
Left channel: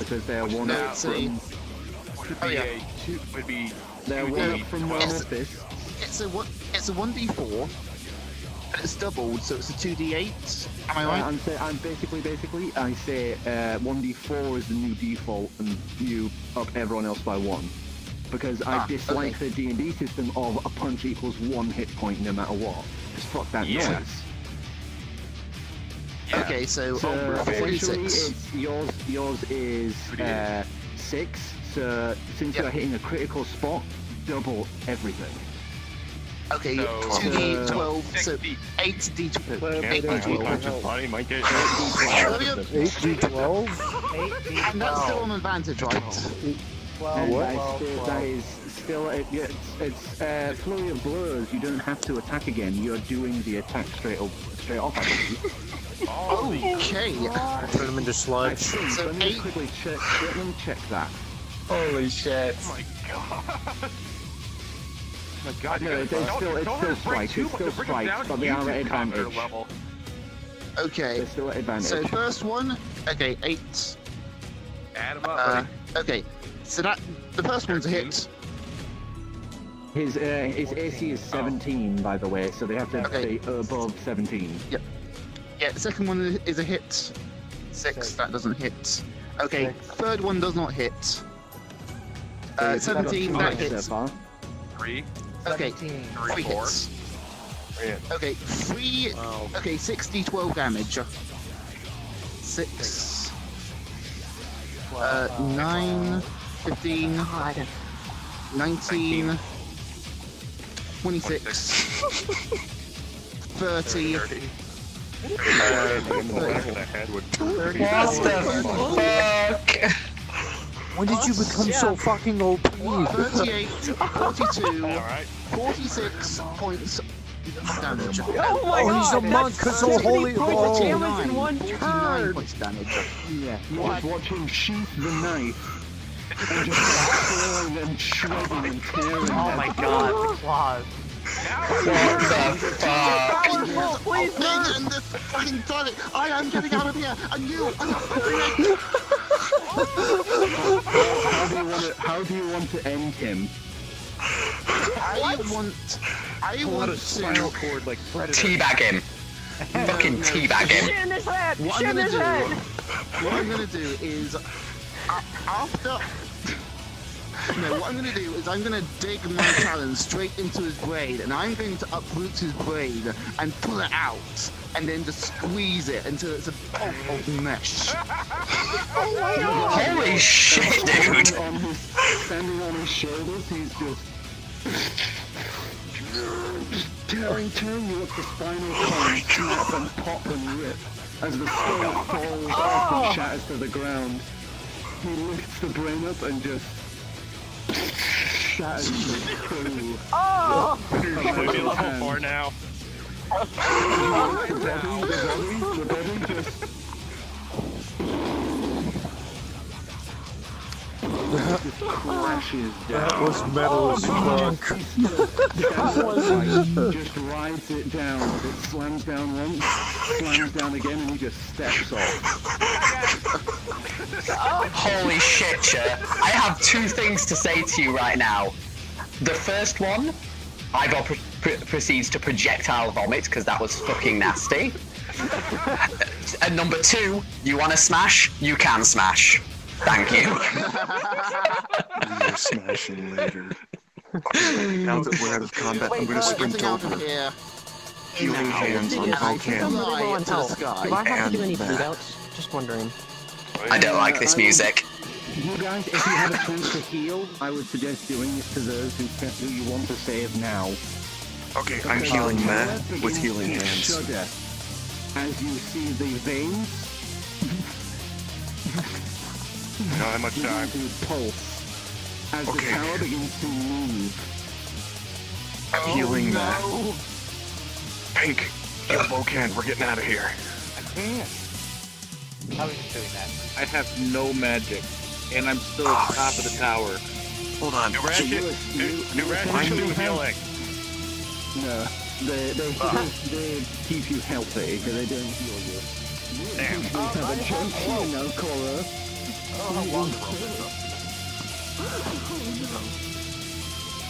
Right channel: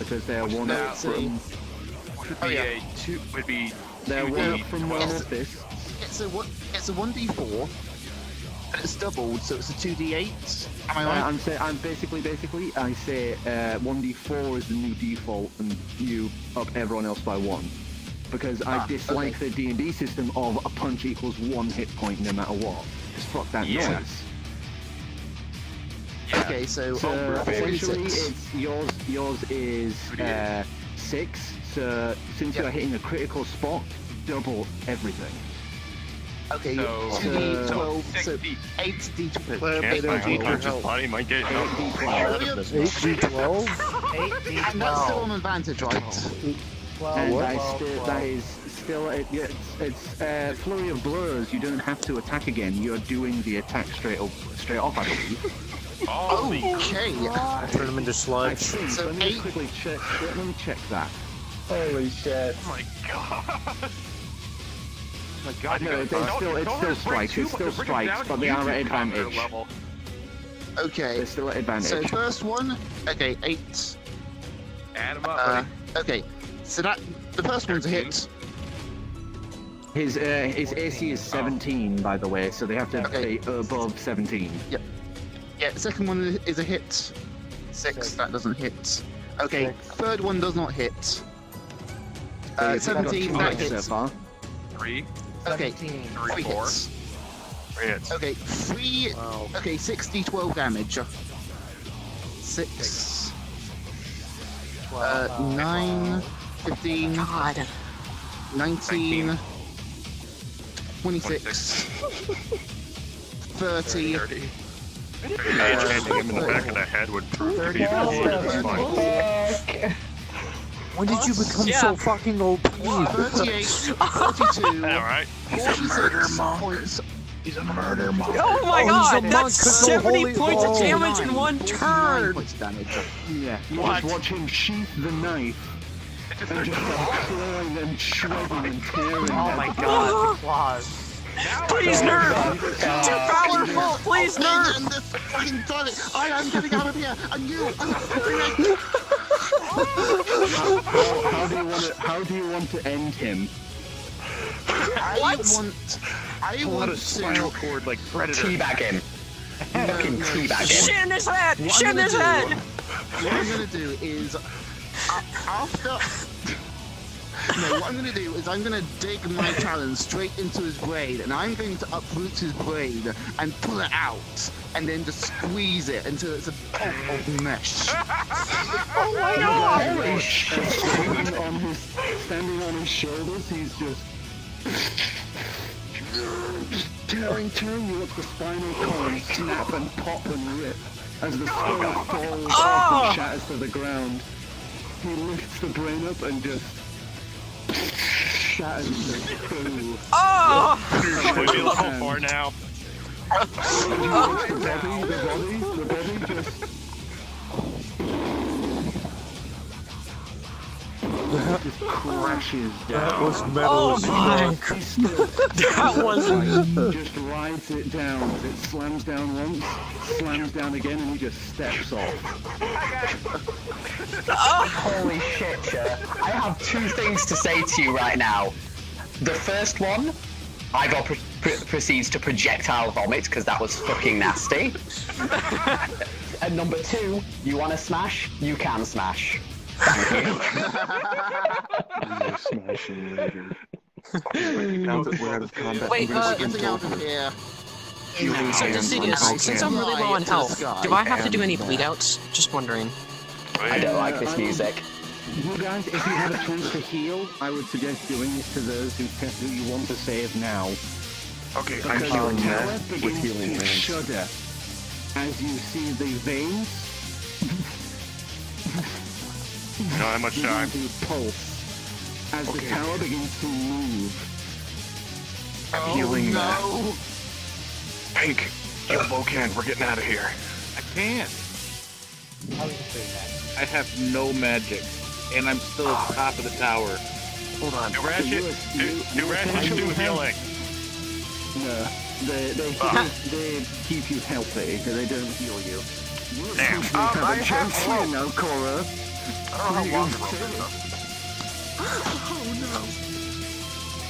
because they're one up from. Oh yeah. They're one up from one of this. It's a 1d4. And it's doubled, so it's a 2d8. Am I right? I'm basically, I say 1d4 is the new default, and you up everyone else by 1. Because I dislike the D&D system of a punch equals 1 hit point no matter what. Just fuck that noise. Okay, so essentially, yours is 6. So since you're hitting a critical spot, double everything. Okay, so 2d12, so 8d12. His body might get 8d12? And that's still an advantage, right? What? That is still, it's flurry of blows. You don't have to attack again. You're doing the attack straight off, I believe. Okay. I turn him into sludge. So let me quickly check. Let me check that. Holy shit! Oh my god! Oh my god! No, it's still spikes. It's still spikes, but they are at advantage. Level. Okay. They're still at advantage. So first one, okay, 8. Add them up, buddy. Okay, so that the first one's a hit. His AC is 17, by the way, so they have to be above 17. Yep. Yeah, the second one is a hit. 6, that doesn't hit. Okay, third one does not hit. 17, that hits. So far. 3. Okay, 3, 3 4. hits. Okay, 3. Wow. Okay, 6d12 damage. 6. 9, 15, 19, 26, 30. When did you become so fucking OP? 38, 42, 46 points. Oh my Oh, he's a monk, cause so holy. Points of damage in one 49 turn. points of damage. Yeah, you was watching sheath the knife and just throwing and shredding and tearing. Oh my god, the claws. Now Please not! And this fucking toilet. I am getting out of here, and you are not fucking How do you want to end him? I want to spinal cord like Predator. Teabag him. Fucking teabag him. Shit in his head! What Shit I'm in gonna his do, head! what I'm gonna do is after. No, what I'm going to do is I'm going to dig my talons straight into his brain, and I'm going to uproot his brain and pull it out, and then just squeeze it until it's a pulp of mesh. Holy shit! Standing on his shoulders, he's just tearing you up the spinal column, snap and pop and rip as the skull falls off and shatters to the ground. He lifts the brain up and just shatters into poo. We're level 4 now. The body just... Just crashes down. That was metal as fuck. Just rides it down. It slams down once, slams down again, and he just steps off. Holy shit, Chet. I have two things to say to you right now. The first one, Igor proceeds to projectile vomit because that was fucking nasty. And number two, you want to smash? You can smash. Thank you. You're smashing later. Wait, Now that we're out of combat, I'm gonna sprint over. Here. Healing hands on Since I'm Vulcan. really low on health, do I have to do any And, bleedouts? Just wondering. I don't like this music. You guys, if you have a chance to heal, I would suggest doing it to those who you want to save now. Okay, I'm healing that with healing hands. Shudder as you see the veins No, how much time? begin to pulse as the tower begins to move. Healing that. Pink, kill Vulcan, we're getting out of here. I have no magic, and I'm still at the top of the tower. Hold on. New Ratchet, new Ratchet, healing. No, they keep you healthy, so they don't heal you. You essentially have a chance here now, Cora.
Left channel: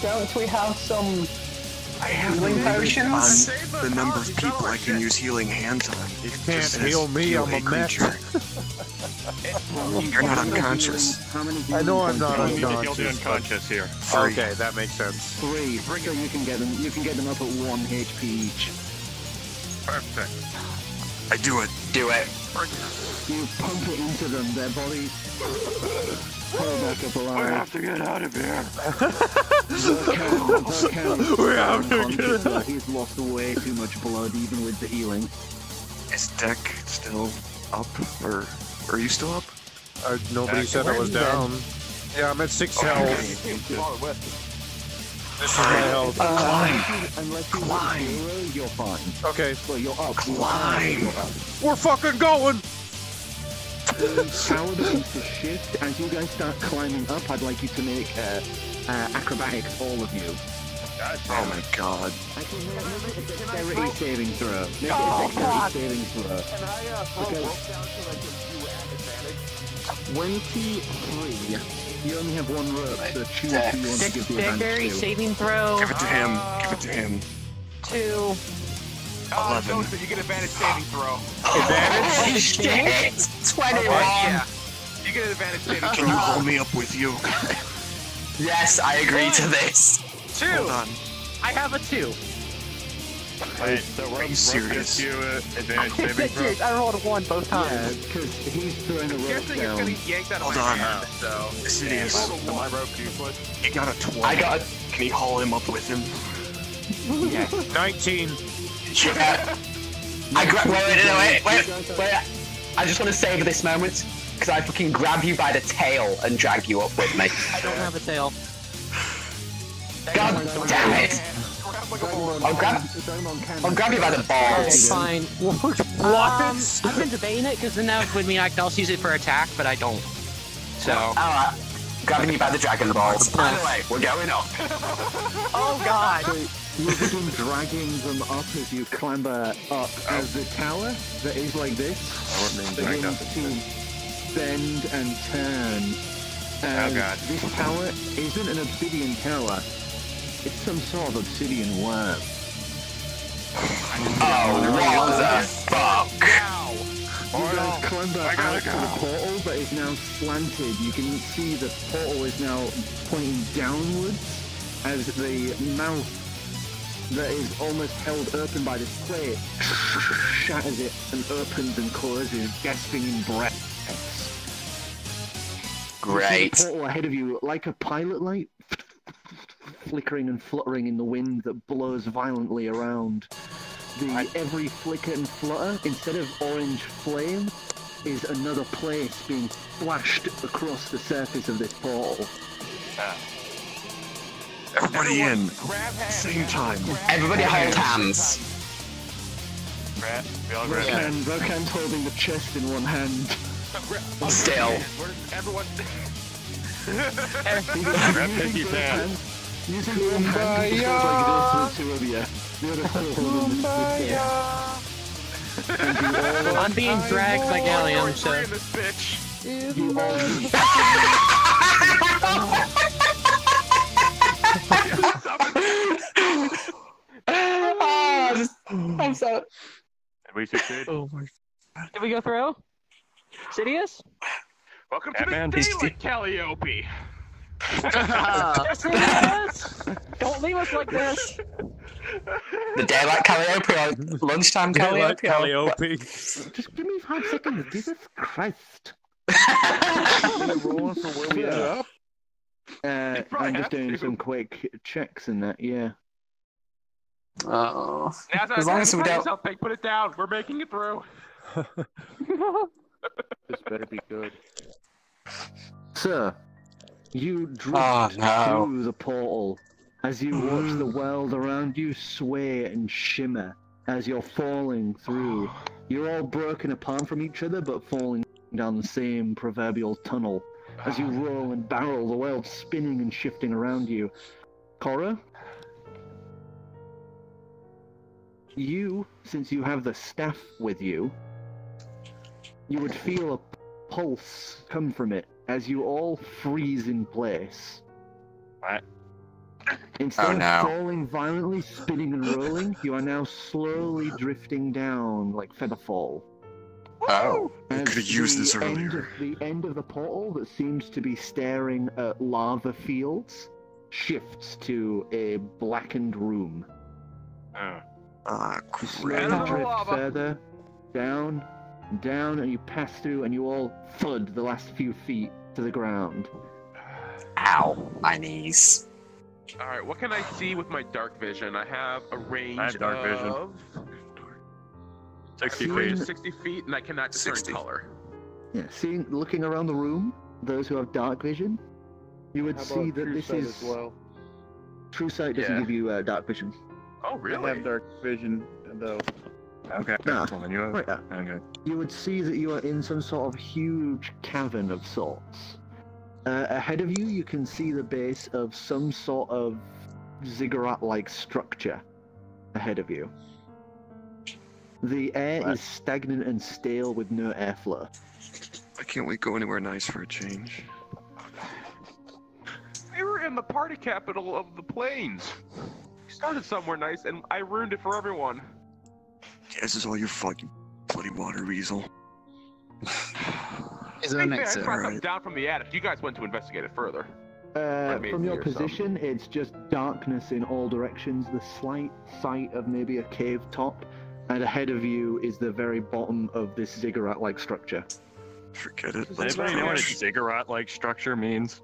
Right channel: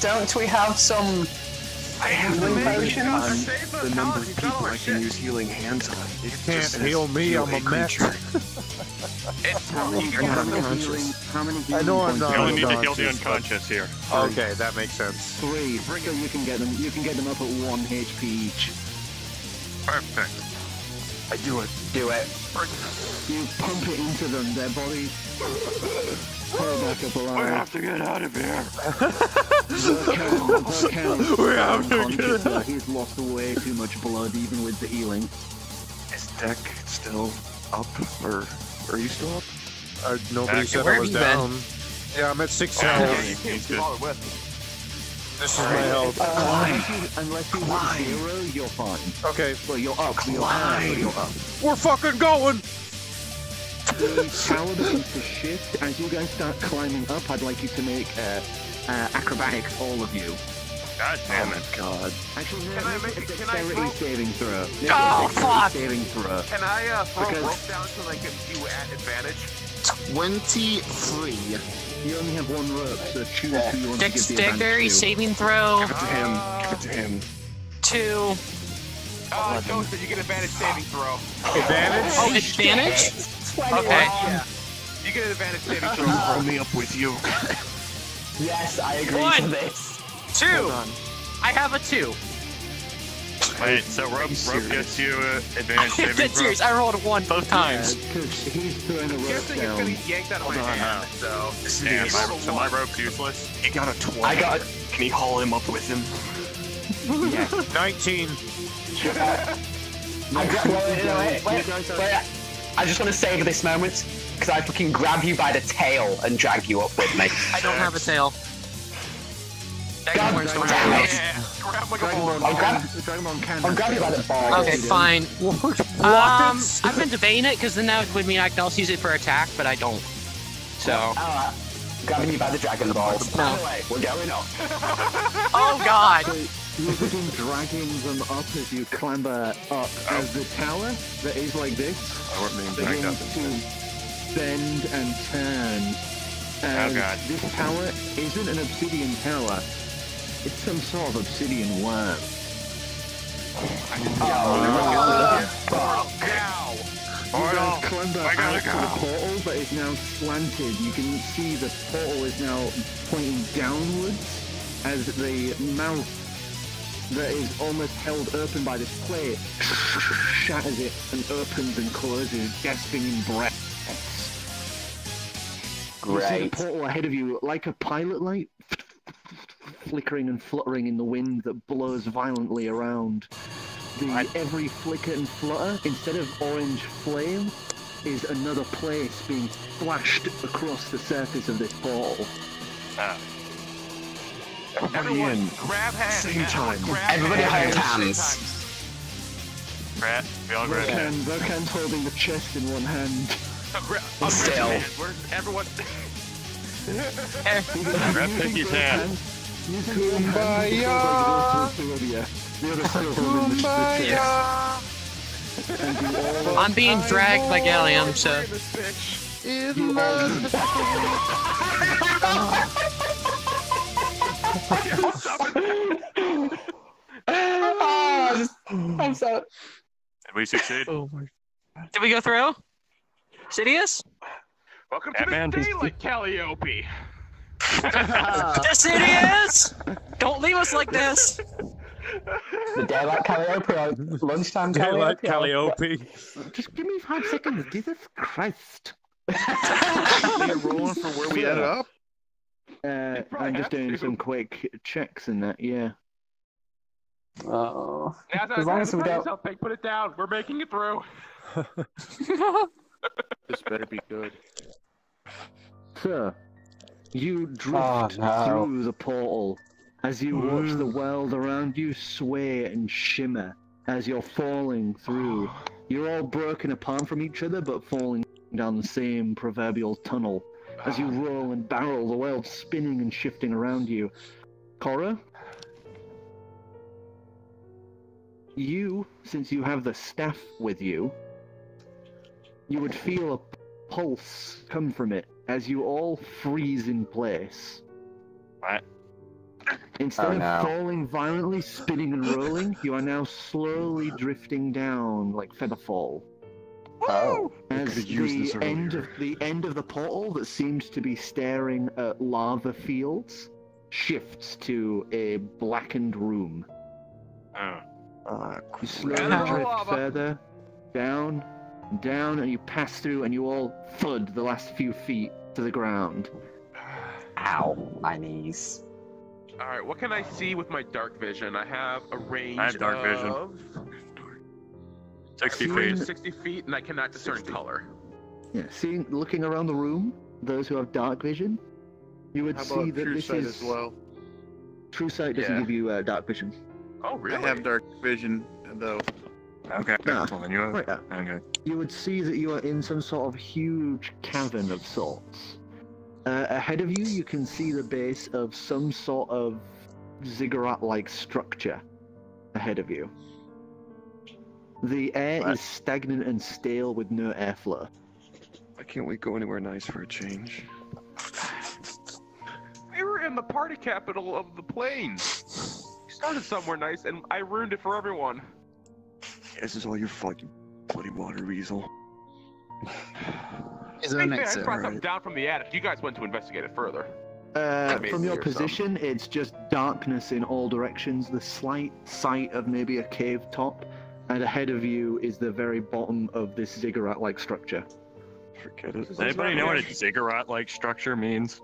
Don't we have some I have healing the potions? number of people I can use healing hands on. You can't heal me, I'm a mech. You're not unconscious. I know I'm not You need to heal the unconscious. unconscious here. Okay, that makes sense. 3, so you can get them. You can get them up at 1 HP each. Perfect. I do it. Do it. You pump it into them. Their bodies pull back up I alive. have to get out of here. We have to get out. He's lost way too much blood, even with the healing. Is Deck still up, or are you still up? Nobody said I was down. Yeah, I'm at 6 health. He's good. This is my health. Unless you have 0, you're fine. Okay. Well, you're up. We're fucking going! The tower begins to shift. As you guys start climbing up, I'd like you to make acrobatics, all of you. Oh my god. Actually, no, make a dexterity saving throw. Make a dexterity saving throw. Can I throw Because- rope down so they can you at advantage? 23. You only have 1 rope, so choose who you want to give the advantage Dexterity to. saving throw. Give it to him. Give it to him. 2. Ghost, you get advantage saving throw. Advantage? Advantage? 20. Yeah. You get an advantage saving Can you throw. roll me up with you? Yes, I agree to this. 2. I have a 2. Wait, so Rob gets you advanced saving That's throw? serious. I rolled a 1 both Yeah, times. because he's throwing a I'm rope guessing it's gonna down. get yanked out of my hand, so. So my rope's useless? He got a 20. I got a... Can he haul him up with him? Yes. 19. Wait. I just want to savor this moment because I fucking grab you by the tail and drag you up with me. I don't have a tail. God damn it! I'll grab you by the bar. It's fine. What? I've been debating it because then that would mean I could also use it for attack, but I don't. So. Alright. Grabbing you by the dragon balls. No. Anyway, we're going up. Oh god! So you begin dragging them up as you clamber up, as the tower that is like this I wasn't being dragged up. begins to bend and turn. As God. this tower isn't an obsidian tower, it's some sort of obsidian worm. Now! You guys clamber out to the portal that is now slanted. You can see the portal is now pointing downwards as the mouth that is almost held open by this plate shatters it and opens and closes, gasping in breaths. You see the Great. portal ahead of you like a pilot light flickering and fluttering in the wind that blows violently around. Every flicker and flutter, instead of orange flame, is another place being flashed across the surface of this portal. Everybody in. Same time. Everybody hold hands. We all grab hands. Rokan's holding the chest in one hand. Still. Everyone. Grab Pinky's hand. Kumbaya! The other two of them in the I'm being dragged by Gallium, so. I'm so. Did we succeed? Oh my. Did we go through? Sidious? Welcome Batman. to the daylight, Calliope. Sidious! Don't leave us like this. The daylight Calliope, lunchtime Daylight Calliope. Calliope. Just give me 5 seconds. Jesus Christ. I'm just doing some quick checks in that, yeah. Oh. As long as we don't. Put it down. We're making it through. This better be good. Sir, you drift through the portal as you watch the world around you sway and shimmer as you're falling through. You're all broken apart from each other, but falling down the same proverbial tunnel. As you roll and barrel, the world spinning and shifting around you. Cora? You, since you have the staff with you, you would feel a pulse come from it as you all freeze in place. What? Instead of falling violently, spinning and rolling, you are now slowly drifting down like featherfall. Oh, I As could have used this earlier. the end of the portal that seems to be staring at lava fields shifts to a blackened room. Oh. You slowly drift further down, down, and you pass through, and you all thud the last few feet to the ground. Ow, my knees. Alright, what can I see with my dark vision? I have a range I have dark vision. of 60 feet. feet. 60 feet, and I cannot discern color. Yeah, looking around the room, those who have dark vision, you would How see about that true this sight is as well? True sight doesn't give you dark vision. Oh, really? I have dark vision, though. Okay. Nah, Well, then you have... right there. Okay. You would see that you are in some sort of huge cavern of sorts. Ahead of you, you can see the base of some sort of ziggurat-like structure ahead of you. The air is stagnant and stale with no airflow. I can't wait go anywhere nice for a change. We were in the party capital of the plains. We started somewhere nice, and I ruined it for everyone. Yeah, this is all your fault, you bloody water weasel. I brought something down from the attic. You guys went to investigate it further. From your position, it's just darkness in all directions. The slight sight of maybe a cave top, and ahead of you is the very bottom of this ziggurat-like structure. Forget it. Does anybody know what a ziggurat-like structure means?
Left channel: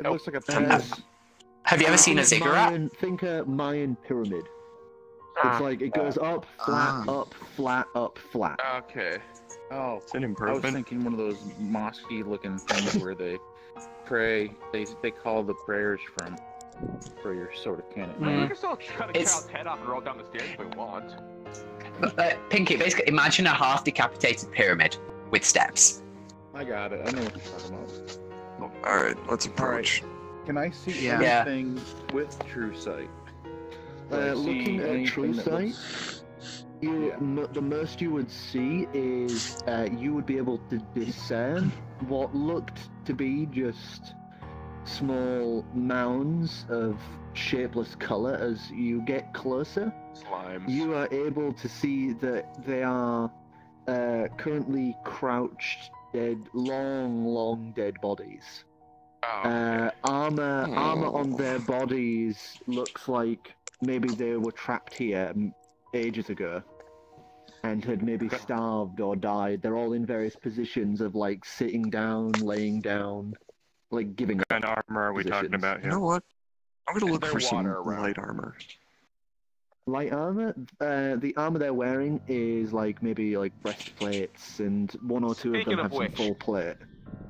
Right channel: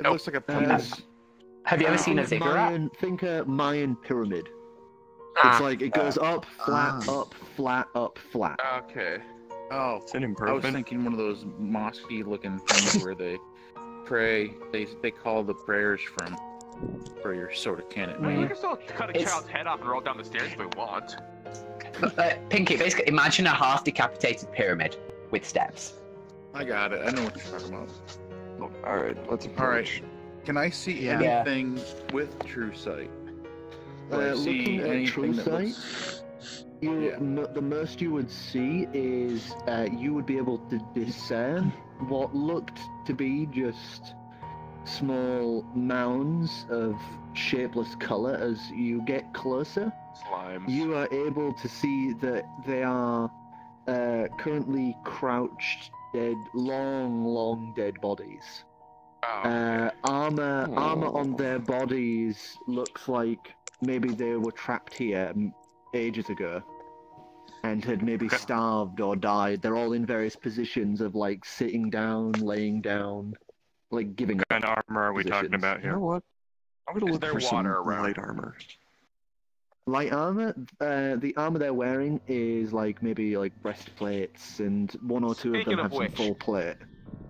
It looks like a pyramid. Have you ever seen a ziggurat? Think a Mayan pyramid. It's like it goes up, flat, up, flat, up, flat. Okay. Oh, It's an I was improvement. thinking one of those mosque-y looking things where they pray. They call the prayers from for your soda cannon. We can still cut a It's- child's head off and roll down the stairs if we want. Pinky, basically, imagine a half decapitated pyramid with steps. I got it. I know what you're talking about. Alright, let's approach. Can I see Yeah. anything with true sight? Do I see Looking at anything true that sight, looks- the most you would see is you would be able to discern what looked to be just small mounds of shapeless color. As you get closer, Slimes. you are able to see that they are currently crouched, dead, long dead bodies. Oh, Armor on their bodies looks like maybe they were trapped here ages ago and had maybe starved or died. They're all in various positions of like sitting down, laying down, like giving up. What kind of armor are we talking positions. about You know here? what? I'm gonna Is look there for some water around? light armor. Light armor? The armor they're wearing is like maybe like breastplates, and one or two of Speaking them of have which, some full plate.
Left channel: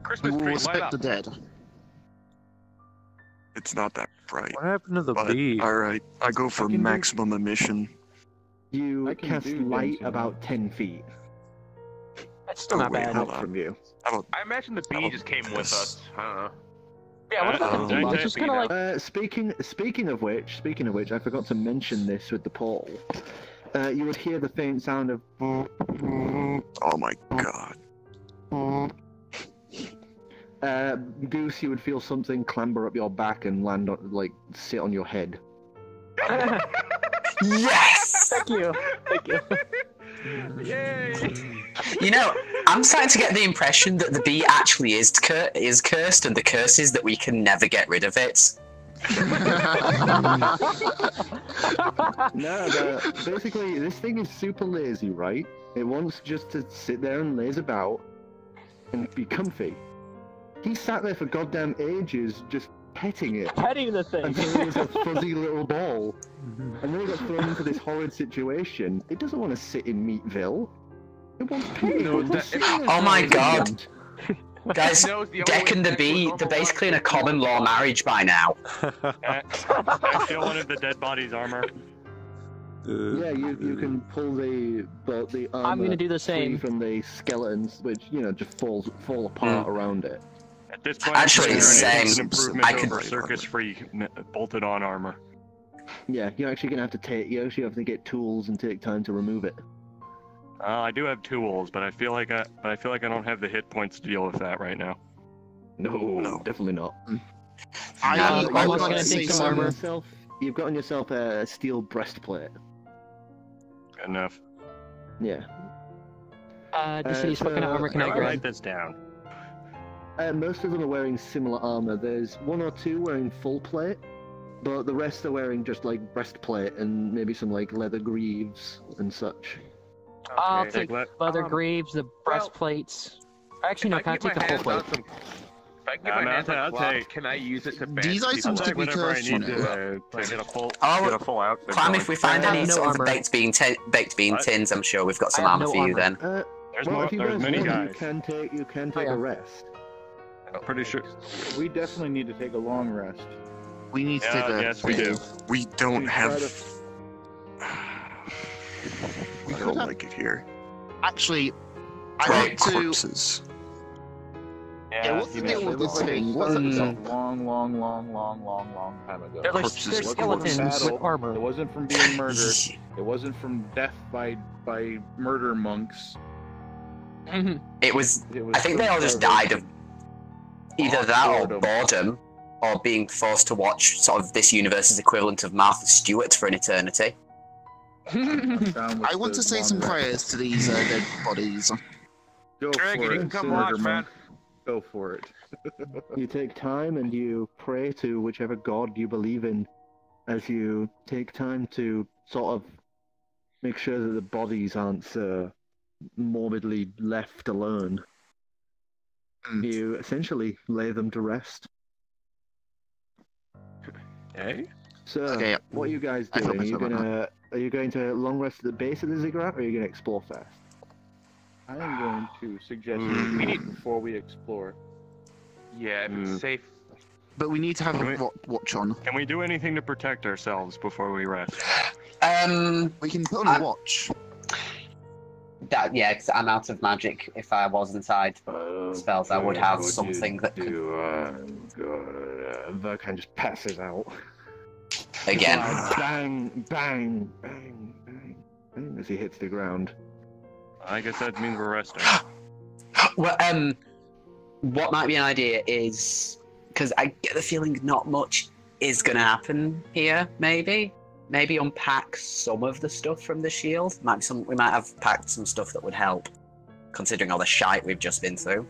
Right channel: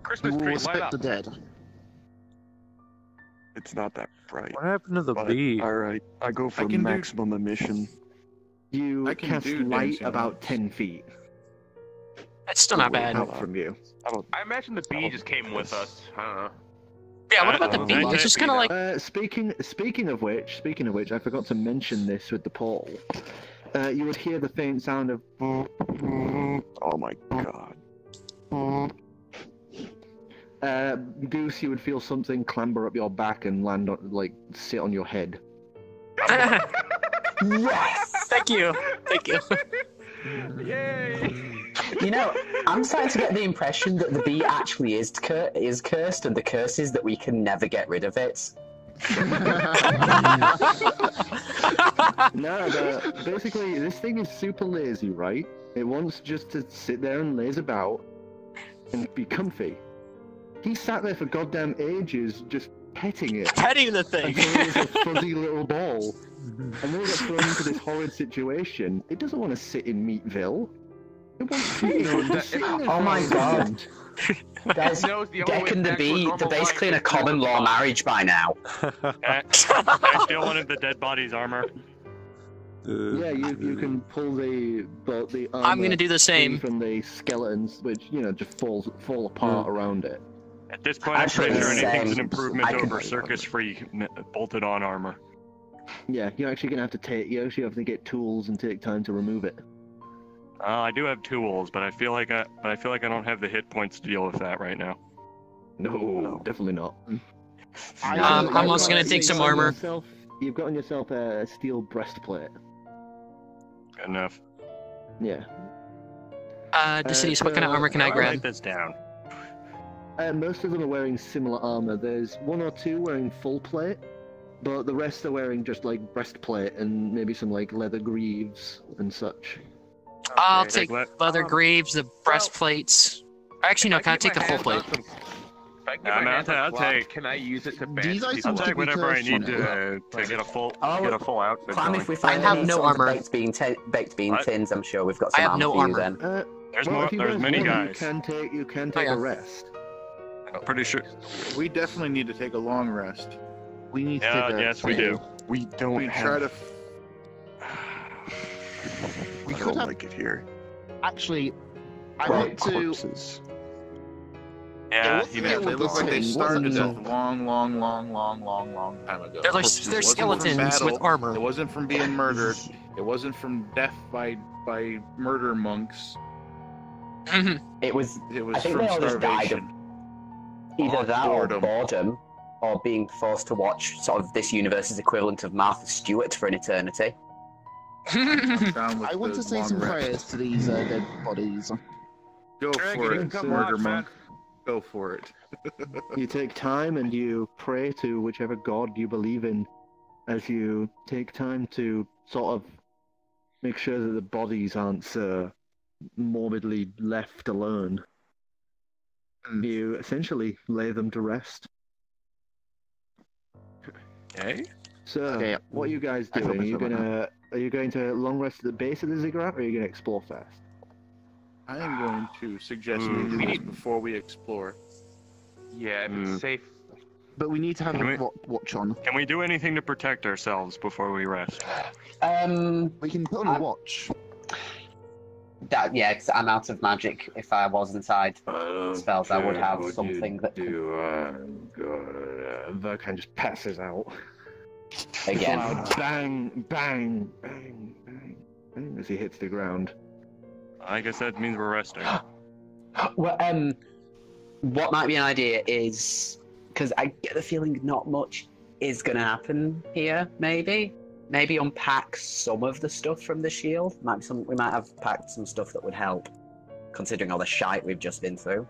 Christmas tree, light up. dead. It's not that bright. What happened to the But, bee? Alright, I go for can do- maximum emission. You I can cast do light dancing. about 10 feet That's still not Wait, bad. out from you. I imagine the bee just came with us. I don't know. Yeah, what about the bee? It's just kind of like. Speaking of which, I forgot to mention this with the portal. You would hear the faint sound of. Oh my god. Goose, you would feel something clamber up your back and land on, sit on your head. Yes! Thank you. Thank you. Yay! You know, I'm starting to get the impression that the bee actually is cursed, and the curse is that we can never get rid of it. No, basically, this thing is super lazy, right? It wants just to sit there and laze about and be comfy. He sat there for goddamn ages just petting it. Petting the thing. Until it was a fuzzy little ball. And then it got thrown into this horrid situation. It doesn't want to sit in Meatville. It wants petting. Oh my god. Guys, Deck and the bee, they're basically in a common law marriage by now. I feel one of the dead body's armor. Yeah, you can pull the armor. I'm gonna do the same from the skeletons, which just fall apart around it. At this point, Actually, I'm it's pretty sure it's an same. improvement I could- over circus-free bolted-on armor. Yeah, you're actually gonna have to get tools and take time to remove it. I do have tools, but I feel like I don't have the hit points to deal with that right now. No, definitely not. I'm also gonna take some armor. You've got on yourself a steel breastplate. Good enough. Yeah. Deciduous, what kind of armor can I I'll grab? write this down. Most of them are wearing similar armor. There's one or two wearing full plate, but the rest are wearing just breastplate and maybe some leather greaves and such. I'll take leather greaves, the breastplates. Actually, no, can I take the full plate? If I can get my hands on cloth, can I use it to bandage guys people seem to up? be Whatever I cursed need from to get a full outfit Clam, going. if we find I have any no sort of armor. baked bean tins, I'm sure we've got some I have armor no for you armor. then. If you guys many want, guys. you can take a rest. I'm pretty sure. We definitely need to take a long rest. We need to Yeah, take a yes, we do. We don't We try have. to. I don't like it here. Actually, I Dry want to. corpses. Yeah, what's the he deal did. with this Like they thing? What's started up? a long time ago. They're It wasn't from skeletons with battle. armor. It wasn't from being murdered. It wasn't from death by murder monks. It was. It was I think from they all just died of starvation. either that or Boredom. boredom, or being forced to watch sort of this universe's equivalent of Martha Stewart for an eternity. I'm down with I want the to say long some rest. prayers to these dead bodies. Go for it, murder monk. Go for it. You take time and you pray to whichever god you believe in, as you take time to sort of make sure that the bodies aren't morbidly left alone. You essentially lay them to rest. Okay. So, Okay. what are you guys I doing? hope it's Are you going to long rest at the base of the ziggurat, or are you going to explore first? I am going to suggest we We do need- this before we explore. Yeah, if it's safe. But we need to have Can a we- watch on. Can we do anything to protect ourselves before we rest? We can put on a watch. Yeah, 'cause I'm out of magic. If I was inside spells, I would have something that Verkan just passes out. again. Loud bang, bang, bang, bang, bang as he hits the ground. I guess that means we're resting. Well, what might be an idea is because I get the feeling not much is going to happen here. Maybe unpack some of the stuff from the shield. We might have packed some stuff that would help, considering all the shite we've just been through.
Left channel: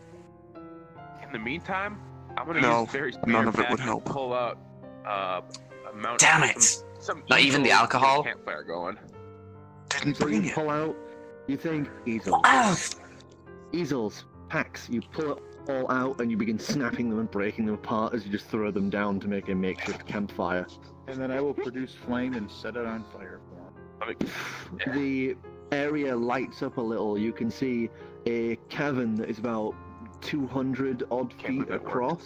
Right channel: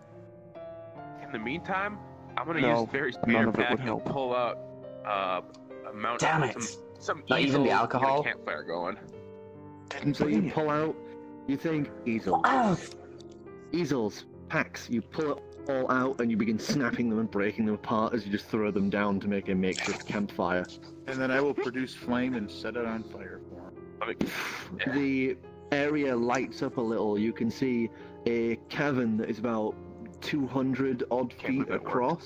In the meantime, I'm gonna No, use Fairy none Speeder of it Pack would and help. pull out a mount. Damn it! Some Not even the easels, alcohol? get a campfire going. Didn't So bring you it. pull out, you think easels, Ah, easels, packs. You pull it all out and you begin snapping them and breaking them apart as you just throw them down to make a makeshift campfire. And then I will produce flame and set it on fire for him. The area lights up a little. You can see a cavern that is about 200 odd feet across.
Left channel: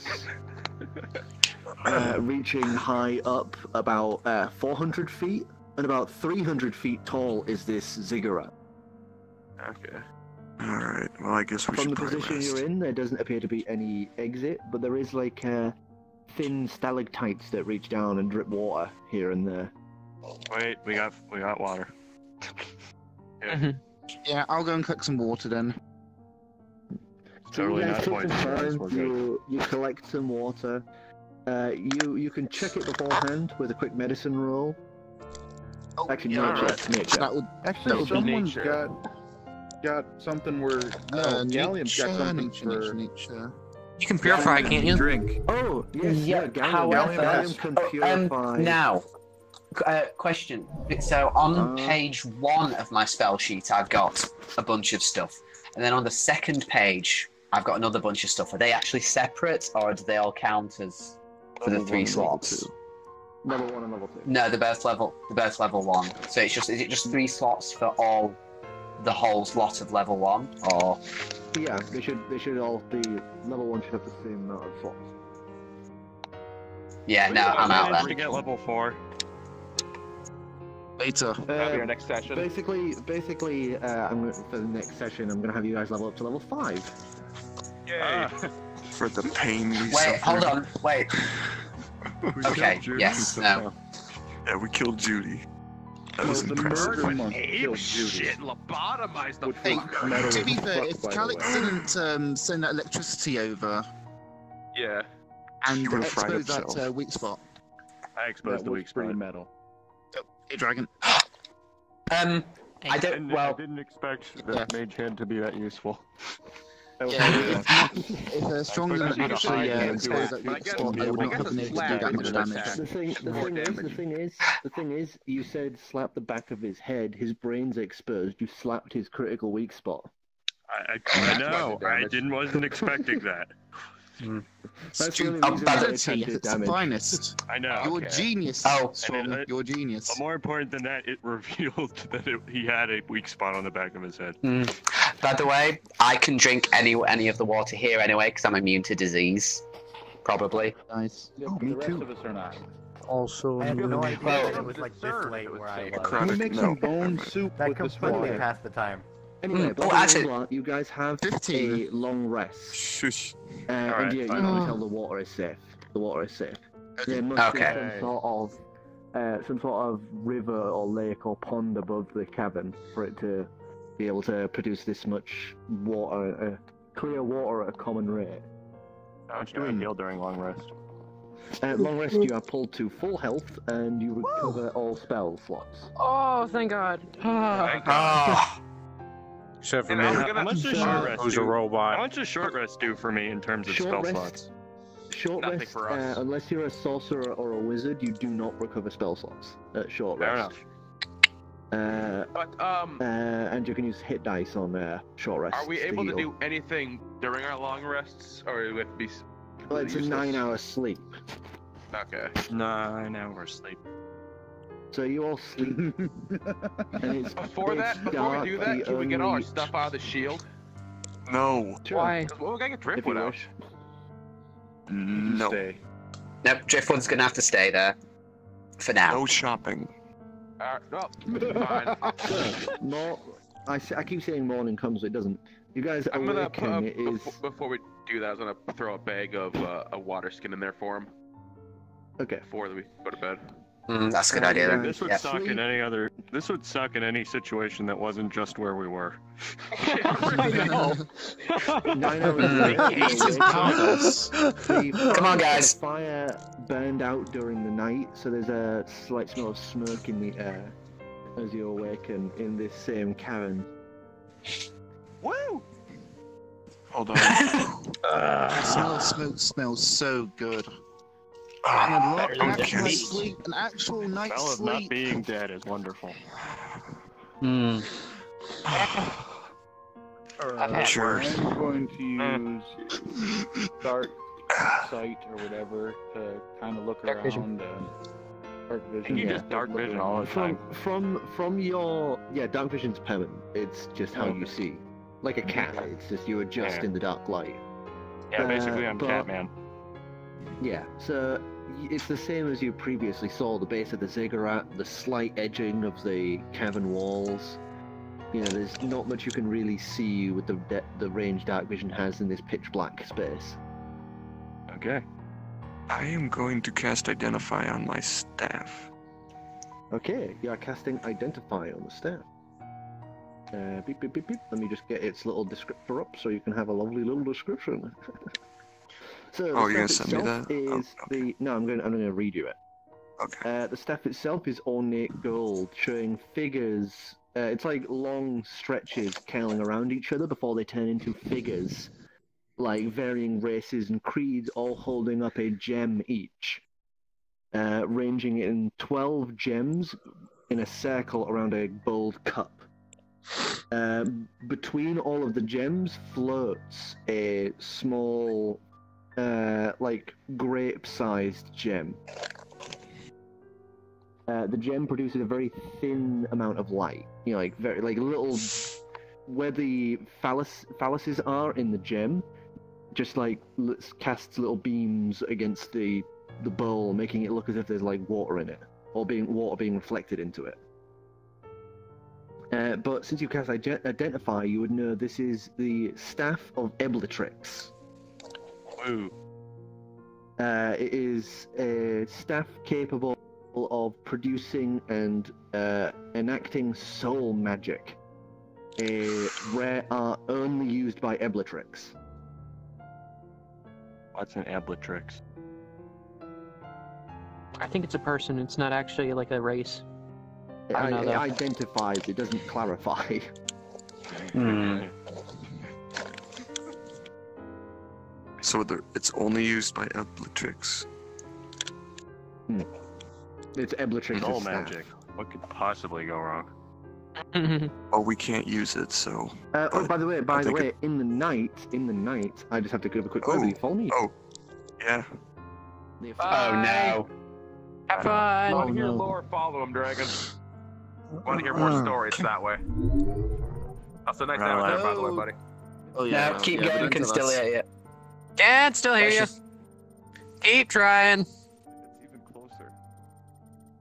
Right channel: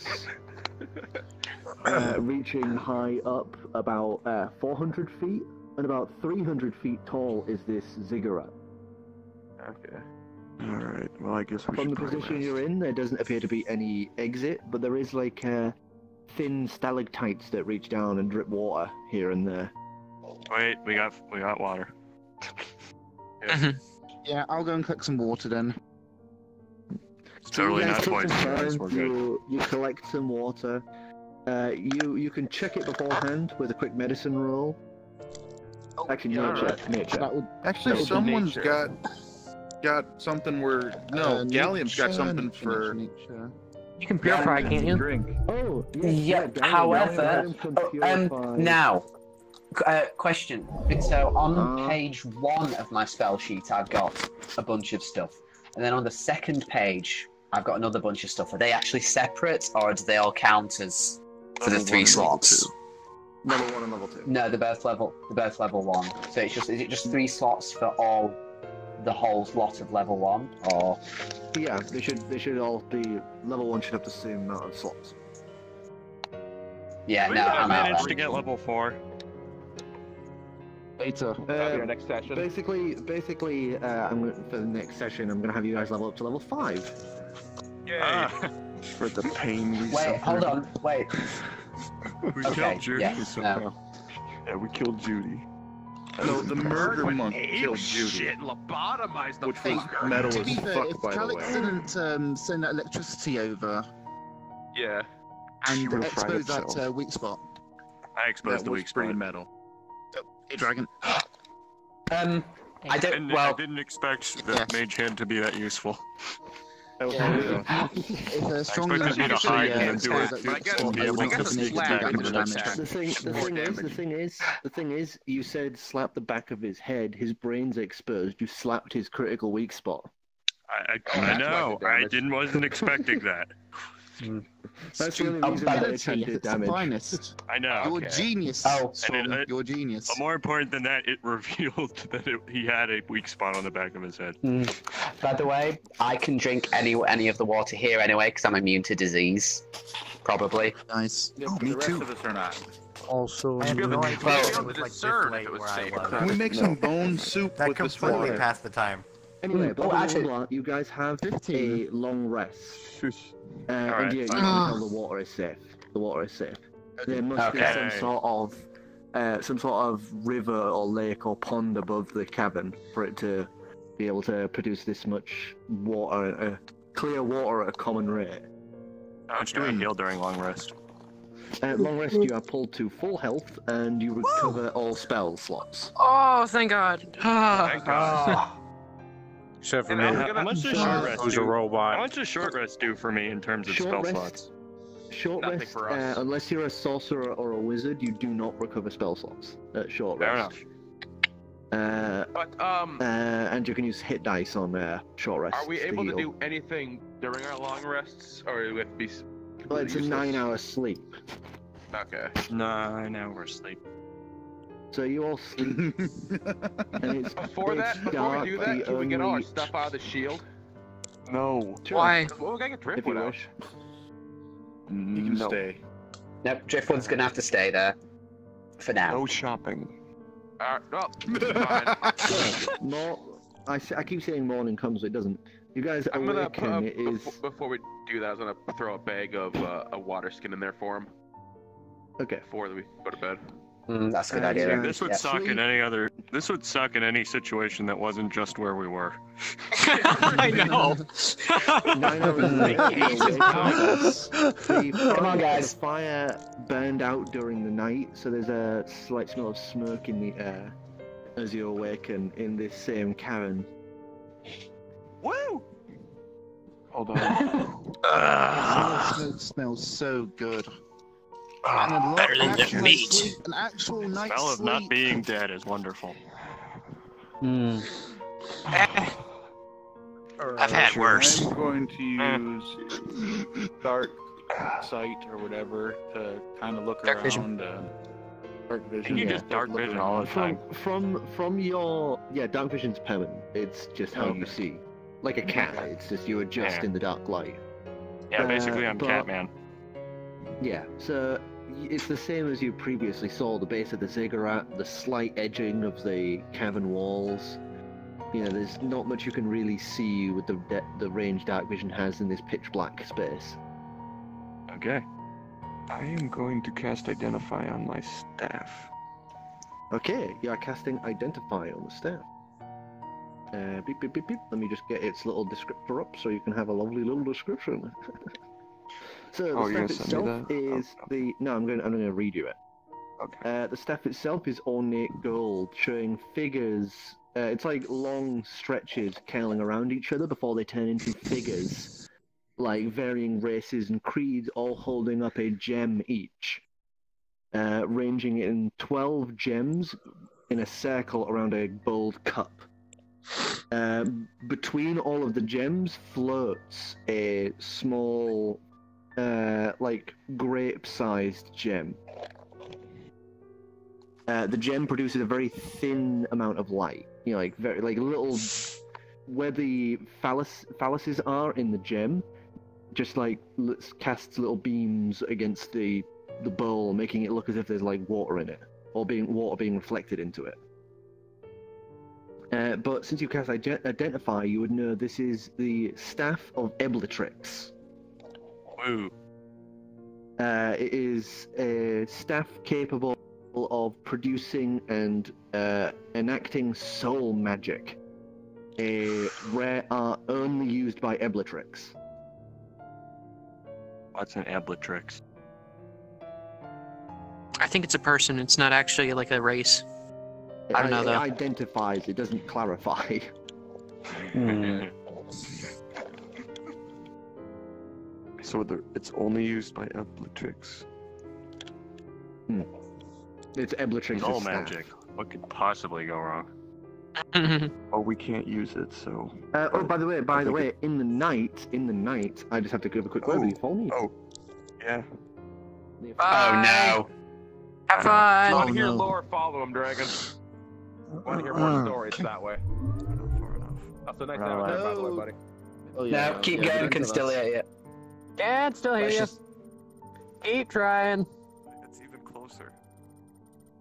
reaching high up about 400 feet, and about 300 feet tall is this ziggurat. Okay. Alright, well I guess we From should the probably position rest. you're in, there doesn't appear to be any exit, but there is like thin stalactites that reach down and drip water here and there. Wait, we got water. Yeah, I'll go and collect some water then. So you Totally guys not took some poison, guys, time, we're good. you collect some water. You can check it beforehand with a quick medicine roll. Actually, nature. Actually, someone's got something where Gallium's got something for. You can purify, can't you? Drink. Oh, yes, Yeah, Gallium. however, Gallium can purify. now, question. So on page 1 of my spell sheet, I've got a bunch of stuff, and then on the second page, I've got another bunch of stuff. Are they actually separate, or do they all count as for the 3 slots? Level 1 and level 2. No, they're both level 1. So is it just 3 slots for all the whole lot of level 1, or? Yeah, they should all be level 1 should have the same amount of slots. Yeah, no, I'm out To then. get level 4. Later. Your next session. Basically, I'm gonna, for the next session, I'm gonna have you guys level up to level 5. Yay! For the pain we Wait, suffered. hold on, wait. We Okay, killed Judy. yes, no. Yeah, we killed Judy. That No, was the impressive. murder monk Ape killed Judy. shit, lobotomized the Which was fucker. metal To be as fair, fuck, if by the Calix way. didn't send that electricity over Yeah. and would've fried expose that itself. Weak spot. I exposed That the was weak pretty spot. metal. Hey, Dragon. I don't. I didn't expect that Mage Hand to be that useful. Yeah, if Strong expected didn't you to actually hide and expose do it. that weak spot, I would not have been able to do that much damage. The thing is, you said slap the back of his head. His brain's exposed. You slapped his critical weak spot. I know. Wasn't expecting that. That's the only reason why they can do It's the damage. finest. I know. You're a genius, Oh. Strong. You're a genius. But more important than that, it revealed that he had a weak spot on the back of his head. By the way, I can drink any of the water here anyway because I'm immune to disease. Probably. Nice. Yeah, but Me the rest too. of us are not. Also, I have no idea Well, it was like this late where I was. Can we make some bone soup That with this completely water? passed the time. Anyway, Oh, blah, actually- blah, blah, you guys have 15. a long rest. Shush. And Alright, you fine. can tell the water is safe. The water is safe. There must Okay. be some sort of river or lake or pond above the cabin for it to be able to produce this much water, clear water at a common rate. How much do we heal during long rest? At long rest, you are pulled to full health and you recover all spell slots. Oh, thank God. Thank God. except for And me, how much does short rest who's a do? How robot. much does short rest do for me in terms of Short spell rest? slots? Short Nothing rest, for us. unless you're a sorcerer or a wizard, you do not recover spell slots at short Fair rest. But And you can use hit dice on short rest. are we able to heal. do anything during our long rests, or do we have to be Well, completely it's a useless? 9-hour sleep. Okay. 9 hours sleep. So you all sleep, and it's Before it's that, before dark. we do the that, can we get all our only stuff out of the shield? No. Why? Well, we gotta get if Driftwood you out. wish. You can No. stay. Nope, Driftwood's gonna have to stay there. For now. No shopping. No, fine. No, I keep saying morning comes, it doesn't. You guys I'm gonna awaken. It is before we do that, I'm gonna throw a bag of a water skin in there for him okay. before we go to bed. That's a good idea. Then. This would Yeah. suck in any other. This would suck in any situation that wasn't just where we were. I know. 9 hours later, you awaken. Come on, guys. The fire burned out during the night, so there's a slight smell of smoke in the air as you awaken in this same cavern. Woo! Hold on. Smells so good. Ah, And a lot, better than an the actual meat. night's sleep, an actual night's Smell of sleep. not being dead is wonderful. Hmm. I've had worse. I'm going to use dark sight or whatever to kind of look Dark around. vision. Dark vision. Yeah. just Dark look vision around. all the time. From your dark vision's permanent. It's just how you Okay. see, like a cat. It's just you adjust Yeah. in the dark light. Yeah, basically I'm but- Catman. Yeah, so it's the same as you previously saw, the base of the ziggurat, the slight edging of the cavern walls. You know, there's not much you can really see with the range Dark Vision has in this pitch black space. Okay. I am going to cast Identify on my staff. Okay, you are casting Identify on the staff. Beep, beep, beep, beep. Let me just get its little descriptor up so you can have a lovely little description. So the staff itself is the... No, I'm going to read you it. Okay. The staff itself is ornate gold, showing figures. It's like long stretches curling around each other before they turn into figures, like varying races and creeds, all holding up a gem each, ranging in 12 gems in a circle around a gold cup. Between all of the gems floats a small, like grape-sized gem. The gem produces a very thin amount of light. You know, like very little, where the phalluses are in the gem, just like casts little beams against the bowl, making it look as if there's like water in it, or water being reflected into it. But since you cast Identify, you would know this is the Staff of Eblatrix. Woo. It is a staff capable of producing and enacting soul magic, a rare art only used by Eblatrix. What's an Eblatrix? I think it's a person. It's not actually like a race. It identifies, it doesn't clarify. So it's only used by Eblatrix. It's Eblatrix's Soul staff. magic. What could possibly go wrong? Oh, we can't use it, so... oh, by the way, in the night, I just have to give a quick word. Will you follow me? Oh, yeah. Oh no. Have fun! Want to hear lore, follow him, Dragon. Want to hear more stories that way. That's a nice having that, by the way, buddy. Oh, yeah, no, keep going, can still hear you. Can't still hear you. Keep trying. It's even closer.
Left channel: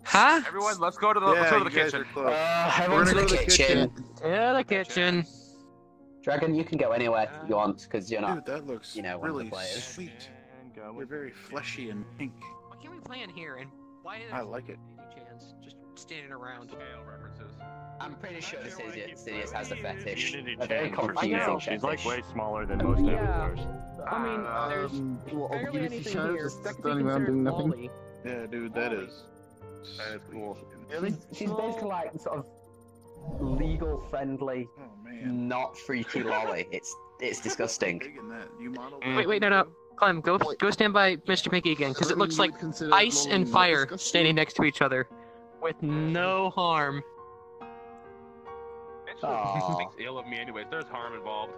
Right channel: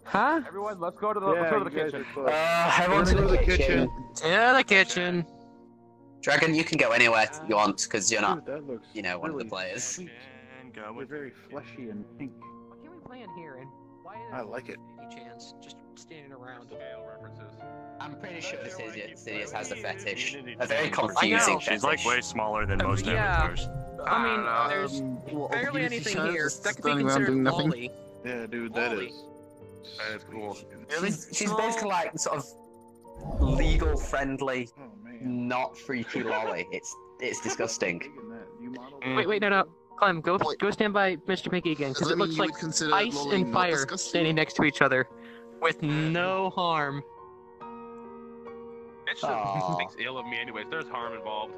Huh? Everyone, let's go to the kitchen. Everyone to the kitchen. To the kitchen. Dragon, you can go anywhere you want, because you're not, Dude, that looks one really of the players. Sweet. They're very fleshy and pink. What can we play in here? And why I like it. Any chance? Just standing around. References. I'm pretty sure Sidious has a fetish. A very confusing She's fetish. like way smaller than most avatars. I mean, there's barely anything here that could be standing around doing considered nothing. holy. Yeah, dude, that is cool. She's basically like sort of legal friendly, not freaky lolly. It's disgusting. Wait, no. Clem, go stand by Mr. Mickey again, because it looks like ice and fire standing next to each other, with no harm. It just thinks ill of me anyways. There's harm involved.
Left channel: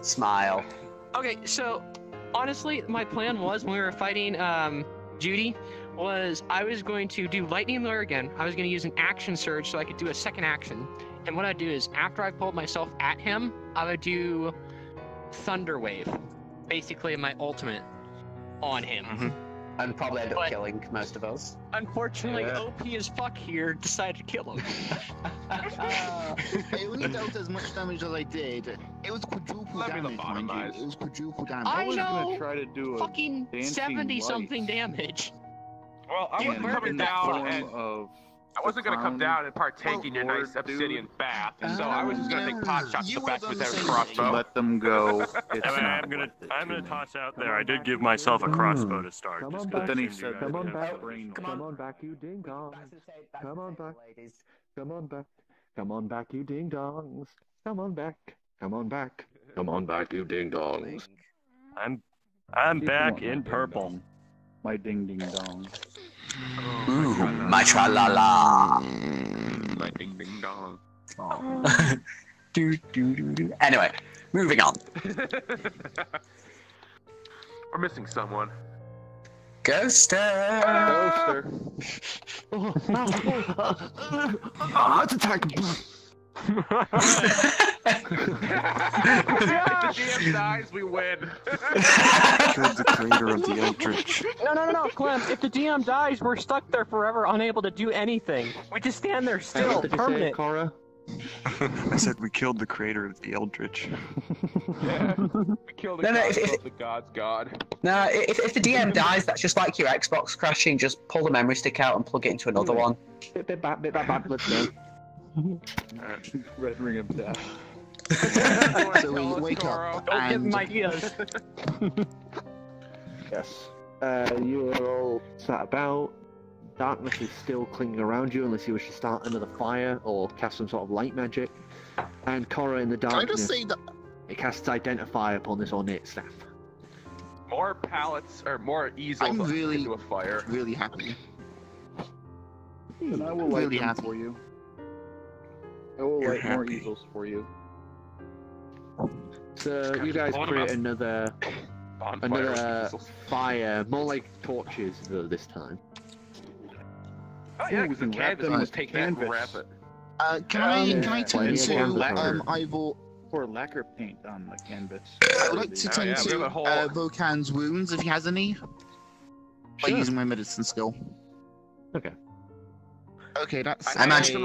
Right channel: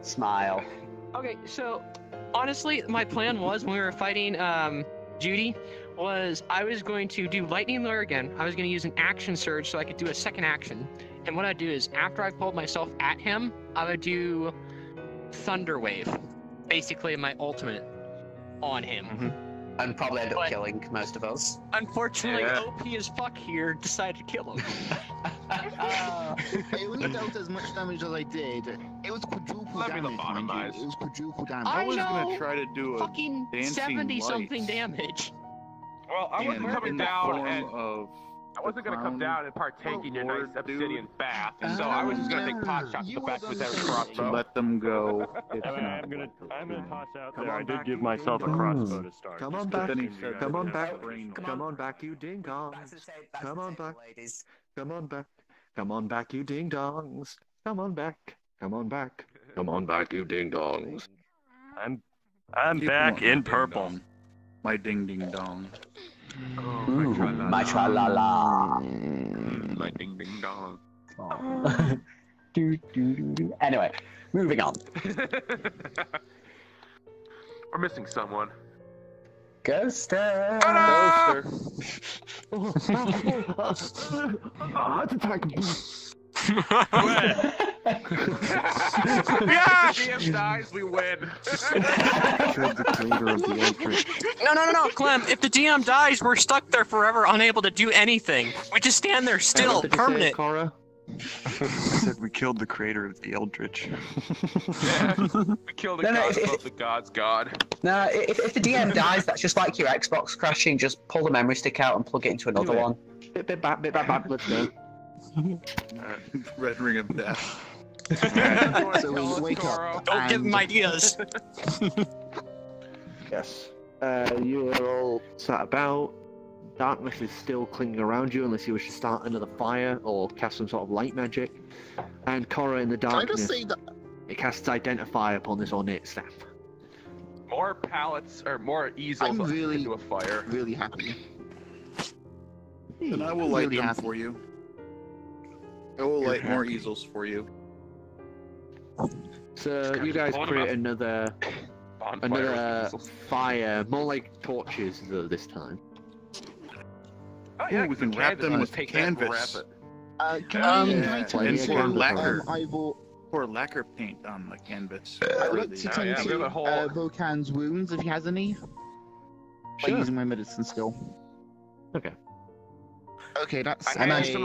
Smile. Okay, so honestly, my plan was when we were fighting Judy, was I was going to do Lightning Lure again. I was going to use an action surge so I could do a second action. And what I'd do is, after I pulled myself at him, I would do Thunder Wave, basically my ultimate on him. And probably end up killing most of us. Unfortunately, OP as fuck here decided to kill him. I only dealt as much damage as I did. It was quadruple damage, mind you. It was quadruple damage. I was know. gonna try to do a Fucking dancing 70-something damage. Well, I wasn't coming down and of I wasn't gonna come down and partake in your nice obsidian bath, and so I was just gonna take pot shots at the back with every crossbow. let them go. It's I'm gonna toss out there. I did give myself a crossbow to start. Come on just back. 'cause then he you said, guys Come on have back. a brain. Come on back, you ding dongs. Come on back. Come on back. Come on back, you ding dongs. Come on back. Come on back. Come on back, you ding dongs. I'm back in purple. My ding ding dong. Oh, my tra-la-la. My ding ding dong. Anyway, moving on. We're missing someone. Ghoster. Heart attack. If the DM dies, we win. Killed the creator of the Eldritch. No, Clem. If the DM dies, we're stuck there forever, unable to do anything. We just stand there still, What did you say, permanent. Cora? I said we killed the creator of the Eldritch. Yeah, we killed the god of the god's god. No, if the DM dies, that's just like your Xbox crashing. Just pull the memory stick out and plug it into another one. Bit back, let's go. Red Ring of Death. So we wake up. Don't give him ideas. Yes. You are all sat about. Darkness is still clinging around you unless you wish to start another fire or cast some sort of light magic. And Cora in the Can I darkness, just say that it casts Identify upon this ornate staff. More pallets or more easels I'm really, into a fire. really happy. And I will light them for you. I will light more easels for you. So you guys create another fire, more like torches though this time. Oh yeah, we can wrap them with take that and wrap canvas. it. Can I tend to pour lacquer paint on the canvas. I would like to tend to Vokan's wounds if he has any. By using my medicine skill. Okay. Okay, that's I hand you some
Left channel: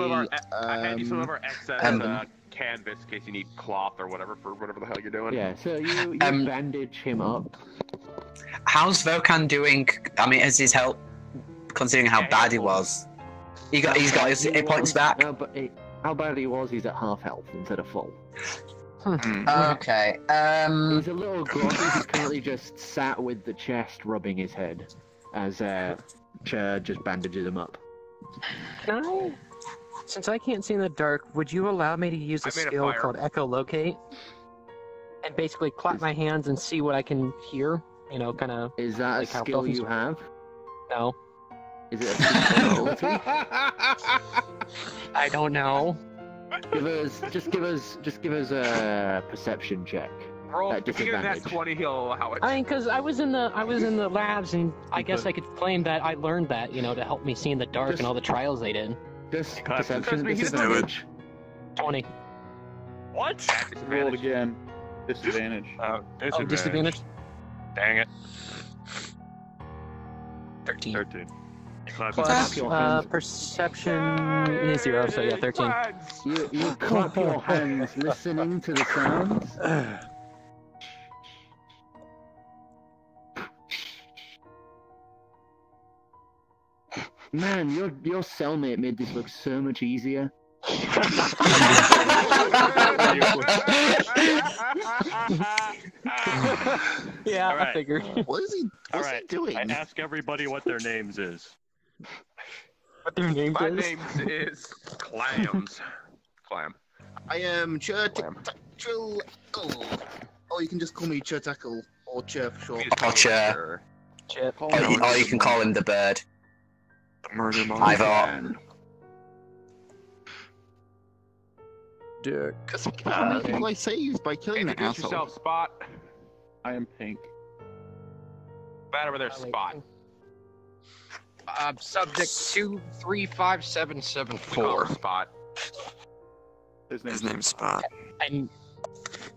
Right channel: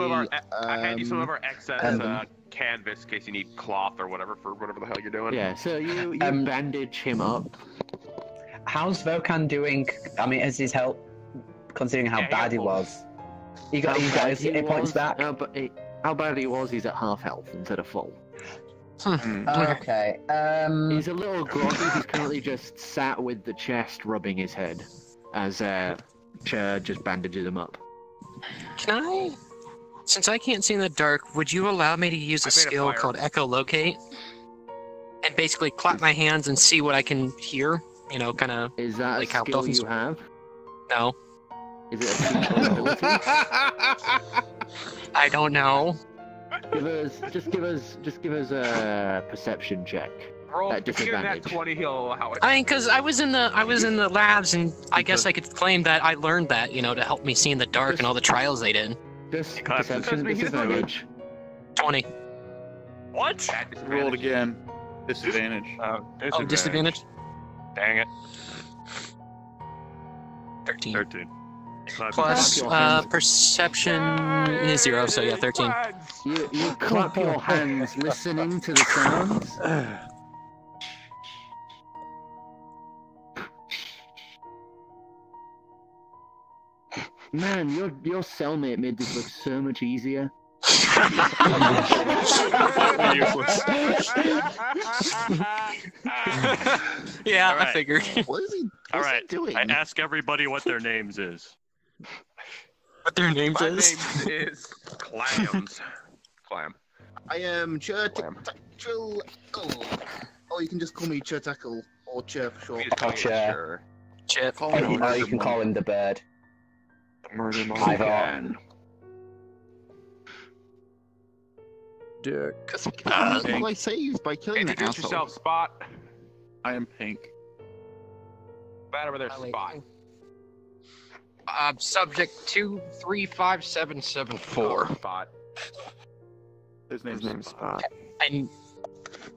of our excess canvas in case you need cloth or whatever for whatever the hell you're doing. Yeah, so you bandage him up. How's Vokan doing? I mean, is his health, considering how bad he was? He's got his hit points back. No, but how bad he was, he's at half health instead of full. Okay. He's a little groggy. He's currently just sat with the chest rubbing his head as Chair just bandages him up. Can I? Since I can't see in the dark, would you allow me to use a skill called Echolocate? And basically clap my hands and see what I can hear? You know, kind of. Is that like a skill you have? No. Is it a secret ability? I don't know. Just give us a perception check. Roll. At If you get that disadvantage. 20, he'll allow it. I mean, because I was in the labs, and I guess I could claim that I learned that, you know, to help me see in the dark and all the trials they did. Just perception disadvantage. 20. What? Roll it again. Disadvantage. Disadvantage? Dang it. 13. Clap Plus your hands. perception is 0, so yeah, 13. You clap your hands, listening to the sounds. Man, your cellmate made this look so much easier. Yeah, All right. I figured. What is he? All right. doing? I ask everybody what their names is. What their names My is? name is Clams. Clam. I am Churtackle. Oh, you can just call me Churtackle or Chur for short. Oh, Chur. Chip. Or you can call him the bird. The murder Either man. Dick. How many people I saved by killing that Introduce asshole? yourself, Spot. I am pink. Right over there, Spot. Subject 235774. Spot. His name's Spot. And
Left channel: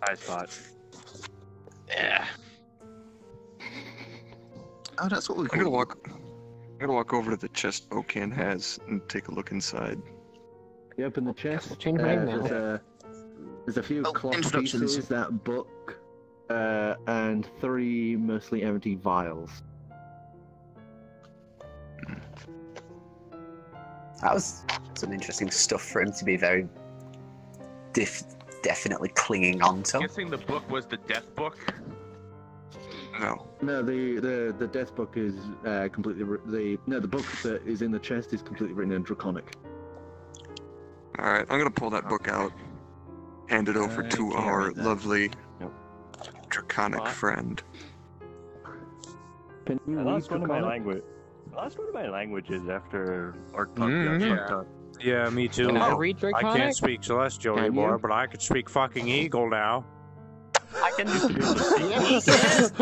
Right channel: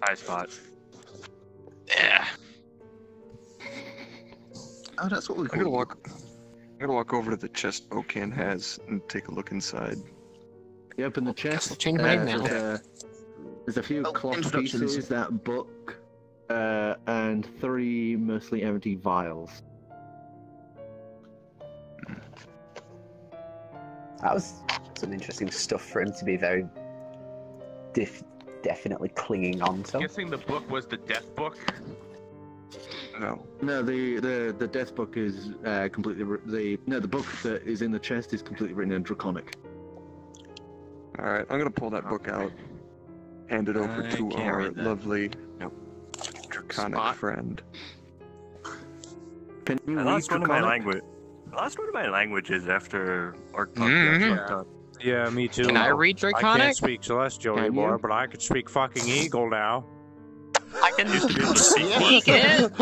Hi, Spot. yeah. Oh, that's what we I'm call gonna you. walk over to the chest Bocan has and take a look inside. You open the chest. Change my name now. There's a few cloth instructions. pieces, that book, and 3 mostly empty vials. That was some interesting stuff for him to be very definitely clinging on to. Guessing the book was the death book. No. No, the death book is completely the book that is in the chest is completely written in Draconic. Alright, I'm gonna pull that book out. Hand it over I to can't our read that. lovely Draconic friend. Can you I read lost one of my Draconic? language. I lost one of my languages after Ark Mhm. Yeah, me too. Can I read I Draconic? can't speak Celestial Can anymore, you? but I could speak fucking Eagle now. I can I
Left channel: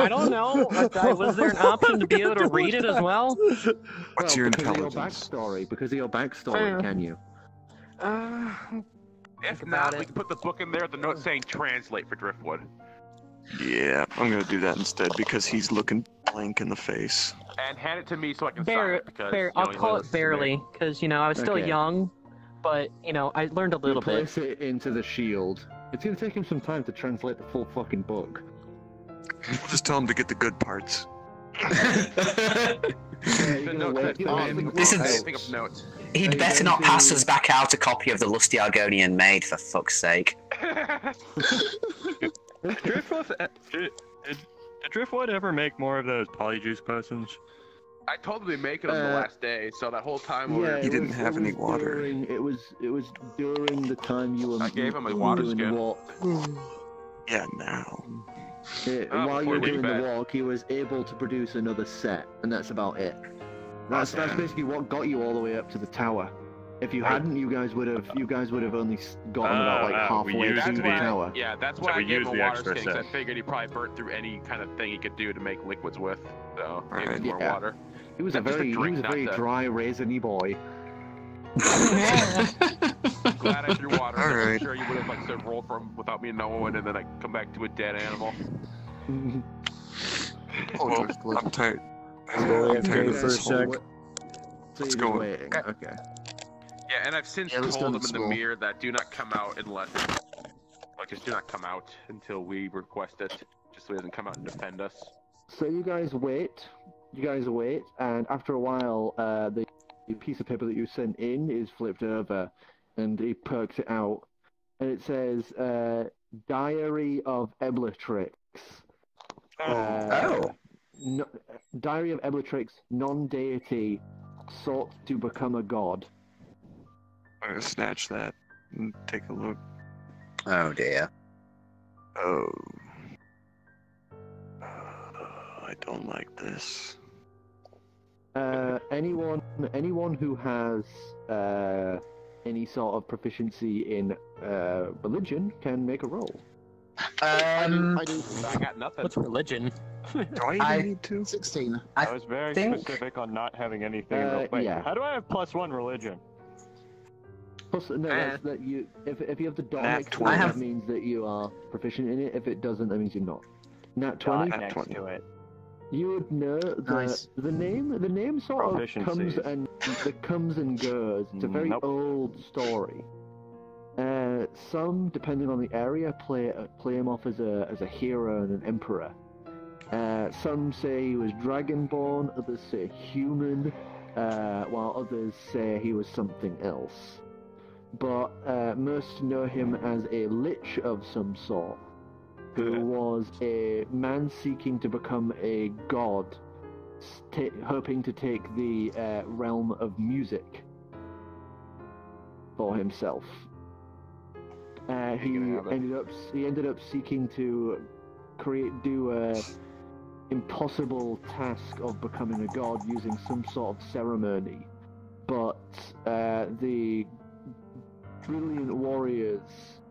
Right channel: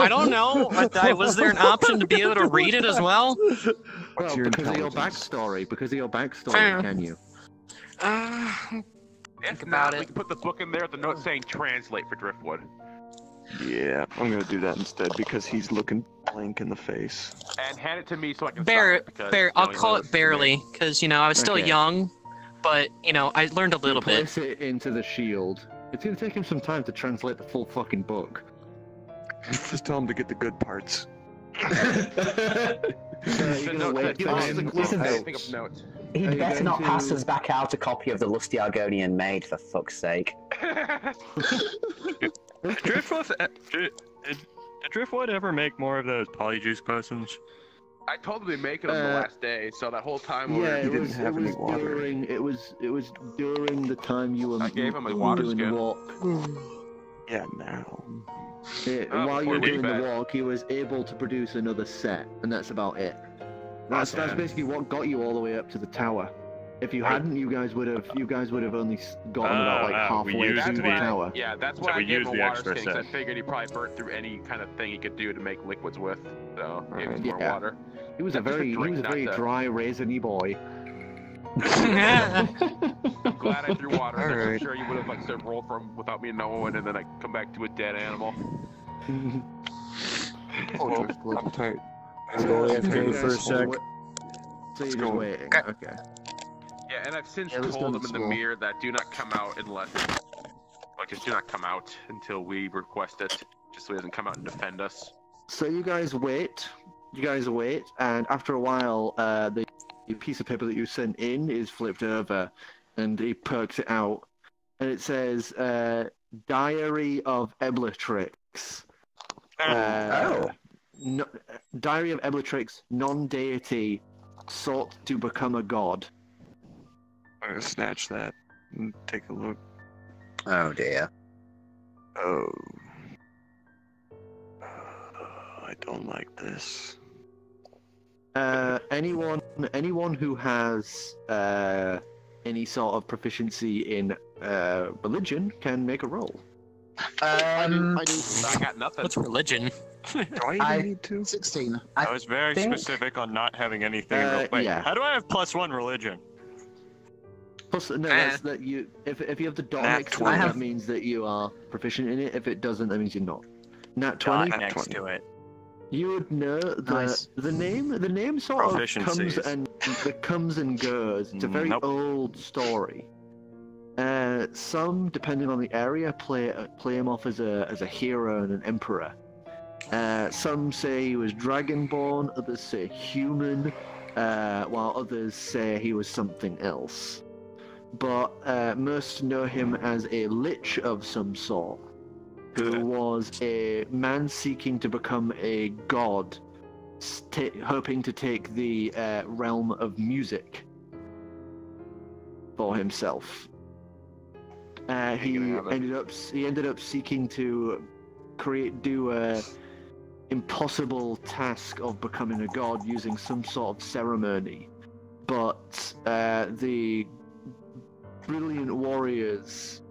don't know, but was there an option to be able to read it as well? What's your because of your intelligence? backstory. Because of your backstory, Fair. can you? If about not, it. we can put the book in there with the note saying translate for Driftwood. Yeah, I'm gonna do that instead because he's looking blank in the face. And hand it to me so I can sign Bear, it because Bear, you I'll only call listen it to me. barely, because, you know, I was still Okay. young, but, you know, I learned a little bit. Place it into the shield. It's gonna take him some time to translate the full fucking book. Just tell him to get the good parts. The note said, This is- I think of notes. He'd you better going not pass to- us back out a copy of the Lusty Argonian Maid, for fuck's sake. Did Driftwood ever make more of those polyjuice potions? I told him to be making them the last day, so that whole time we were... it was during the time you were. I gave him a water doing skin. the walk. Yeah, now. While you were before we doing bet. the walk, he was able to produce another set, and that's about it. That's basically what got you all the way up to the tower. If you hadn't, you guys would have only gotten about like halfway to the tower. Yeah, that's So why I we gave used him a the water extra skin, 'cause I set. figured he probably burnt through any kind of thing he could do to make liquids with. So, give him more Yeah. water. He was a Just very drink, not to- dry, raisiny boy. Glad I threw water in there. 'Cause I'm Alright. sure you would have like sort of rolled from without me knowing, and then I come back to a dead animal. Well, I'm tired. Go AFK for a sec. So you're just waiting. Okay. Yeah, and I've since Yeah, let's told do him it in the slow. mirror that do not come out unless it do not come out until we request it, just so he doesn't come out and defend us. So you guys wait. And after a while, the piece of paper that you sent in is flipped over, and he perks it out, and it says "Diary of Eblatrix." No, Diary of Eblatrix, non-deity, sought to become a god. I'm gonna snatch that and take a look. Oh dear. Oh. I don't like this. Anyone who has any sort of proficiency in religion can make a roll. I do. I got nothing. What's religion? Do I even need to? 16. I was very think- specific on not having anything. Wait, yeah. how do I have +1 religion? Plus, no, that's that you. If you have the dot Nat next to 20. it, that means that you are proficient in it. If it doesn't, that means you're not. Nat 20. Dot next to it. You would know that Nice. the name sort of comes and goes. It's a very Nope. old story. Some, depending on the area, play him off as a hero and an emperor. Some say he was dragonborn, others say human, while others say he was something else. But most know him as a lich of some sort, who was a man seeking to become a god, hoping to take the realm of music for himself. He ended up seeking to do a impossible task of becoming a god using some sort of ceremony, but the brilliant warriors,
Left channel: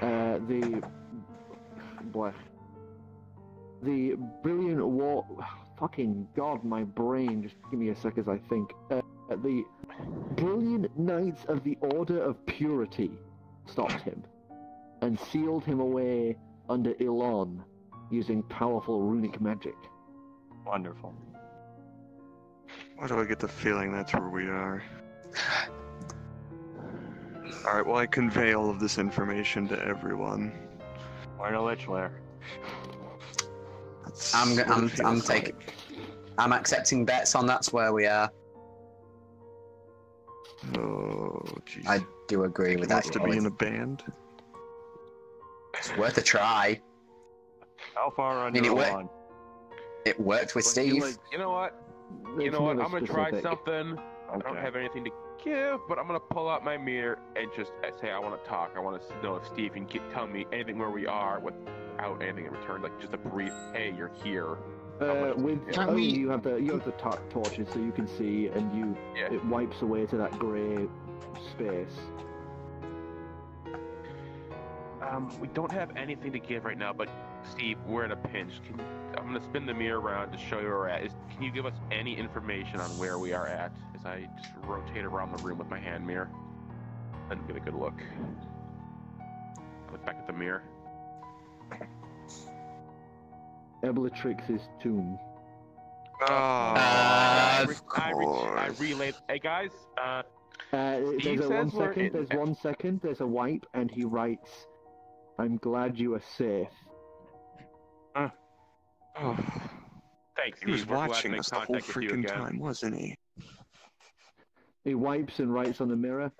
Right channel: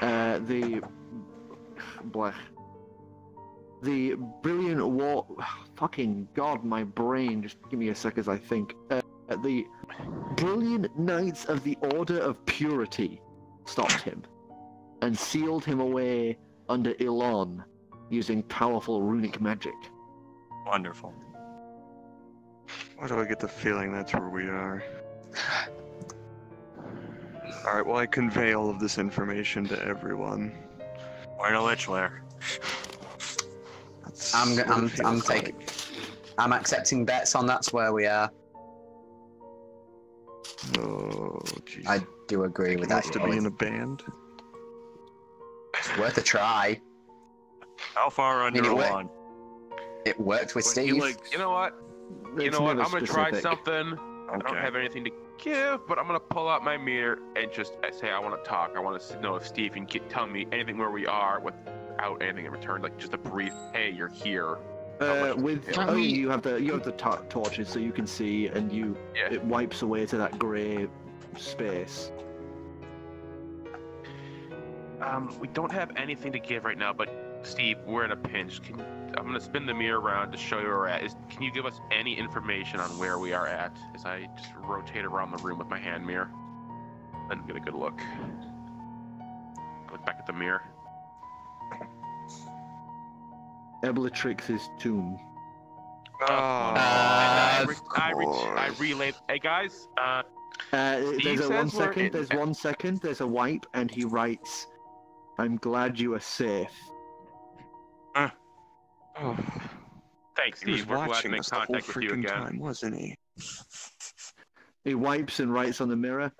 the brilliant fucking god, my brain, just give me a sec as I think. The brilliant knights of the Order of Purity stopped him and sealed him away under Elon using powerful runic magic. Wonderful. Why do I get the feeling that's where we are? Alright, well, I convey all of this information to everyone. We're in a lich lair. That's I'm what it feels taking. like. I'm accepting bets on that's where we are. Oh, jeez. I do agree He with wants that. to be in a band. It's worth a try. How far I under mean, one? It worked with Steve. You know what? It's I'm never gonna try specific. something. I don't Okay. have anything to give, but I'm gonna pull out my mirror and just say I want to talk. I want to know if Steve can tell me anything where we are without anything in return, like just a brief, "Hey, you're here." You have the torches, so you can see, and it wipes away to that grey space. We don't have anything to give right now, but Steve, we're in a pinch. I'm gonna spin the mirror around to show you where we're at. Can you give us any information on where we are at? As I just rotate around the room with my hand mirror and get a good look. the mirror. Eblatrix's tomb. I relay. Hey guys. There's a 1 second. There's 1 second. There's a wipe, and he writes, "I'm glad you are safe." Oh. Thanks, He was Steve. We're glad to watching make us the whole contact with you freaking again. time, wasn't he? He wipes and writes on the mirror,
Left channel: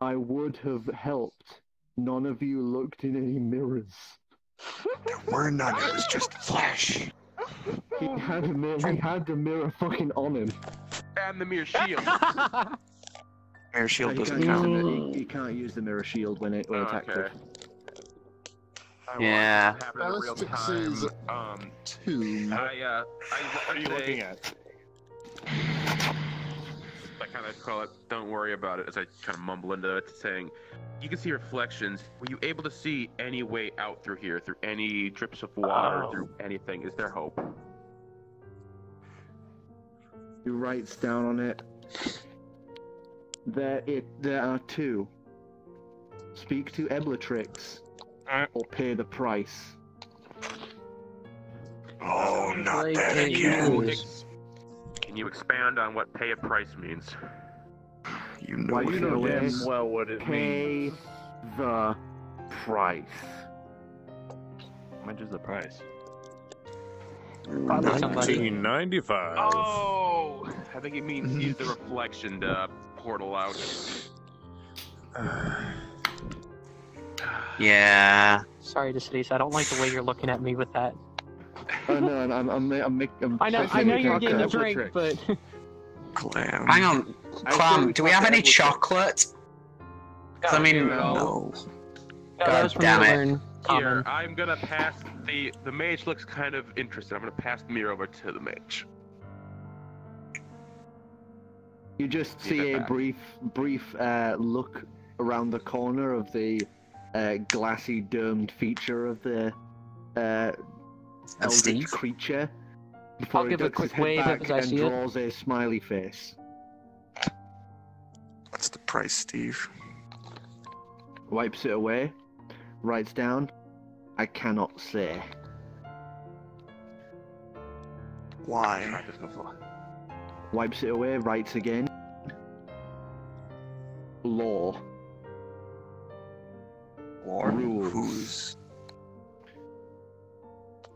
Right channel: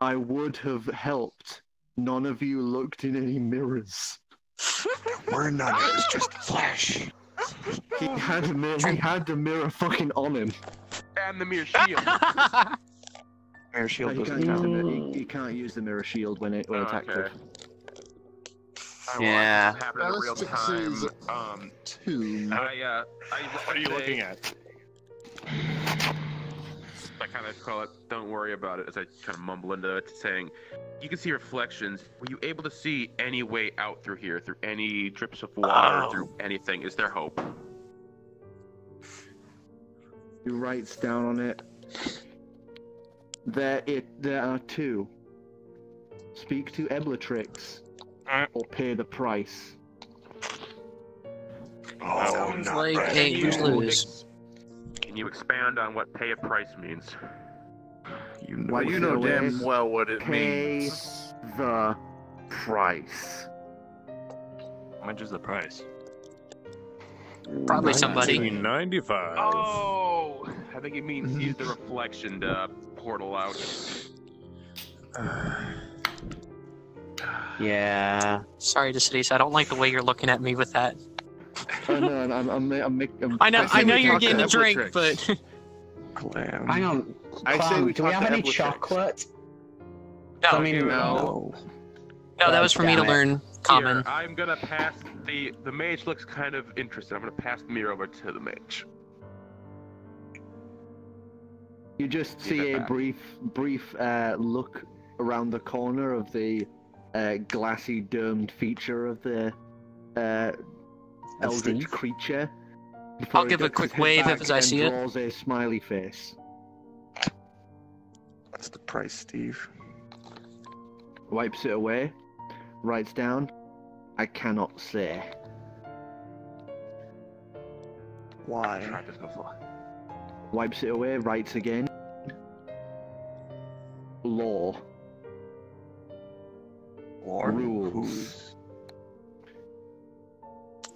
"I would have helped. None of you looked in any mirrors." There were none. It was just flesh. He had the mirror fucking on him. And the mirror shield. Mirror shield He doesn't can't, count. he can't use the mirror shield when it attacks Okay. us. Yeah. Bellatrix's tomb. What are you looking at? I kind of call it, don't worry about it, as I kind of mumble into it, saying, you can see reflections. Were you able to see any way out through here, through any drips of water, through anything? Is there hope? He writes down on it, there are two. Speak to Eblatrix, or pay the price. Oh, not like bad. Can you expand on what pay a price means? You know, Why You know damn well what it Pay means. the price. How much is the price? Probably somebody. $19.95. Oh! I think it means use the reflection to portal out. Yeah. Sorry, Deciduous. I don't like the way you're looking at me with that. Oh no, I'm I know you're getting a drink, but Clam. Hang on. Clam, do we have any chocolate? I mean, no, that was for me to learn common. Here, I'm gonna pass the mage looks kind of interested. I'm gonna pass the mirror over to the mage. You just see a brief look around the corner of the glassy domed feature of the eldritch Steve? creature. Before I'll he give a ducks his quick head wave back as I and see it. draws a smiley face. That's the price, Steve. Wipes it away. Writes down, "I cannot say." Why? Wipes it away. Writes again. Law. Rules.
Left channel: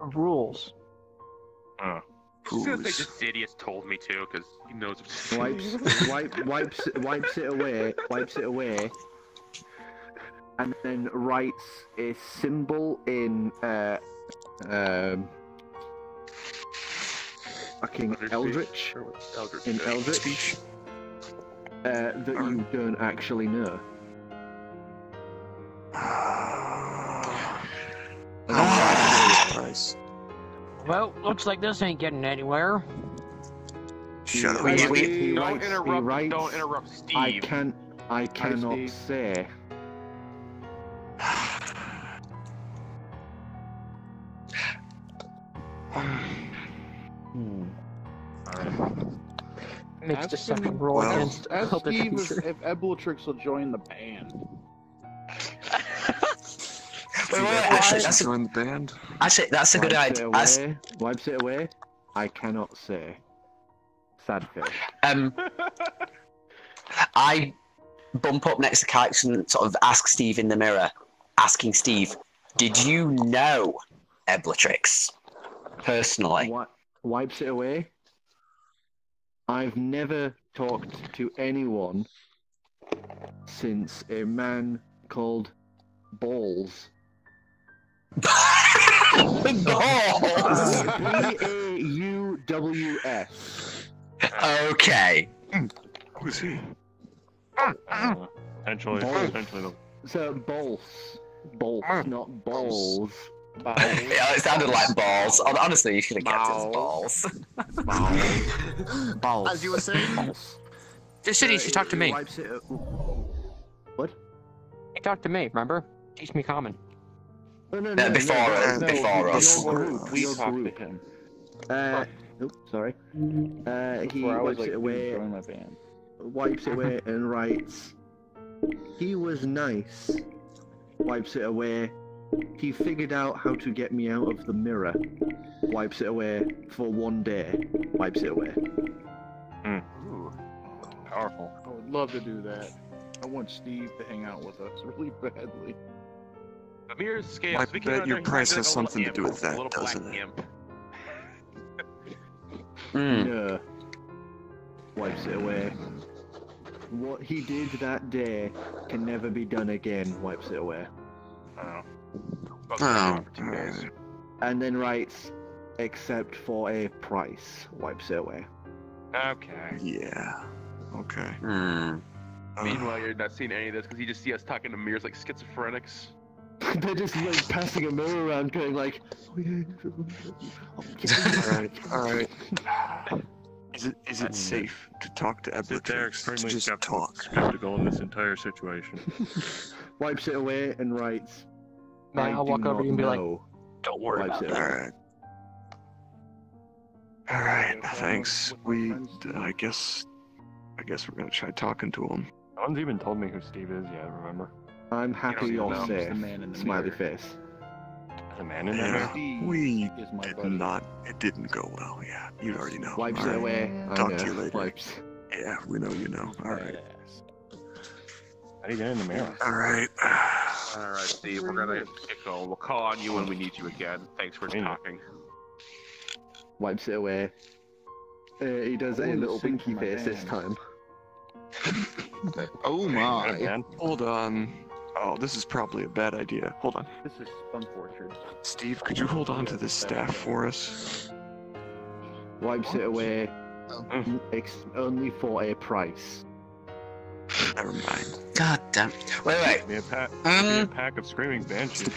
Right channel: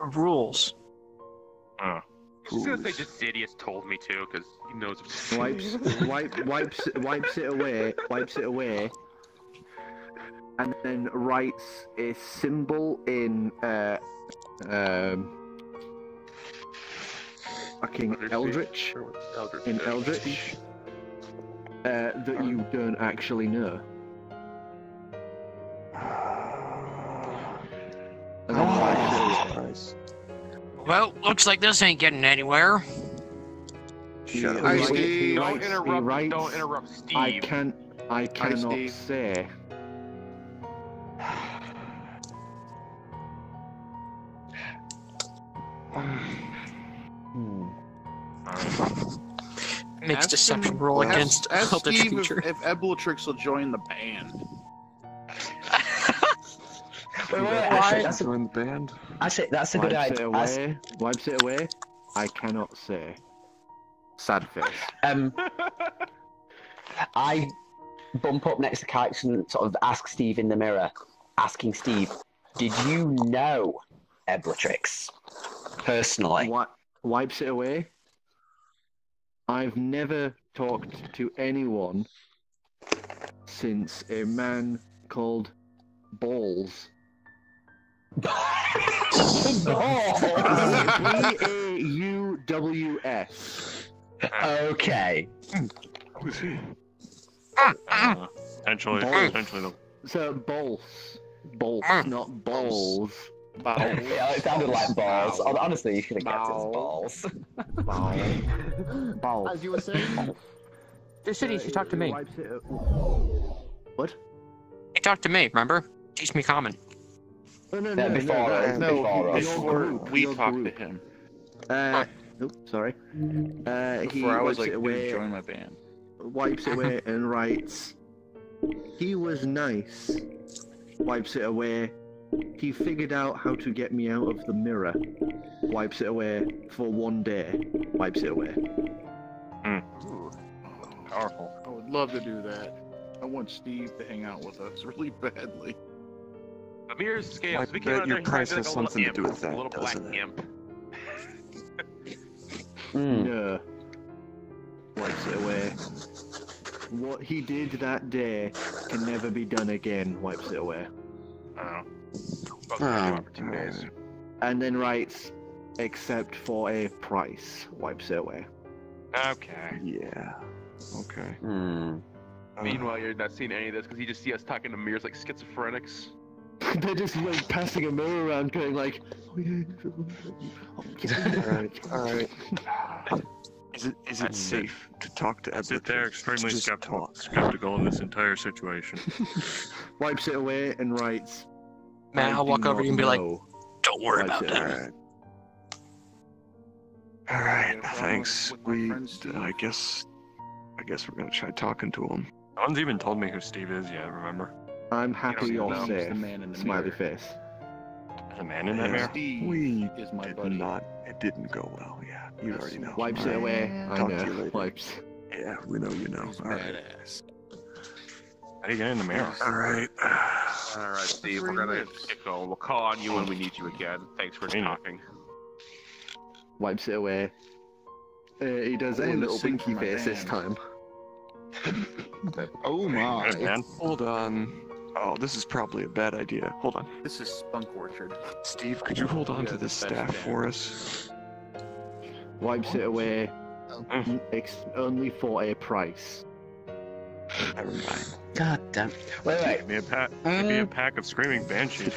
Rules. I'm just gonna say Decidius told me to, because he knows. Wipes it away, and then writes a symbol in fucking Eldritch, in Eldritch, that you don't actually know. And then wipes it away. Well, looks like this ain't getting anywhere. Shut up. Don't interrupt Steve. I cannot say. Makes deception roll against Ask Eldritch Steve creature. if Eblatrix will join the band. Join the band. I say that's a good idea. Wipes it away. I cannot say. Sad face. I bump up next to Kikes and sort of ask Steve in the mirror, asking Steve, "Did you know Eblatrix personally?" Wipes it away. I've never talked to anyone since a man called Balls. Bauws. Okay. Who's he? Potentially. So balls, not balls. Yeah, it sounded like balls. Honestly, you should have kept it as balls. As you were saying, Deciduous, you talked to me. What? You talked to me, remember? Teach me common. Oh, no, Before us. Your group. We Your talked group. to him. Oops, sorry. He Before I was wipes like, it away. dude, join my band. Wipes it away and writes, "He was nice." Wipes it away he figured out how to get me out of the mirror. Wipes it away for 1 day. Wipes it away. Ooh. Powerful. I would love to do that. I want Steve to hang out with us really badly. The mirror's scale. I bet your price has something to do with that, little black doesn't it? imp. No. Wipes it away. What he did that day can never be done again. Wipes it away. Oh. For 2 days. And then writes, except for a price. Wipes it away. Okay. Yeah. Okay. Meanwhile, you're not seeing any of this because you just see us talking to mirrors like schizophrenics. They're just like passing a mirror around, going like, "Oh yeah, Alright. Is it safe to talk to Eblet? They're extremely Just skeptical in this entire situation. Wipes it away and writes. Man, I'll walk over to you and be like, "Don't worry about it." Alright, thanks. I guess we're gonna try talking to him. No one's even told me who Steve is yet, remember? I'm happy You don't you're know. safe. The man in the Smiley mirror. face. The man in that mirror? We is my did buddy. not. It didn't go well. Yeah, you already know. Wipes it away. I Talk to you know. later. Wipes. Yeah, we know you know. Alright. How do you get in the mirror? Alright. Alright, Steve, we're gonna get going. We'll call on you when we need you again. Thanks for talking. Wipes it away. He does a Ooh, little sing winky my face this band. time. Oh my. Alright, man. Hold on. Oh, this is probably a bad idea. Hold on. This is Spunk Orchard. Steve, could you hold on to this staff for us? Wipes it away. Only for a price. Never mind. God damn. Wait. Give me a pack of screaming banshees.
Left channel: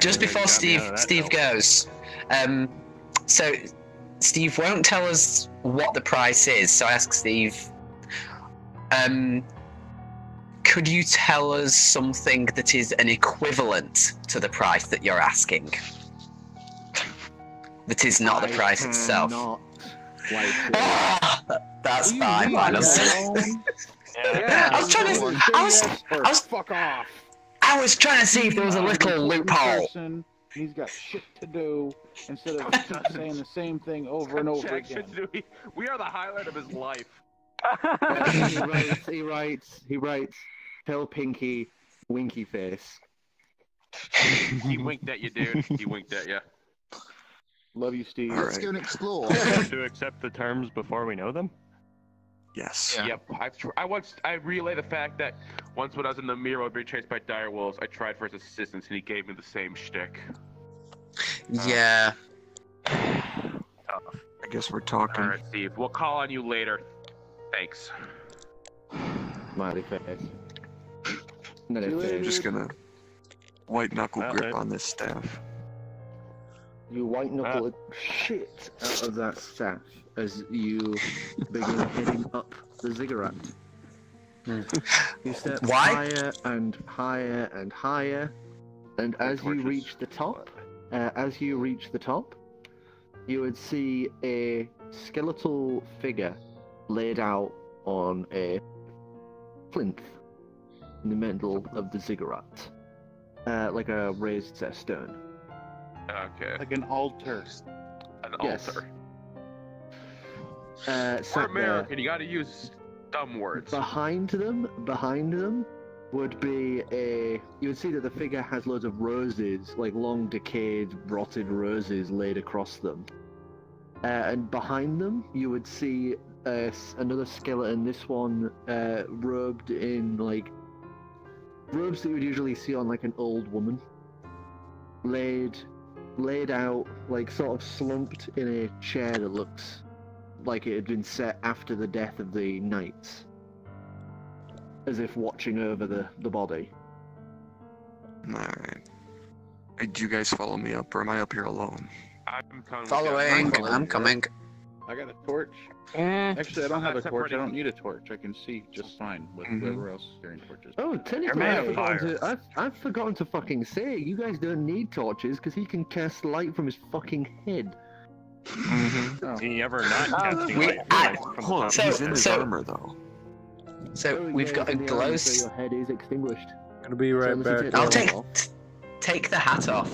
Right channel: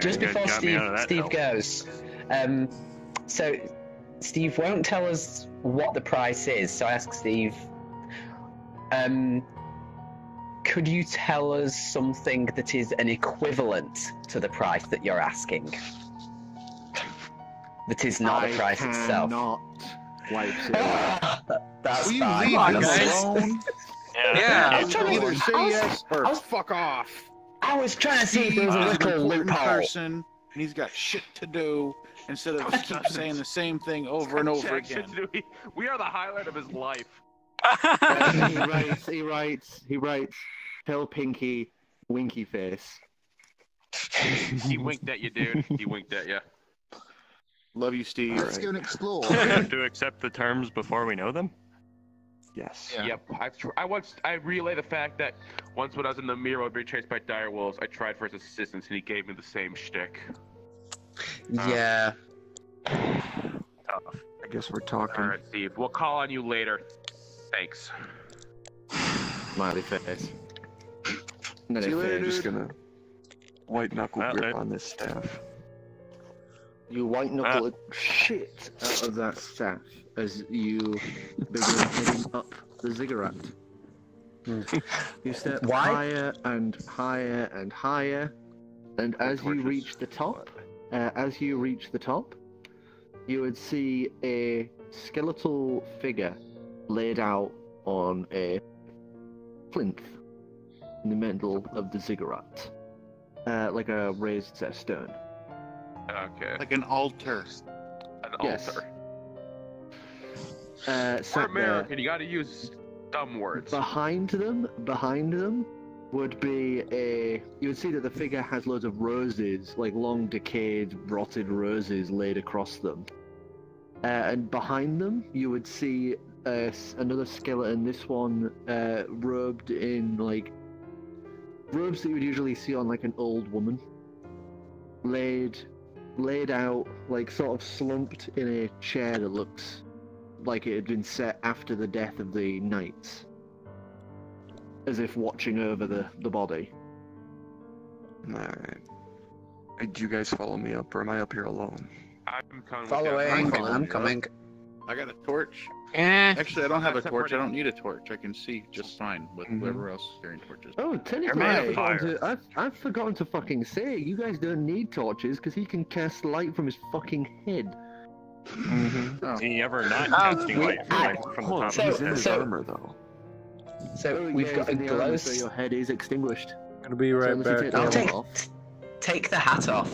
Just before Steve goes, so Steve won't tell us what the price is. So I ask Steve, could you tell us something that is an equivalent to the price that you're asking? That is not the price itself. Not wipes it away. That's fine. Honestly. Yeah. I was trying to. Fuck off. I was trying to see if there was a little loophole. Person, he's got shit to do instead of keep saying the same thing over and over again. We are the highlight of his life. He writes, tell Pinky, winky face. He winked at you, dude. He winked at you. Love you, Steve. Let's go and explore. To accept the terms before we know them? Yes. Yep. I relay the fact that once when I was in the mirror being chased by dire wolves, I tried for his assistance and he gave me the same shtick. Yeah. Tough. I guess we're talking. Alright, Steve. We'll call on you later. Thanks. Smiley face. I'm just gonna white knuckle grip on this staff. You white knuckle shit out of that staff as you begin heading up the ziggurat. You step higher and higher and higher, and as you reach the top, you would see a skeletal figure laid out on a plinth in the middle of the ziggurat, like a raised set of stone. Okay. Like an altar. An altar. We're American, you gotta use dumb words. Behind them would be you would see that the figure has loads of roses, like long decayed, rotted roses laid across them. And behind them, you would see another skeleton, this one robed in, like, robes that you would usually see on, like, an old woman. Laid out, like, sort of slumped in a chair that looks like it had been set after the death of the knights. As if watching over the body. Alright. Hey, do you guys follow me up, or am I up here alone? I'm coming. Following. I'm coming. I got a torch. Actually, I don't have a torch. I don't need a torch. I can see just fine with whoever else is carrying torches. Oh, technically, I've forgotten to fucking say, you guys don't need torches, because he can cast light from his fucking head. He ever not casting light from the top He's of in his his head. armor, though. So we've got a glow. So your head is extinguished. Gonna be right back. I'll take. take the hat off.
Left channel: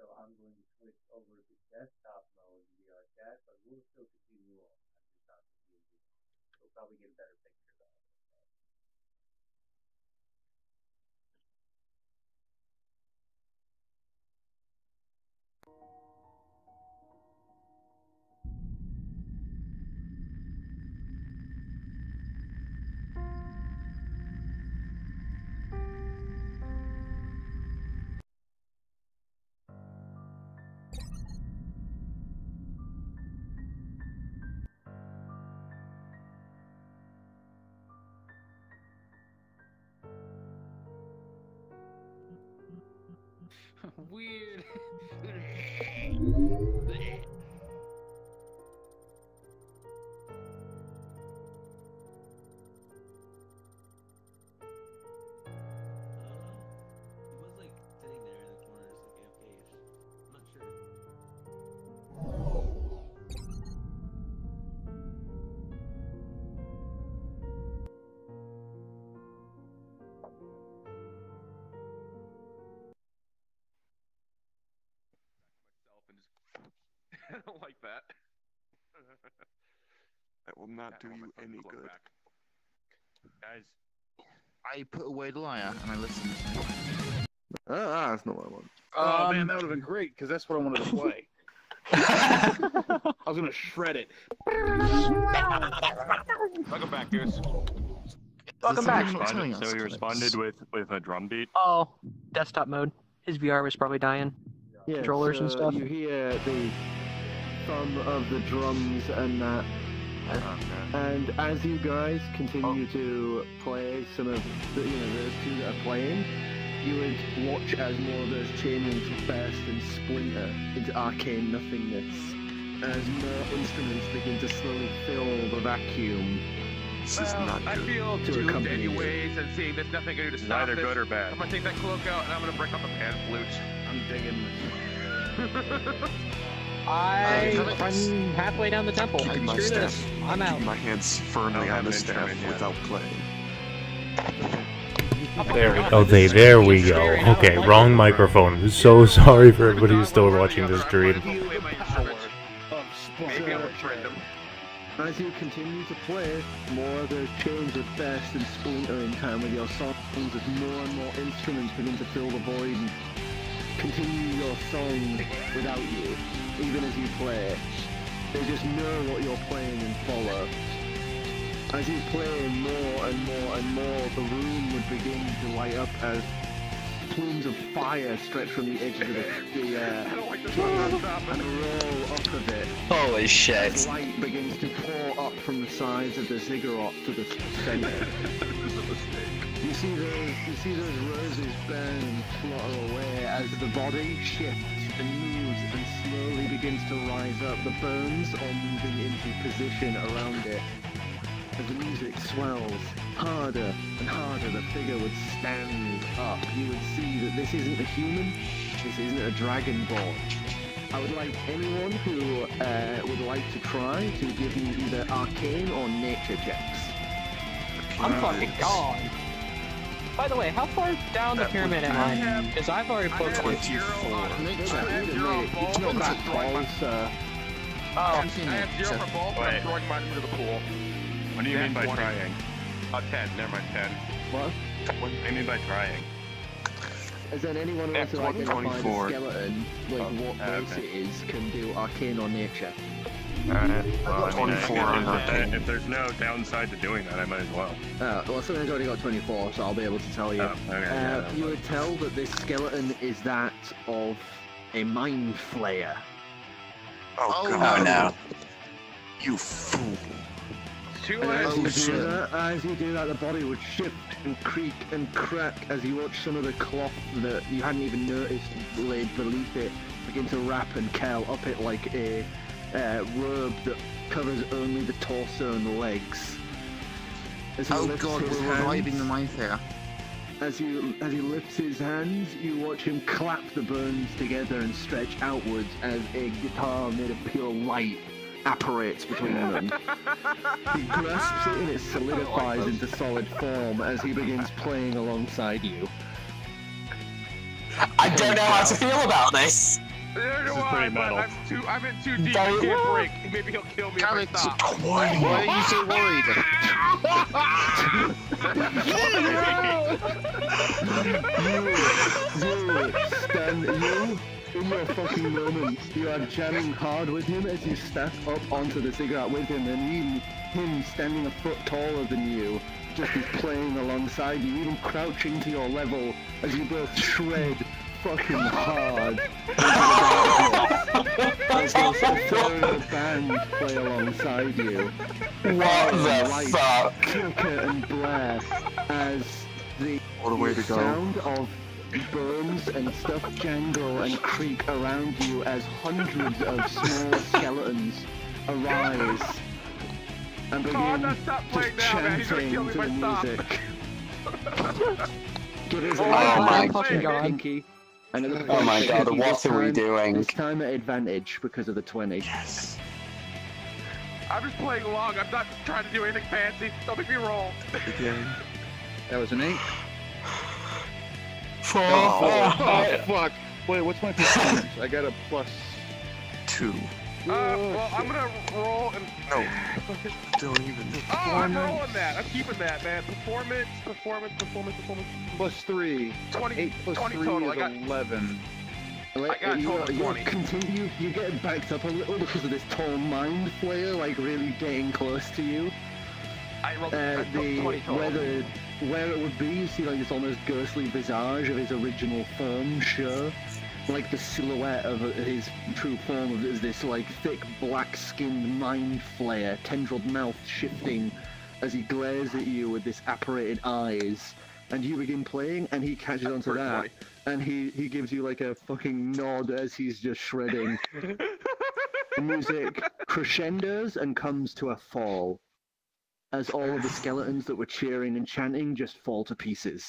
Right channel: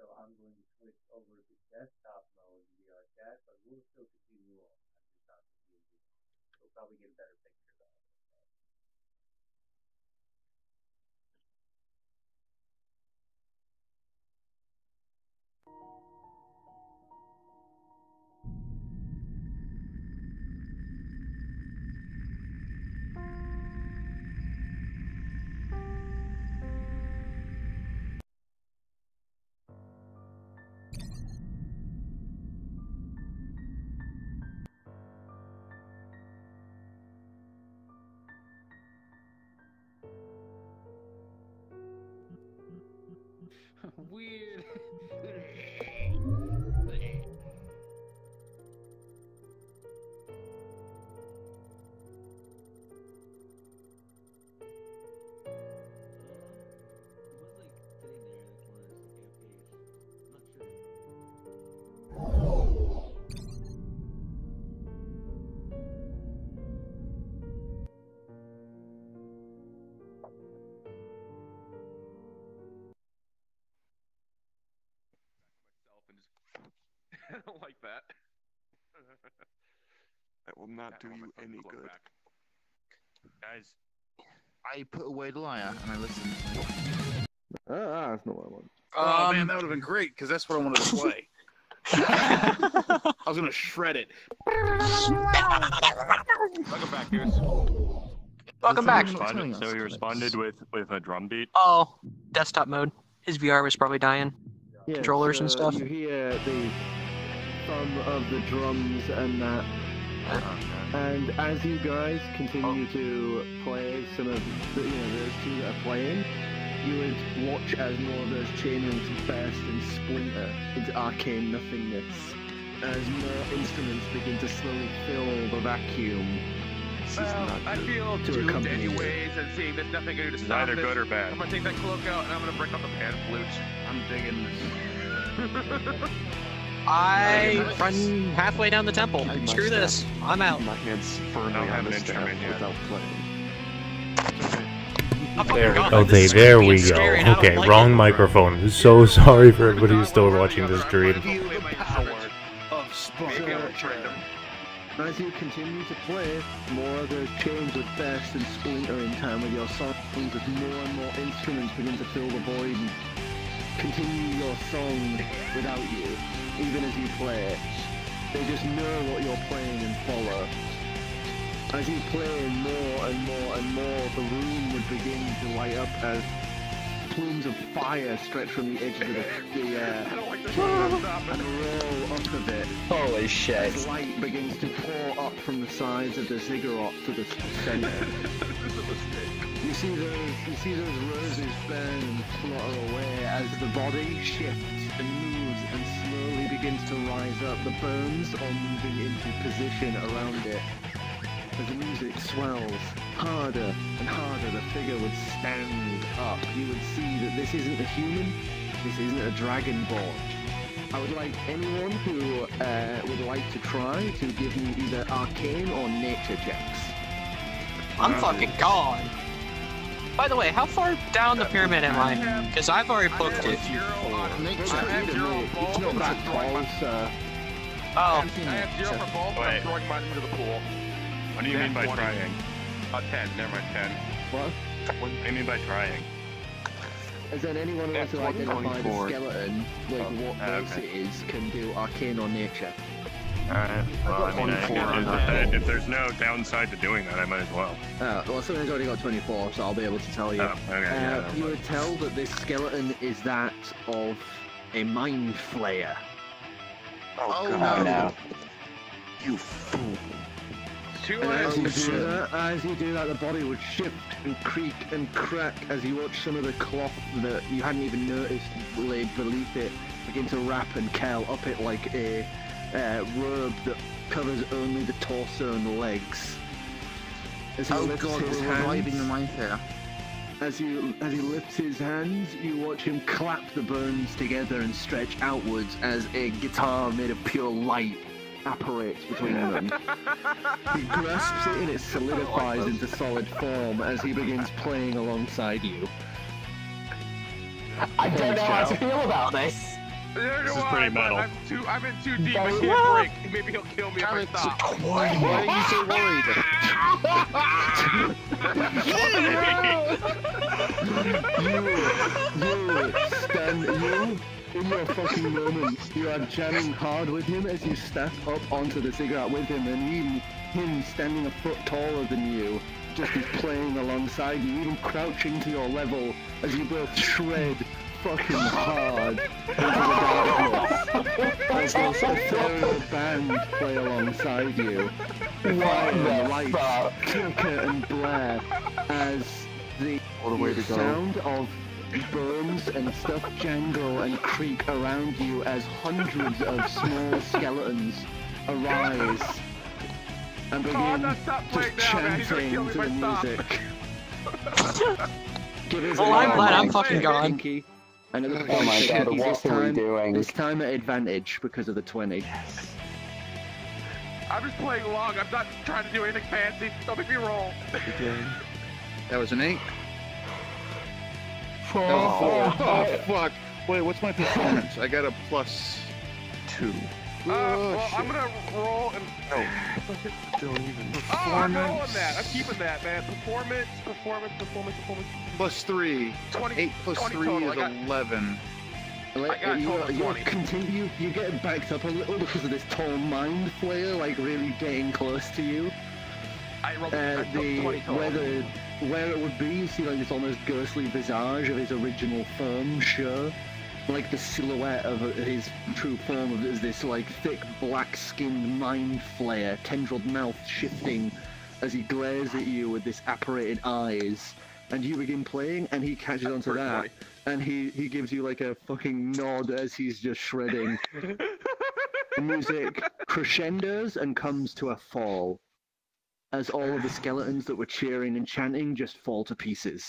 So I'm going to switch over to desktop mode VR chat, but we'll still continue on as we start with DND. We'll probably get a better picture of it. Weird. I don't like that. That will not do you any good. Guys, I put away the liar and I listened. That's not what I want. Oh man, that would have been great because that's what I wanted to play. I was gonna shred it. Welcome back, dude. Welcome back. So he responded with a drum beat. Oh, desktop mode. His VR was probably dying. Yeah, Controllers and so stuff. You hear the thumb of the drums and that. And as you guys continue to play some of the, those two that are playing, you would watch as more of those chain rings burst and splinter into arcane nothingness, as more instruments begin to slowly fill the vacuum. Well, I feel doomed anyways, and seeing there's nothing I can do to stop Neither this, good or bad. I'm gonna take that cloak out and I'm gonna break out the pan flute. I'm digging this. I'm halfway down the temple. Screw this. I'm out. My hands firmly on the staff without playing. There we go. Okay, there we go. Okay, wrong microphone. I'm so sorry for everybody who's still watching this stream. Maybe I'll friend him. As you continue to play, more of those chains would burst and splinter in time with your songs as more and more instruments begin to fill the void and continue your song without you, even as you play. They just know what you're playing and follow. As you play more and more and more, the room would begin to light up as plumes of fire stretch from the edges of the cave and roll off of it. Holy shit. As light begins to pour up from the sides of the ziggurat to the center. You see those roses burn and flutter away as the body shifts and moves and slowly begins to rise up. The bones are moving into position around it. As the music swells harder and harder, the figure would stand up. You would see that this isn't a human, this isn't a dragonborn. I would like anyone who would like to try to give me either arcane or nature checks. I'm fucking gone. By the way, how far down the pyramid am I? Because I've already approached it. It's not that tall, sir. I have 0 for both, but I'm throwing mine into the pool. What do you mean by 20. trying? 10, never mind, 10. What? What do you mean by trying? As then anyone else who identifies a skeleton, like what race it is, can do arcane or nature. Alright, well, I mean, if there's no downside to doing that, I might as well. Well, someone's already got 24, so I'll be able to tell you. You would tell that this skeleton is that of a mind flayer. Oh no. You fool. As you do that, the body would shift and creak and crack as you watch some of the cloth that you hadn't even noticed laid beneath it begin to wrap and curl up it like a robe that covers only the torso and the legs. Oh god, we're reviving the mind flayer. As he lifts his hands, you watch him clap the bones together and stretch outwards as a guitar made of pure light apparates between them. He grasps it and it solidifies into solid form as he begins playing alongside you. I don't know how to feel about this. Neither do I, but I'm in too deep. I can't break. Maybe he'll kill me if I stop. Why are you so worried? In your fucking moment, you are jamming hard with him as you step up onto the cigarette with him, and even him standing a foot taller than you, just is playing alongside you, even crouching to your level as you both shred fucking hard into the darkness as those ethereal bands play alongside you. Like Kilker and Blair as the sound of bones and stuff jangle and creak around you as hundreds of small skeletons arise and begin just chanting to the music. Give us a fucking gone. Pinky. And at the Oh my god, what are we doing? This time at advantage because of the 20. I'm just playing along. I'm not trying to do anything fancy. Don't make me roll. That was an 8. Oh, fuck. Wait, what's my performance? I got a +2. Well, I'm gonna roll and... I'm rolling that. I'm keeping that, man. Performance. +3. 20, 8 plus 20 3 total. is 11. I got a total of 20. You get backed up a little because of this tall mind flayer, like really getting close to you. I rolled 20 total. Where it would be, you see like this almost ghostly visage of his original form, sure. Like the silhouette of his true form of this like thick black-skinned mind flayer, tendrilled mouth shifting as he glares at you with this apparated eyes. And you begin playing, and he catches onto that, and he gives you like a fucking nod as he's just shredding. The music crescendos and comes to a fall, as all of the skeletons that were cheering and chanting just fall to pieces.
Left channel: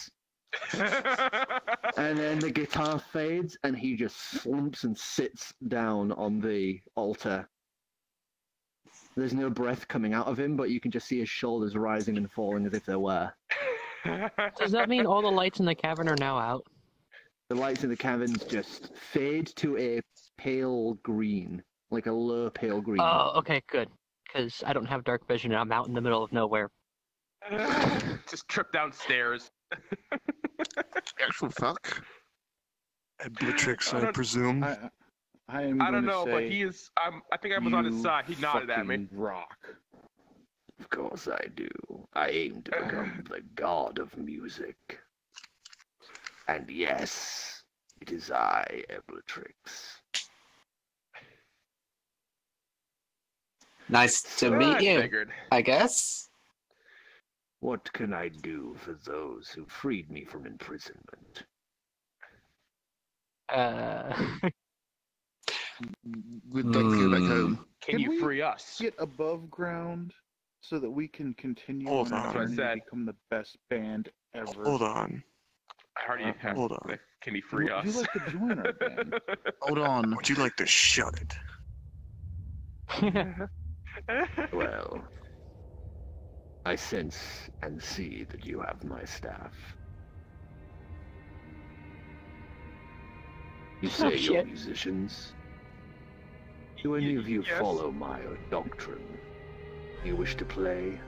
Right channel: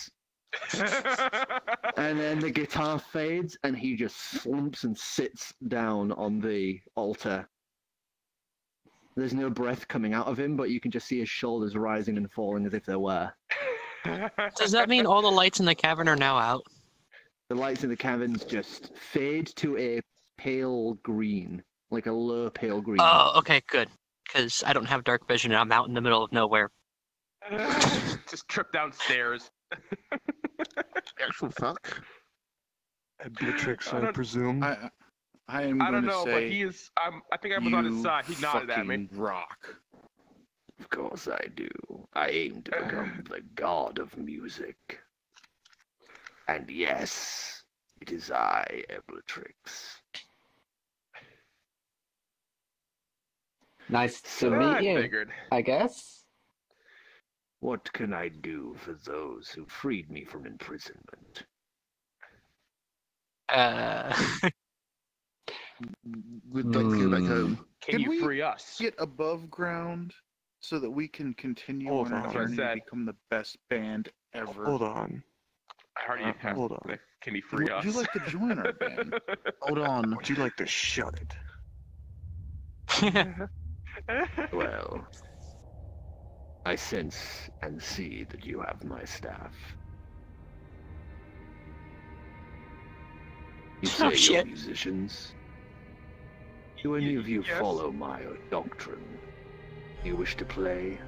And then the guitar fades, and he just slumps and sits down on the altar. There's no breath coming out of him, but you can just see his shoulders rising and falling as if there were. Does that mean all the lights in the cavern are now out? The lights in the caverns just fade to a pale green, like a low pale green. Oh, okay, good. Because I don't have dark vision and I'm out in the middle of nowhere. Just trip downstairs. Actual fuck. Beatrix, I presume. I don't know, but he is. I think I was on his side. He nodded at me. Rock. Of course I do. I aim to become the god of music. And yes, it is I, Eblatrix. Nice to meet you, figured. I guess. What can I do for those who freed me from imprisonment? We'd like to go back home. Can you free us? Get above ground so that we can continue Hold on on. our That's what I journey said. to become the best band ever. Hold on. I already have. Hold on. Can you free us? Would you like to join our band? Hold on. Would you like to shut it? Well, I sense and see that you have my staff. You say you're musicians? Do any of you follow my doctrine? You wish to play?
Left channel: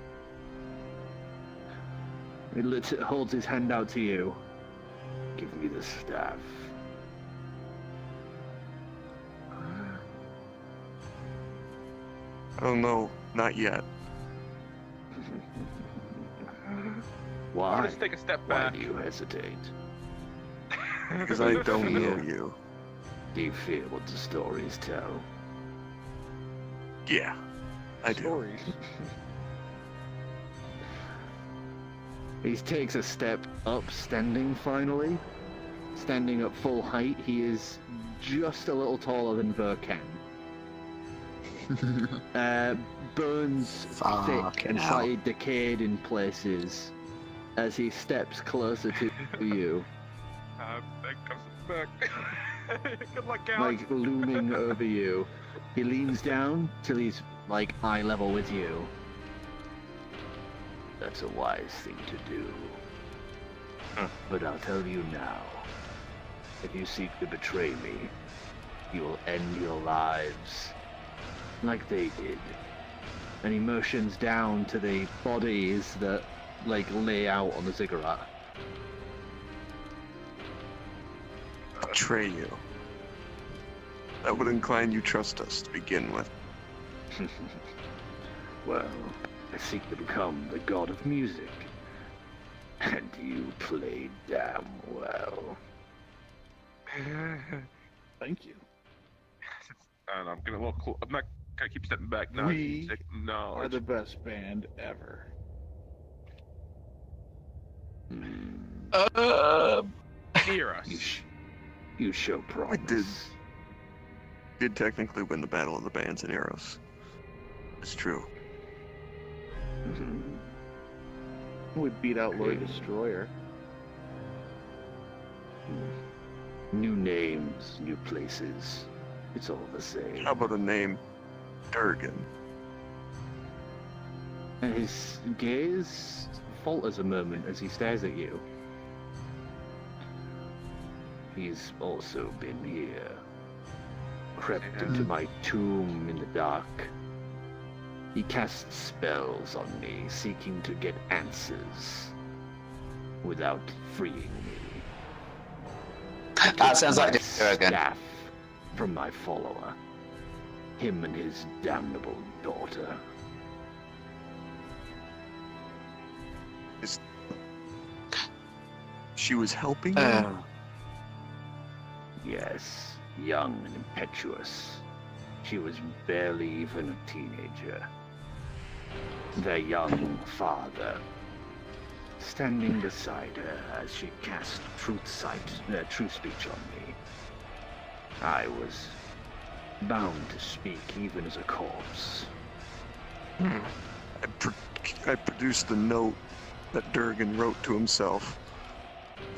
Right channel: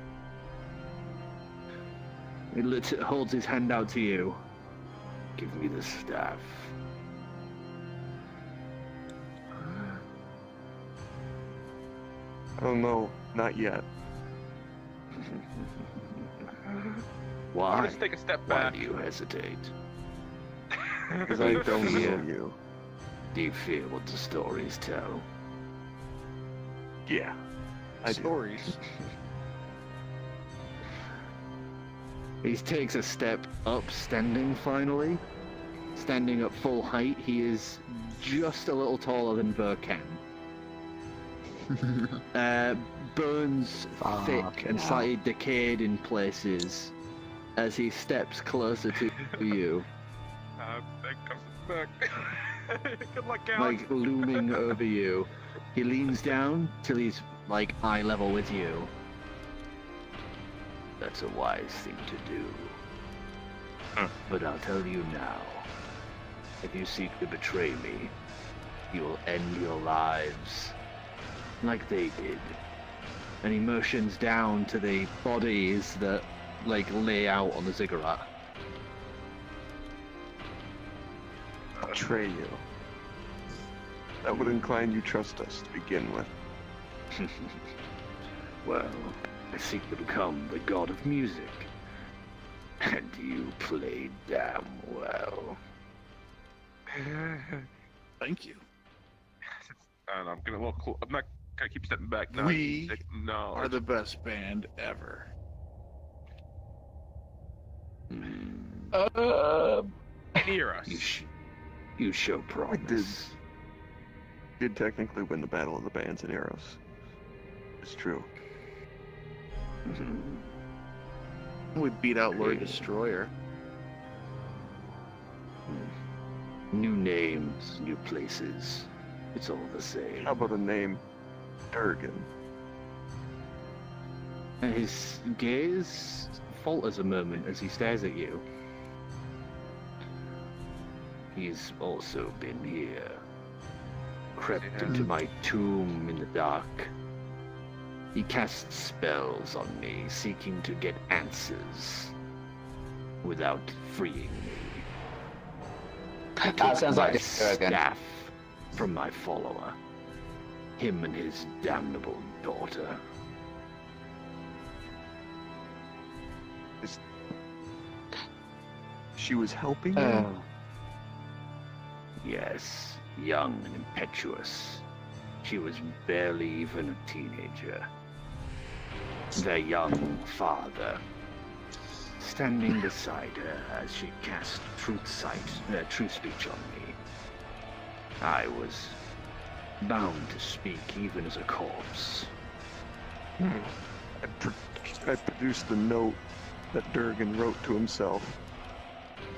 He holds his hand out to you. Give me the staff. Oh no, not yet. Why? I'll just take a step Why back. do you hesitate? Because I don't know you. Do you fear what the stories tell? Yeah, I do. Stories. He takes a step up, standing finally. Standing at full height, he is just a little taller than Verkan. Bones thick and slightly decayed in places as he steps closer to you. That comes back. Good luck, Alex. Like looming over you. He leans down till he's like eye level with you. That's a wise thing to do. But I'll tell you now. If you seek to betray me, you will end your lives like they did. And he motions down to the bodies that like lay out on the ziggurat. Betray you. That would incline you trust us to begin with. Well, I seek to become the god of music. And you played damn well. Thank you. And I'm gonna I'm not gonna keep stepping back now. We No, are the best band ever. Near us. You show promise. I did technically win the Battle of the Bands in Eros. It's true. We beat out Lord Destroyer. New names, new places. It's all the same. How about a name? Durgan. And his gaze falters a moment as he stares at you. He's also been here. Crept into my tomb in the dark. He casts spells on me, seeking to get answers without freeing me. That sounds like Durgan. Staff from my follower. Him and his damnable daughter. She was helping you? Yes, young and impetuous. She was barely even a teenager. Their young father, standing beside her as she cast truth speech on me. I was bound to speak even as a corpse. I produced the note that Durgan wrote to himself.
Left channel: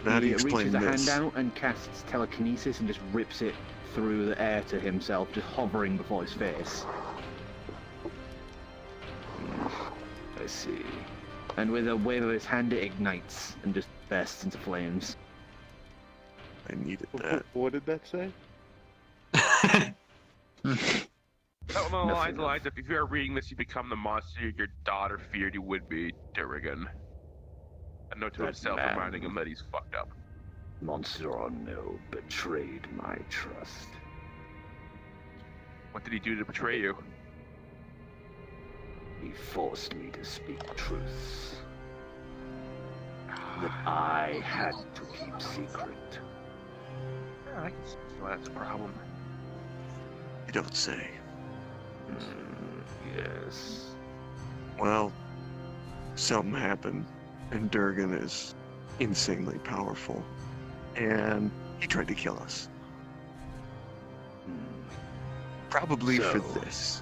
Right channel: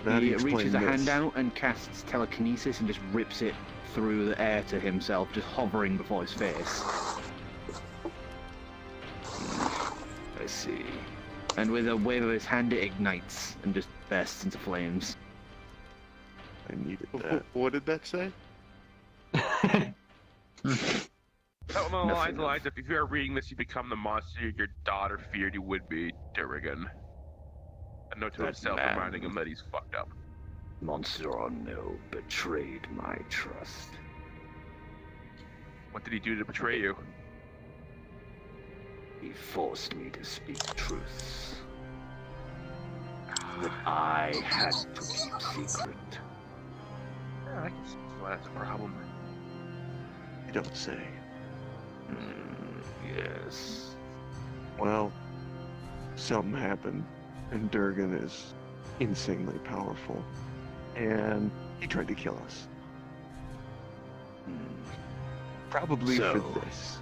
How do He you explain reaches a hand this? out and casts telekinesis and just rips it through the air to himself, just hovering before his face. I see. And with a wave of his hand, it ignites and just bursts into flames. I needed that. What did that say? That one along the lines of, if you are reading this, you become the monster your daughter feared you would be, Durgan. A note to That himself man, reminding him that he's fucked up. monster or no, betrayed my trust. What did he do to betray you? He forced me to speak truths that I had to keep secret. Yeah, I can see why that's a problem. You don't say. Yes. Well, something happened, and Durgan is insanely powerful, and he tried to kill us. Probably So- for this.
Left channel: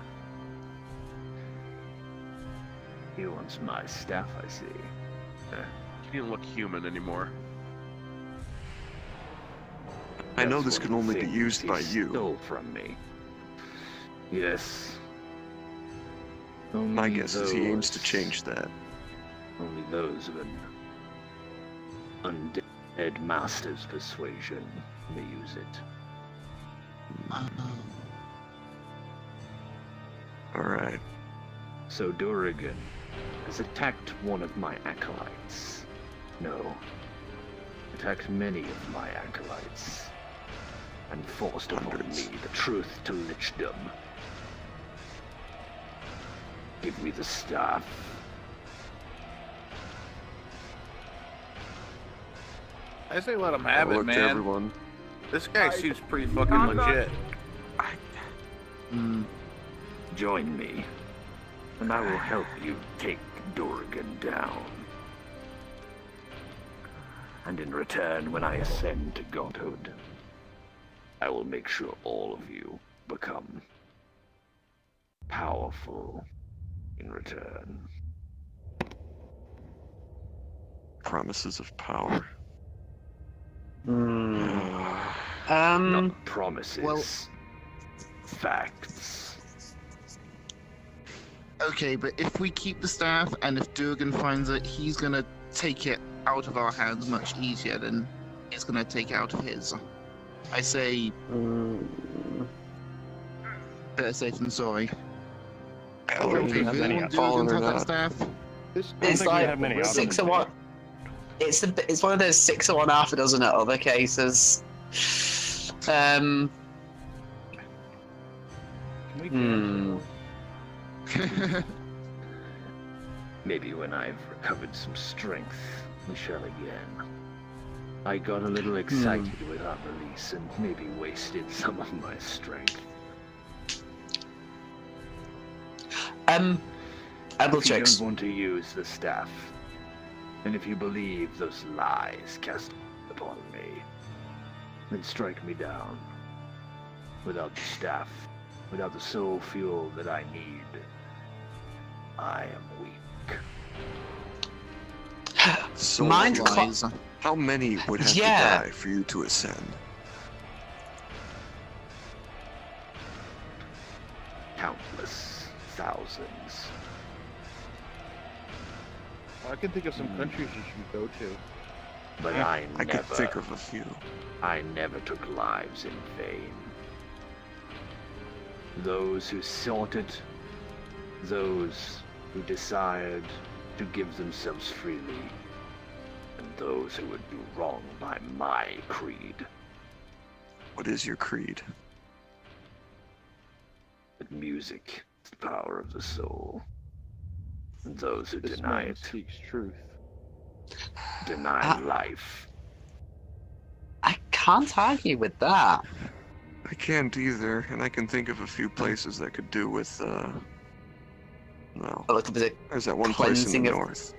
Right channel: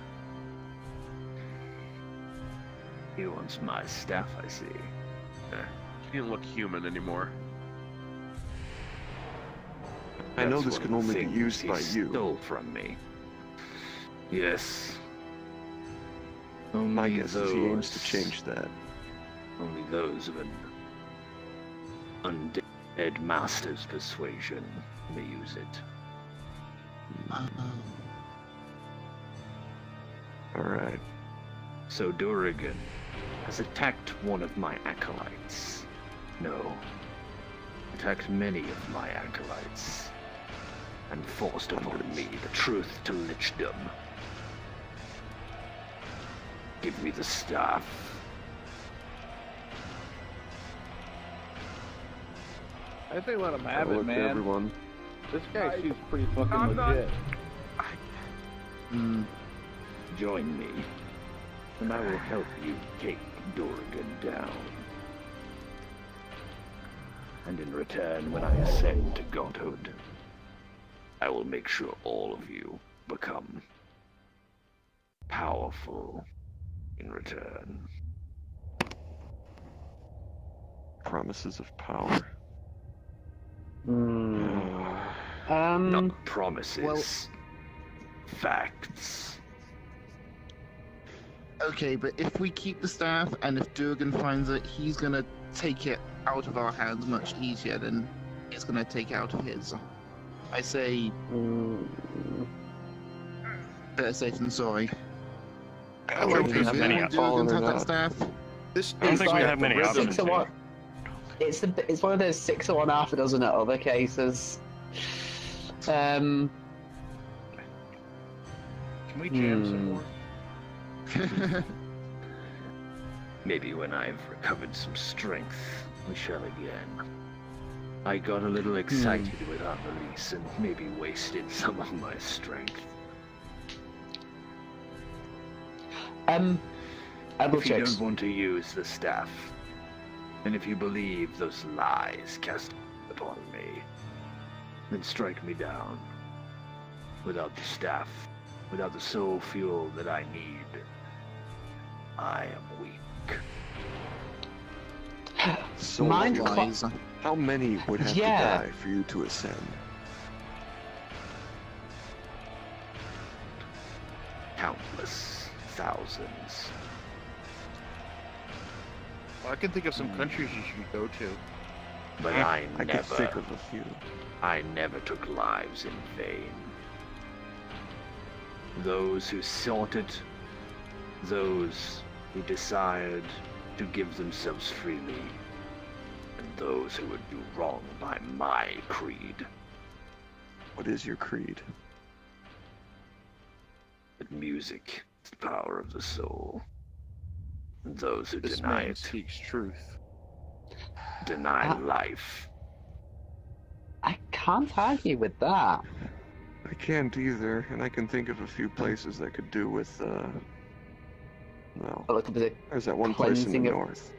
He wants my staff, I see. He didn't look human anymore. I know That's this one can of the only be things used he by you. Stole from me. Yes. Only My guess is he aims to those- change that. Only those of an undead master's persuasion may use it. Alright. So Durgan has attacked one of my acolytes. No. attacked many of my acolytes, and forced upon me the truth to lichdom. Give me the staff. I say let him have I'll it, look to man. everyone. This guy seems pretty fucking legit. Join me, and I will help you take Durgan down. And in return, when I ascend to godhood, I will make sure all of you become powerful in return. Promises of power. Not promises. Facts. Okay, but if we keep the staff, and if Durgan finds it, he's gonna take it out of our hands much easier than it's gonna take it out of his. I say... better safe than sorry. I don't think we have many Durgan have that staff. It's like 6 of 1. It's one of those 6 of 1, half a dozen at other cases. Can we jam Maybe when I've recovered some strength, we shall again. I got a little excited with our release and maybe wasted some of my strength. If you don't want to use the staff, and if you believe those lies cast upon me, then strike me down. Without the staff, without the soul fuel that I need, I am weak. So how many would have to die for you to ascend? Countless thousands. I can think of some countries you should go to. But I could never think of a few. I never took lives in vain. Those who sought it, those who desired to give themselves freely, and those who would do wrong by my creed. What is your creed? That music is the power of the soul. And those who deny it speaks truth. Deny life. I can't argue with that. I can't either, and I can think of a few places that could do with, well, a little bit of there's that one place in the cleansing of- north.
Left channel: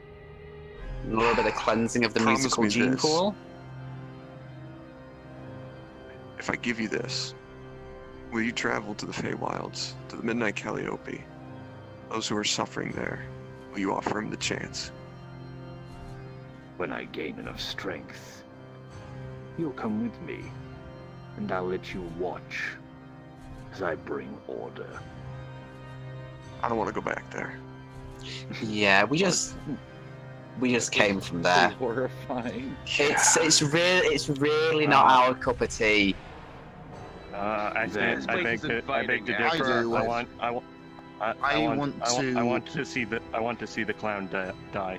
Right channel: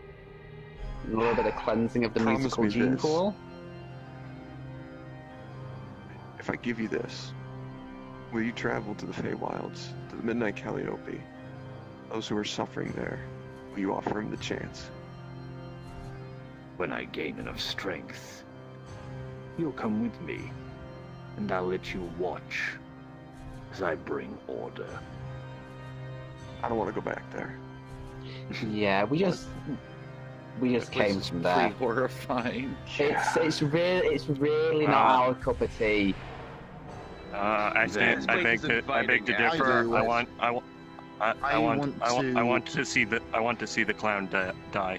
A little bit of cleansing of the Promise musical me gene this. pool. If I give you this, will you travel to the Feywilds, to the Midnight Calliope? Those who are suffering there, will you offer him the chance? When I gain enough strength, you'll come with me, and I'll let you watch as I bring order. I don't want to go back there. Yeah, we just came from there. Horrifying. It's really not our cup of tea. I beg to differ. I want to see the clown die.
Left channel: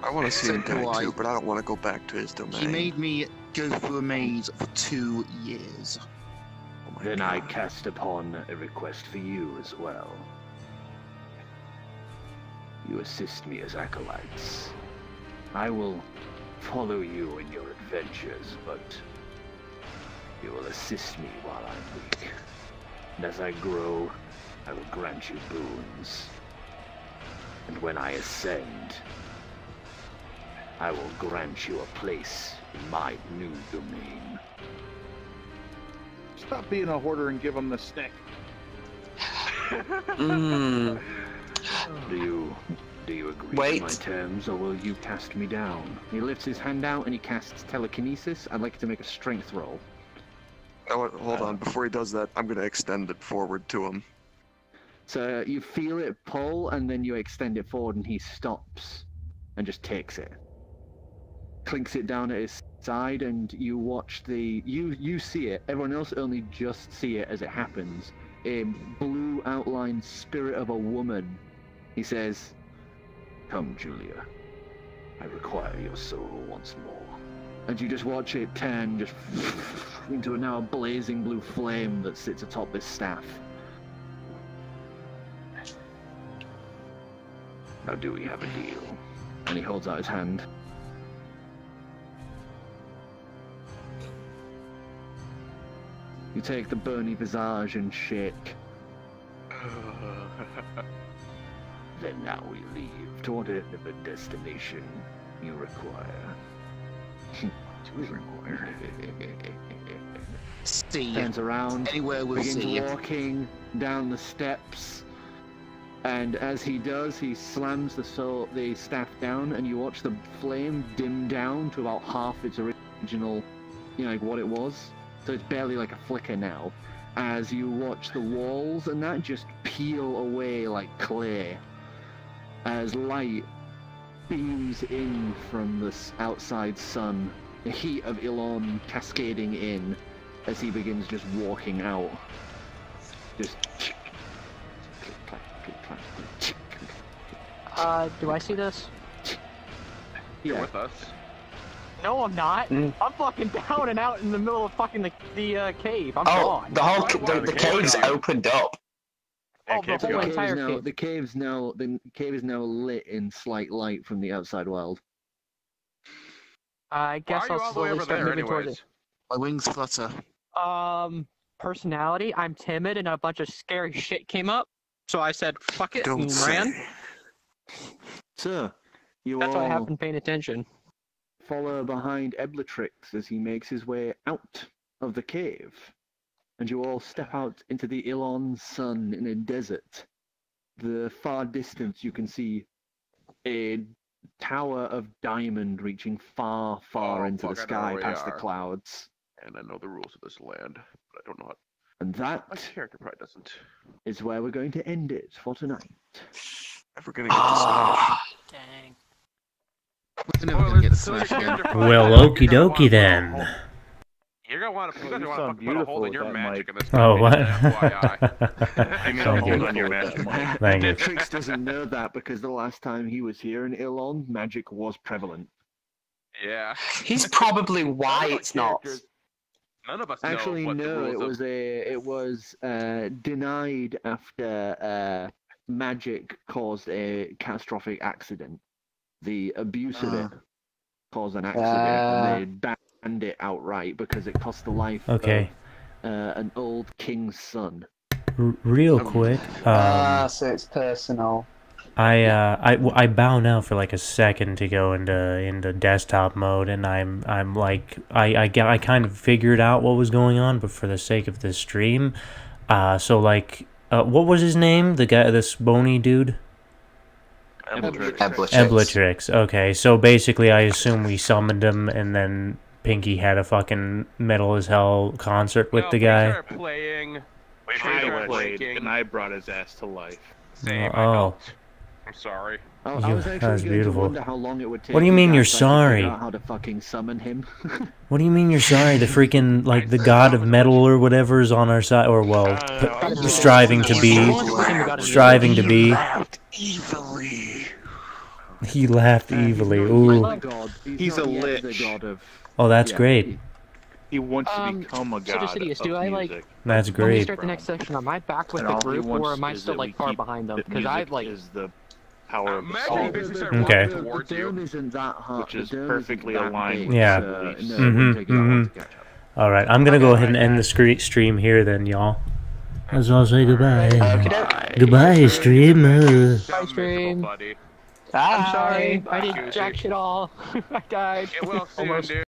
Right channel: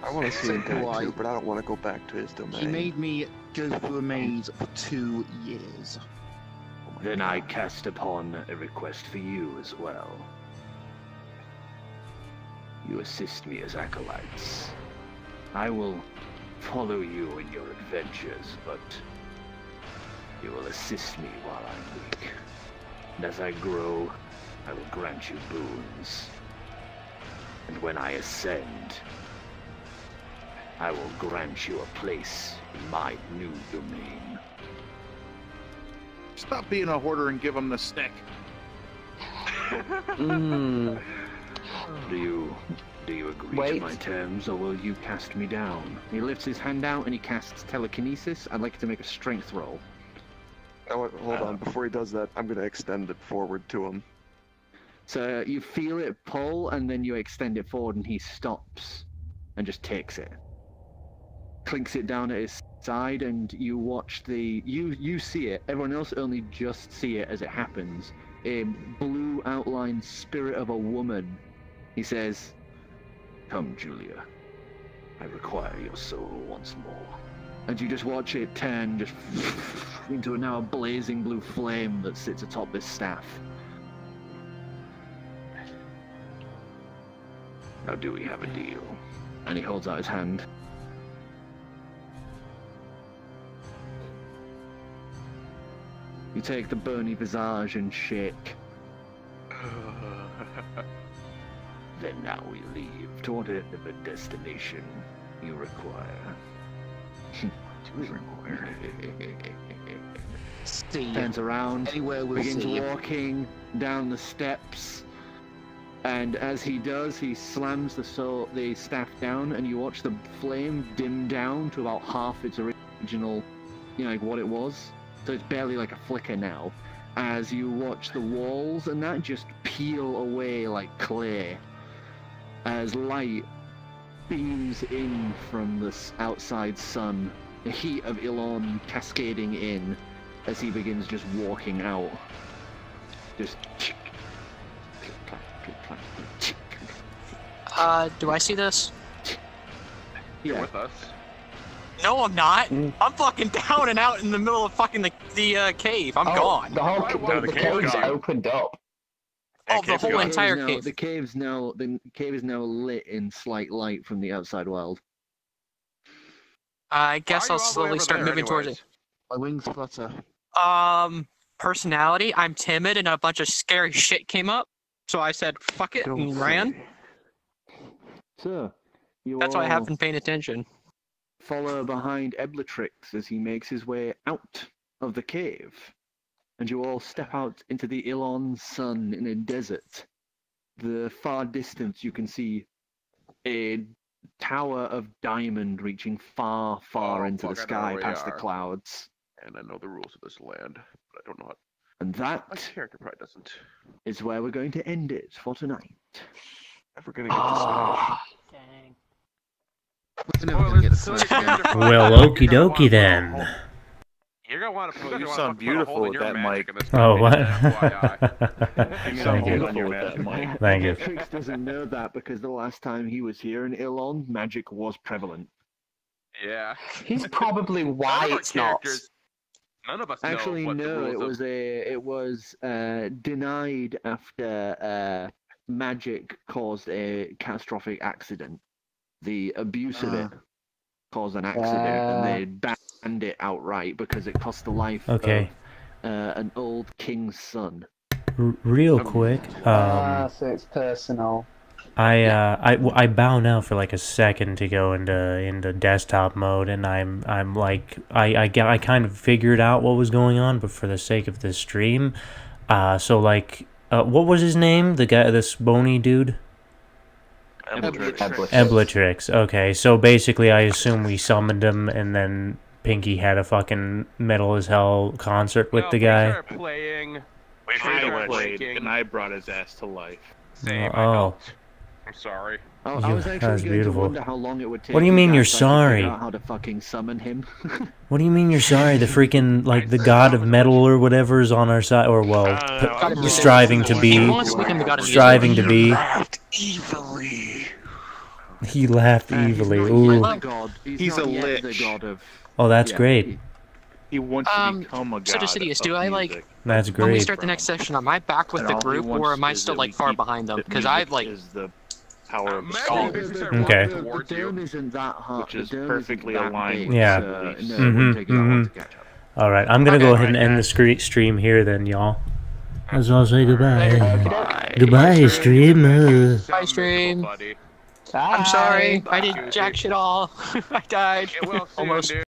I want to see him die too, but I don't want to go back to his domain. He made me go through a maze for 2 years. Then I cast upon a request for you as well. You assist me as acolytes. I will follow you in your adventures, but you will assist me while I'm weak. And as I grow, I will grant you boons. And when I ascend, I will grant you a place in my new domain. Stop being a hoarder and give him the stick. Do you agree to my terms, or will you cast me down? He lifts his hand out and he casts telekinesis. I'd like to make a strength roll. Oh, hold on. Before he does that, I'm going to extend it forward to him. So you feel it pull, and then you extend it forward, and he stops and just takes it. Clinks it down at his side, and you watch you see it. Everyone else only just see it as it happens. A blue outlined spirit of a woman. He says, "Come, Julia. I require your soul once more." And you just watch it turn just into a now blazing blue flame that sits atop this staff. Now do we have a deal? And he holds out his hand. You take the bony visage and shake. Then now we leave to whatever destination you require. What do we require? See, turns around, anywhere we'll begins see you. walking down the steps, and as he does, he slams the staff down, and you watch the flame dim down to about half its original, like what it was. So it's barely like a flicker now, as you watch the walls and that just peel away like clay, as light beams in from the outside sun, the heat of Elon cascading in as he begins just walking out. Just do I see this? You're with us. No, I'm not. I'm fucking down and out in the middle of fucking the cave. I'm gone. The cave's opened up. Oh, the whole entire cave. The cave is now lit in slight light from the outside world. I guess I'll slowly start moving towards it. My wings flutter. Personality. I'm timid, and a bunch of scary shit came up. So I said, "Fuck it," and ran. So, that's why I haven't been paying attention. Follow behind Eblatrix as he makes his way out of the cave, and you all step out into the Elon sun in a desert. The far distance you can see a tower of diamond reaching far, far into the sky past the clouds. And I know the rules of this land, but I don't know how. And that My character probably doesn't. is where we're going to end it for tonight. Never gonna get this out. Well, okie dokie then. You're gonna want to. You guys are want to put a hole in your magic in this. Oh, what? Thank you. Thank you. Trix doesn't know that because the last time he was here in Elon, magic was prevalent. Yeah. He's probably why it's not. None of us Actually, know what no. the rules It was denied after magic caused a catastrophic accident. The abuse of it caused an accident, and they banned it outright because it cost the life of an old king's son. Real quick, so it's personal. I bow now for like a second to go into desktop mode, and I'm like I kind of figured out what was going on, but for the sake of this stream, so like what was his name? The guy, this bony dude. Eblatrix. Okay, so basically, I assume we summoned him, and then Pinky had a fucking metal as hell concert with the guy. Playing. I played, and I brought his ass to life. Same. Oh. I'm sorry. That was beautiful. How long it would take What do you mean you're sorry? How to fucking summon him? What do you mean you're sorry? The freaking, like, the god of metal or whatever is on our side, or, well, striving to be. Striving to be. He laughed evilly. Ooh. He's a lich. Oh, that's great. He wants to become a god So Decidius, do I music. That's When we great. start the next section, am I back with And the all he group, wants or am I is still that like we far keep behind them? the Because I music like. is the power of the soul, Okay. which is perfectly aligned with Yeah. the beliefs. Alright, I'm gonna go ahead and end the stream here then, y'all. Let's all say goodbye. Goodbye, stream. Bye, stream. I'm sorry. I did jack shit all. I died. Get well soon, dude.